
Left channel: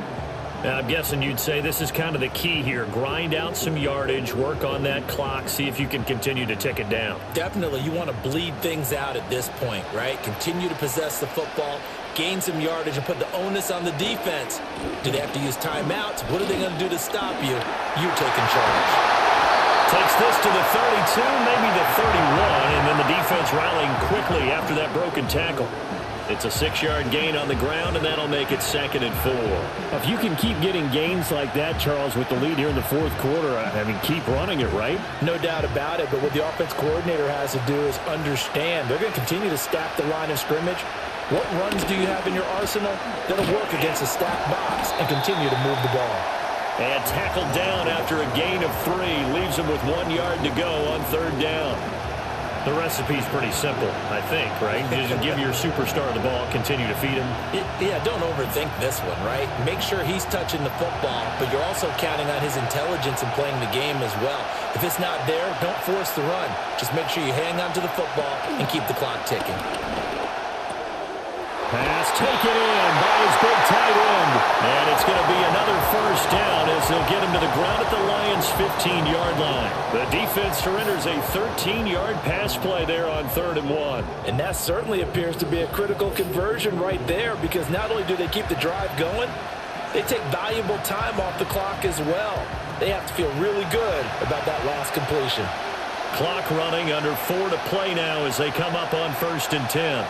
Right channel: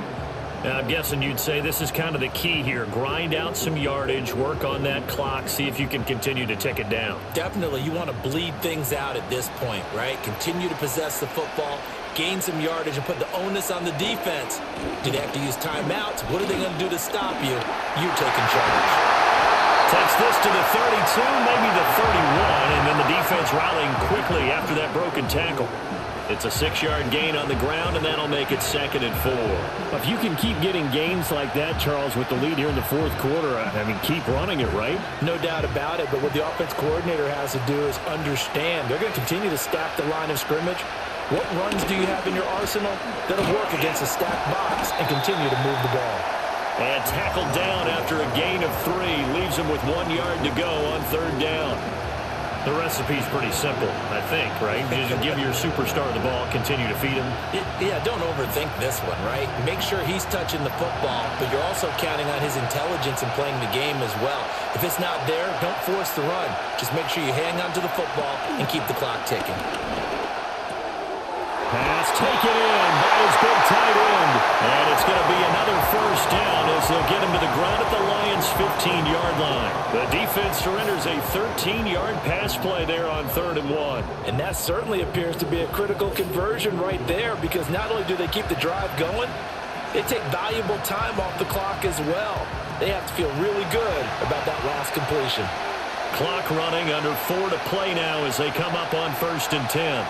Now, I'm guessing you'd say this is kind of the key here. Grind out some yardage, work on that clock, see if you can continue to tick it down. Definitely. You want to bleed things out at this point, right? Continue to possess the football, gain some yardage, and put the onus on the defense. Do they have to use timeouts? What are they going to do to stop you? You're taking charge. Takes this to the 32, maybe the 31, and then the defense rallying quickly after that broken tackle. It's a 6-yard gain on the ground, and that'll make it 2nd and 4. If you can keep getting gains like that, Charles, with the lead here in the 4th quarter, I mean, keep running it, right? No doubt about it, but what the offense coordinator has to do is understand they're going to continue to stack the line of scrimmage. What runs do you have in your arsenal that'll work against a stacked box and continue to move the ball? And tackled down after a gain of 3. Leaves him with 1 yard to go on 3rd down. The recipe's pretty simple, I think, right? Just give your superstar the ball, continue to feed him. Yeah, don't overthink this one, right? Make sure he's touching the football, but you're also counting on his intelligence in playing the game as well. If it's not there, don't force the run. Just make sure you hang on to the football and keep the clock ticking. Pass taken in by his big tight end. And it's going to be another 1st down as they'll get him to the ground at the Lions' 15-yard line. The defense surrenders a 13-yard pass play there on 3rd and 1. And that certainly appears to be a critical conversion right there because not only do they keep the drive going, they take valuable time off the clock as well. They have to feel really good about that last completion. Clock running under 4 to play now as they come up on 1st and 10.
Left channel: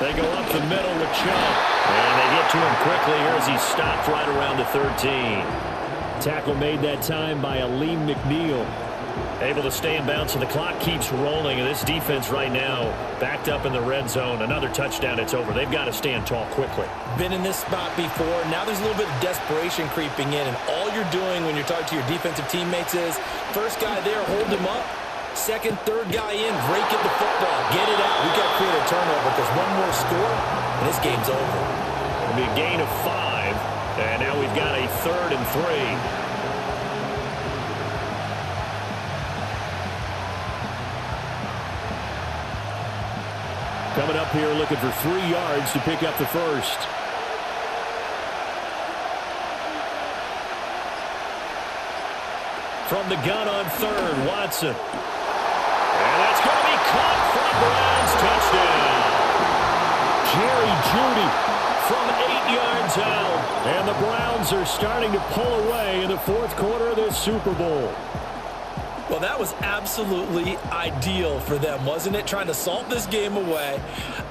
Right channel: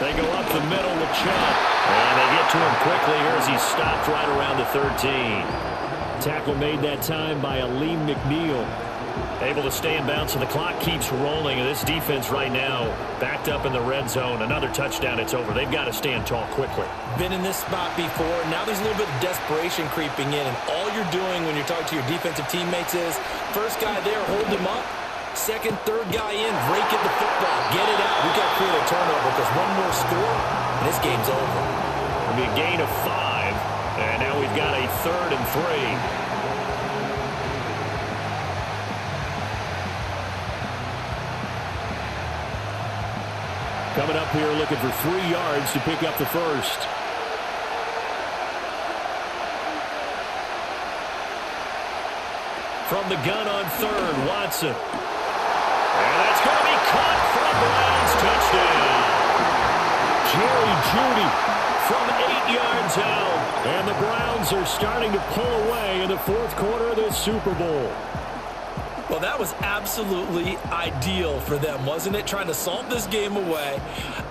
They go up the middle with Chubb. And they get to him quickly here as he's stopped right around the 13. Tackle made that time by Aleem McNeil. Able to stay in bounds, so the clock keeps rolling. And this defense right now backed up in the red zone. Another touchdown, it's over. They've got to stand tall quickly. Been in this spot before. Now there's a little bit of desperation creeping in. And all you're doing when you're talking to your defensive teammates is, first guy there, hold him up. Second, third guy in, rake at the football. Get it out. We've got to create a turnover because one more score, and this game's over. It'll be a gain of 5, and now we've got a 3rd and 3. Coming up here looking for 3 yards to pick up the first. From the gun on 3rd, Watson. And that's going to be caught for a Browns touchdown. Jerry Jeudy from 8 yards out. And the Browns are starting to pull away in the 4th quarter of this Super Bowl. Well, that was absolutely ideal for them, wasn't it? Trying to salt this game away.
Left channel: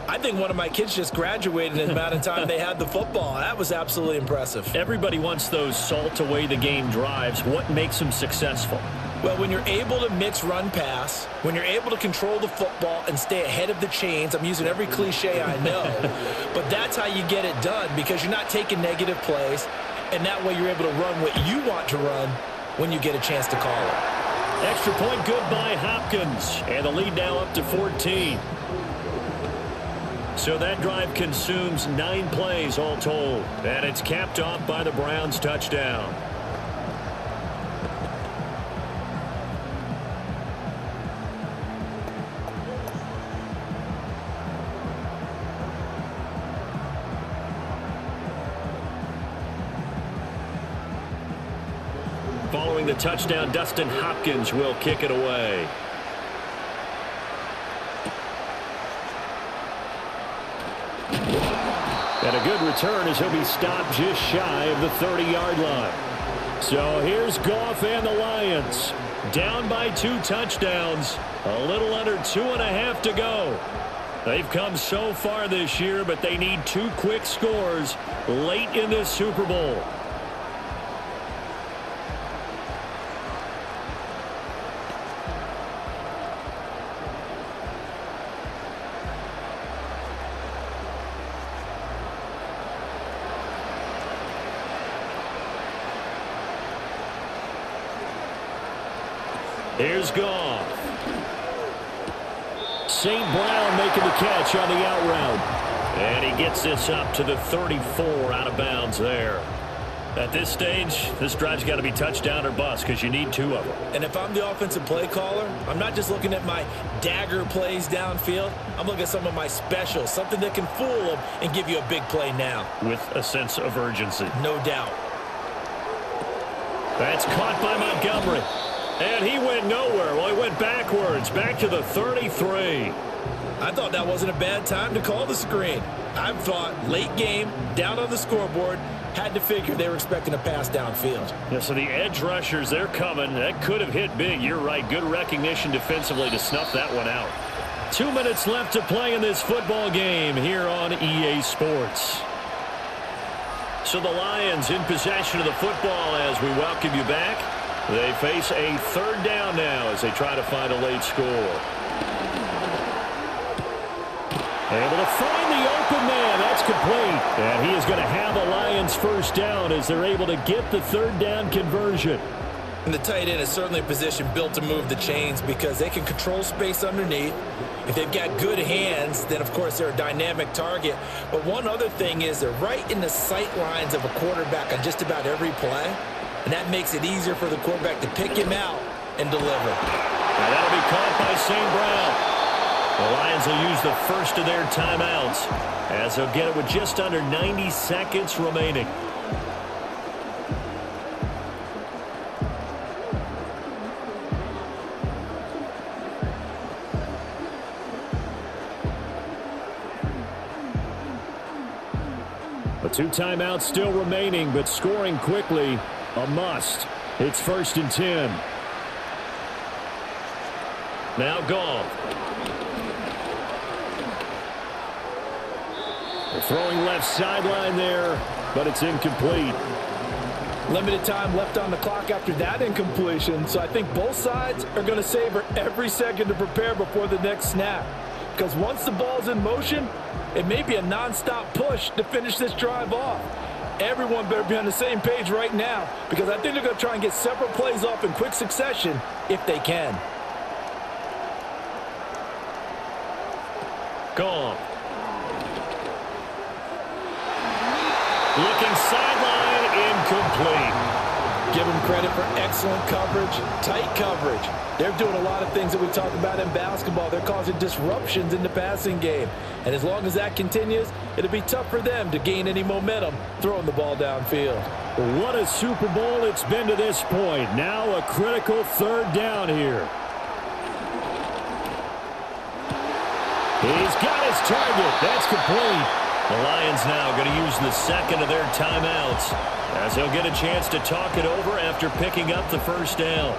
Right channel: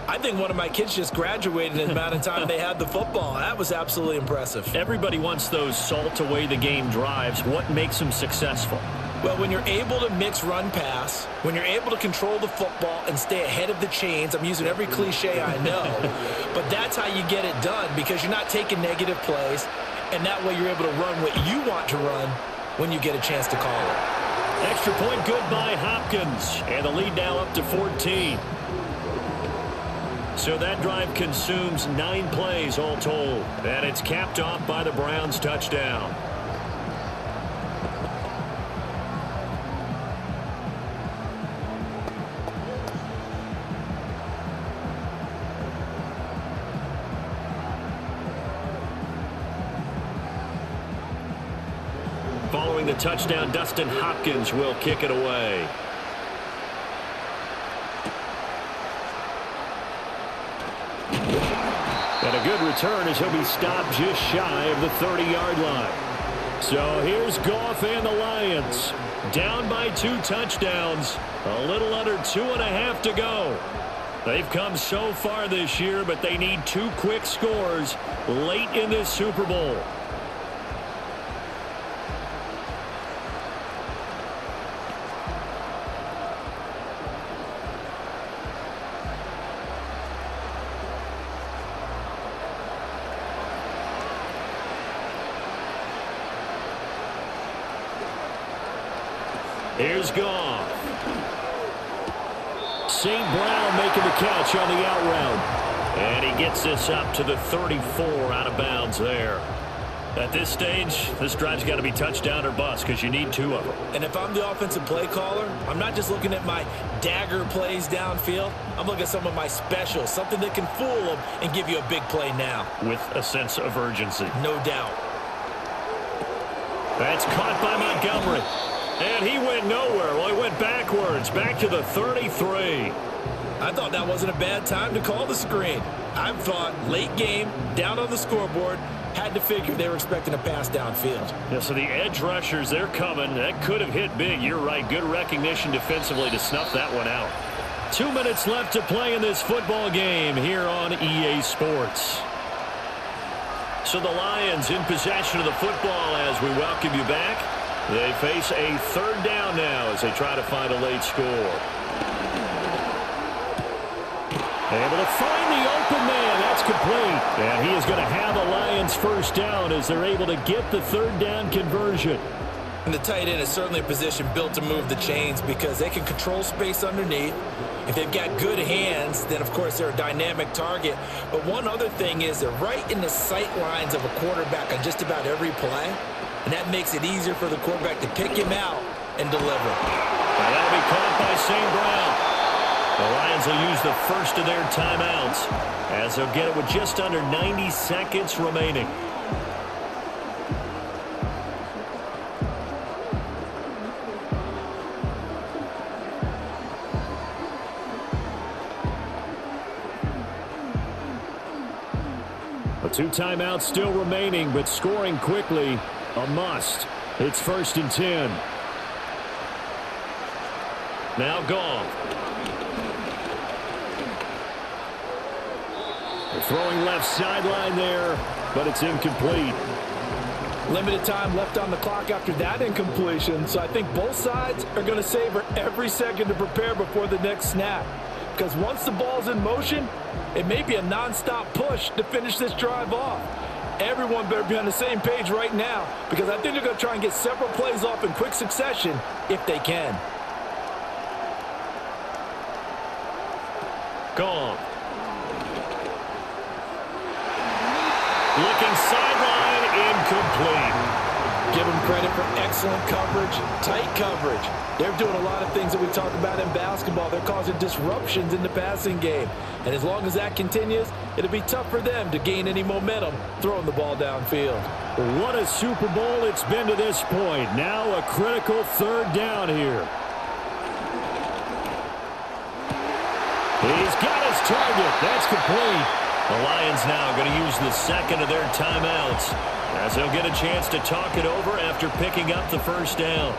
I think one of my kids just graduated in the amount of time they had the football. That was absolutely impressive. Everybody wants those salt away the game drives. What makes them successful? Well, when you're able to mix run-pass, when you're able to control the football and stay ahead of the chains, I'm using every cliche I know, but that's how you get it done because you're not taking negative plays, and that way you're able to run what you want to run when you get a chance to call it. Extra point good by Hopkins, and the lead now up to 14. So that drive consumes 9 plays all told, and it's capped off by the Browns touchdown. Following the touchdown, Dustin Hopkins will kick it away. And a good return as he'll be stopped just shy of the 30-yard line. So here's Goff and the Lions. Down by 2 touchdowns. A little under 2.5 to go. They've come so far this year, but they need 2 quick scores late in this Super Bowl. Here's Goff. St. Brown making the catch on the out route. And he gets this up to the 34 out of bounds there. At this stage, this drive's got to be touchdown or bust because you need 2 of them. And if I'm the offensive play caller, I'm not just looking at my dagger plays downfield. I'm looking at some of my specials, something that can fool them and give you a big play now. With a sense of urgency. No doubt. That's caught by Montgomery. And he went nowhere. Well, he went backwards, back to the 33. I thought that wasn't a bad time to call the screen. I thought late game, down on the scoreboard, had to figure they were expecting a pass downfield. Yeah, so the edge rushers, they're coming. That could have hit big. You're right. Good recognition defensively to snuff that one out. 2 minutes left to play in this football game here on EA Sports. So the Lions in possession of the football as we welcome you back. They face a 3rd down now as they try to find a late score. Able to find the open man. That's complete. And he is going to have a Lions 1st down as they're able to get the 3rd down conversion. And the tight end is certainly a position built to move the chains because they can control space underneath. If they've got good hands, then, of course, they're a dynamic target. But one other thing is they're right in the sight lines of a quarterback on just about every play. And that makes it easier for the quarterback to pick him out and deliver. Now that'll be caught by St. Brown. The Lions will use the first of their timeouts as they'll get it with just under 90 seconds remaining. A 2 timeouts still remaining, but scoring quickly, a must. It's 1st and 10. Now Goff. They're throwing left sideline there, but it's incomplete. Limited time left on the clock after that incompletion, so I think both sides are going to savor every second to prepare before the next snap. Because once the ball's in motion, it may be a nonstop push to finish this drive off. Everyone better be on the same page right now because I think they're going to try and get several plays off in quick succession if they can. Gone. Looking sideline, incomplete. Give them credit for excellent coverage, tight coverage. They're doing a lot of things that we talk about in basketball. They're causing disruptions in the passing game. And as long as that continues, it'll be tough for them to gain any momentum throwing the ball downfield. What a Super Bowl it's been to this point. Now a critical third down here. He's got his target. That's complete. The Lions now going to use the second of their timeouts as they'll get a chance to talk it over after picking up the first down.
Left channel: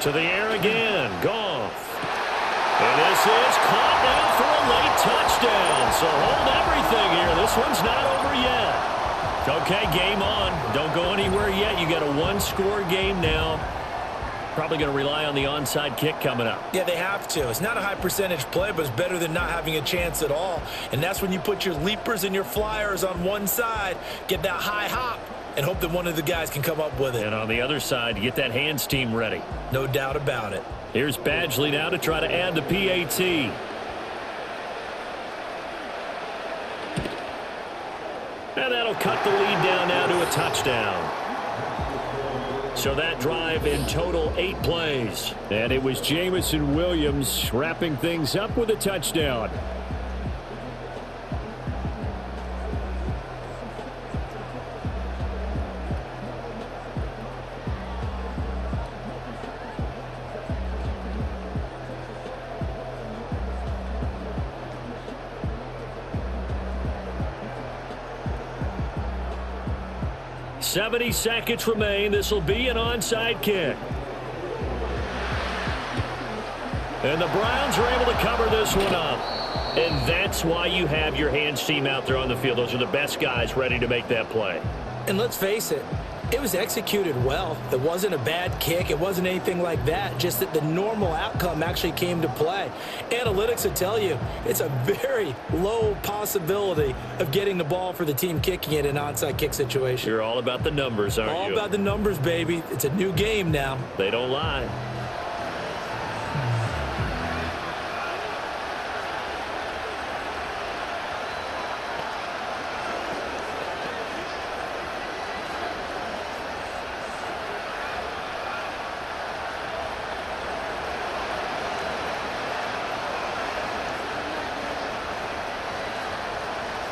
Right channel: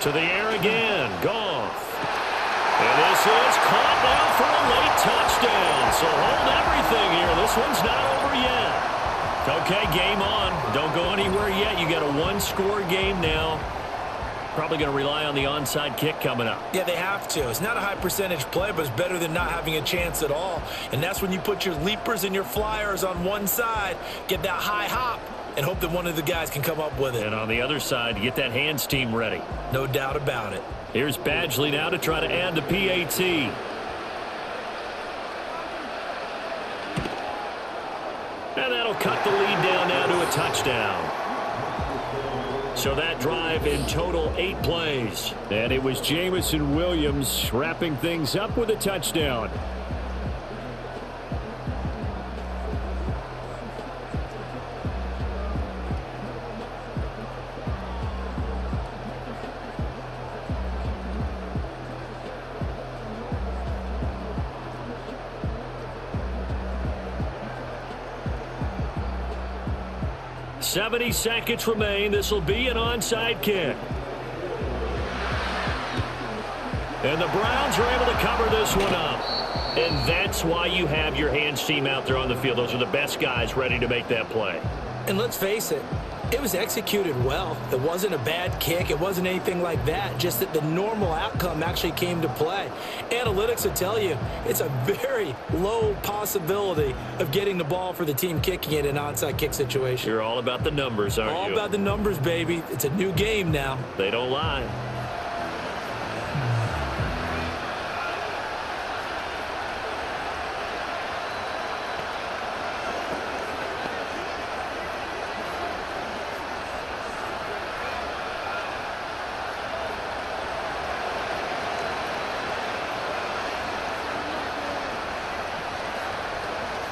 To the air again. Goff. And this is caught down for a late touchdown. So hold everything here. This one's not over yet. Okay, game on. Don't go anywhere yet. You got a one-score game now. Probably going to rely on the onside kick coming up. Yeah, they have to. It's not a high percentage play, but it's better than not having a chance at all. And that's when you put your leapers and your flyers on one side, get that high hop, and hope that one of the guys can come up with it. And on the other side, you get that hands team ready. No doubt about it. Here's Badgley now to try to add the PAT. And that'll cut the lead down now to a touchdown. So that drive in total 8 plays. And it was Jamison Williams wrapping things up with a touchdown. .70 seconds remain. This will be an onside kick. And the Browns are able to cover this one up. And that's why you have your hands team out there on the field. Those are the best guys ready to make that play. And let's face it, it was executed well. It wasn't a bad kick. It wasn't anything like that. Just that the normal outcome actually came to play. Analytics will tell you it's a very low possibility of getting the ball for the team kicking it in an onside kick situation. You're all about the numbers, aren't you? All about the numbers, baby. It's a new game now. They don't lie.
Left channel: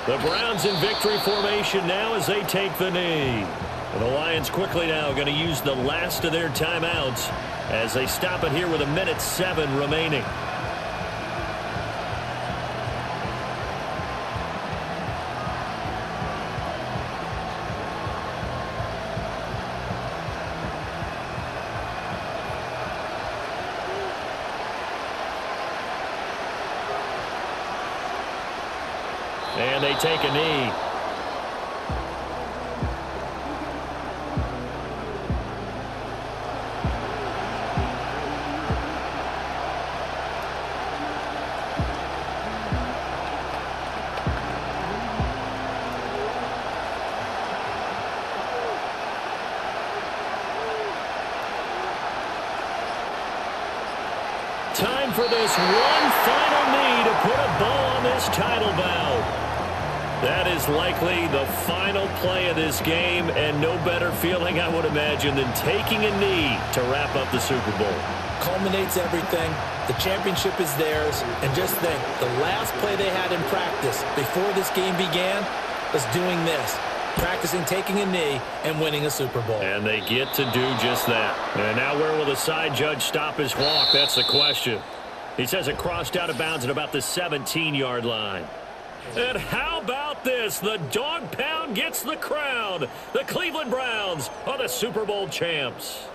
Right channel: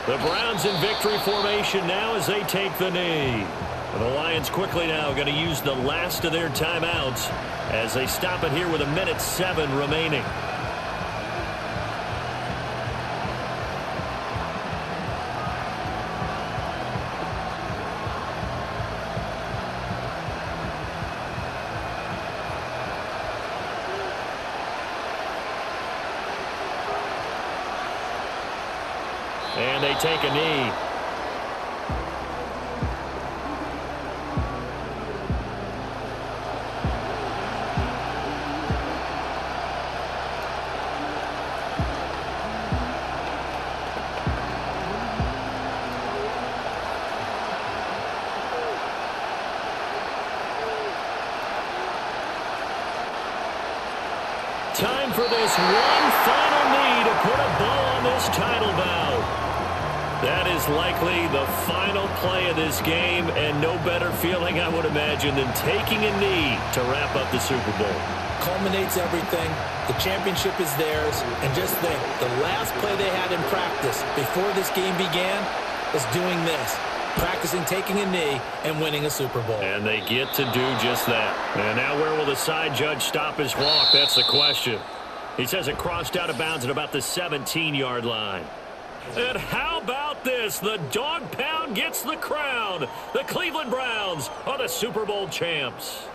The Browns in victory formation now as they take the knee. And the Lions quickly now going to use the last of their timeouts as they stop it here with 1:07 remaining. And they take a knee. Time for this one final knee to put a bow on this title bout. That is likely the final play of this game, and no better feeling, I would imagine, than taking a knee to wrap up the Super Bowl. Culminates everything. The championship is theirs. And just think, the last play they had in practice before this game began was doing this. Practicing taking a knee and winning a Super Bowl. And they get to do just that. And now where will the side judge stop his walk? That's the question. He says it crossed out of bounds at about the 17-yard line. And how about this? The dog pound gets the crown. The Cleveland Browns are the Super Bowl champs.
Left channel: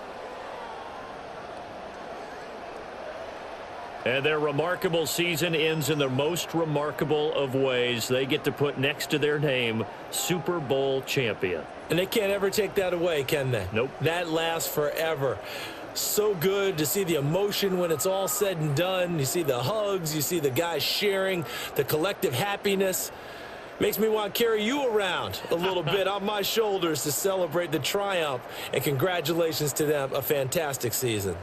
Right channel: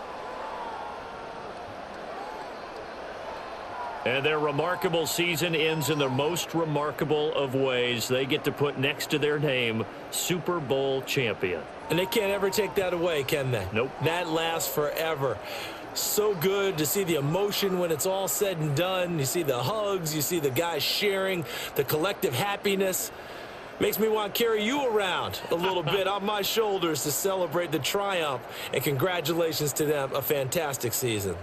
And their remarkable season ends in the most remarkable of ways. They get to put next to their name, Super Bowl champion. And they can't ever take that away, can they? Nope. That lasts forever. So good to see the emotion when it's all said and done. You see the hugs, you see the guys sharing, the collective happiness. Makes me want to carry you around a little bit on my shoulders to celebrate the triumph. And congratulations to them, a fantastic season.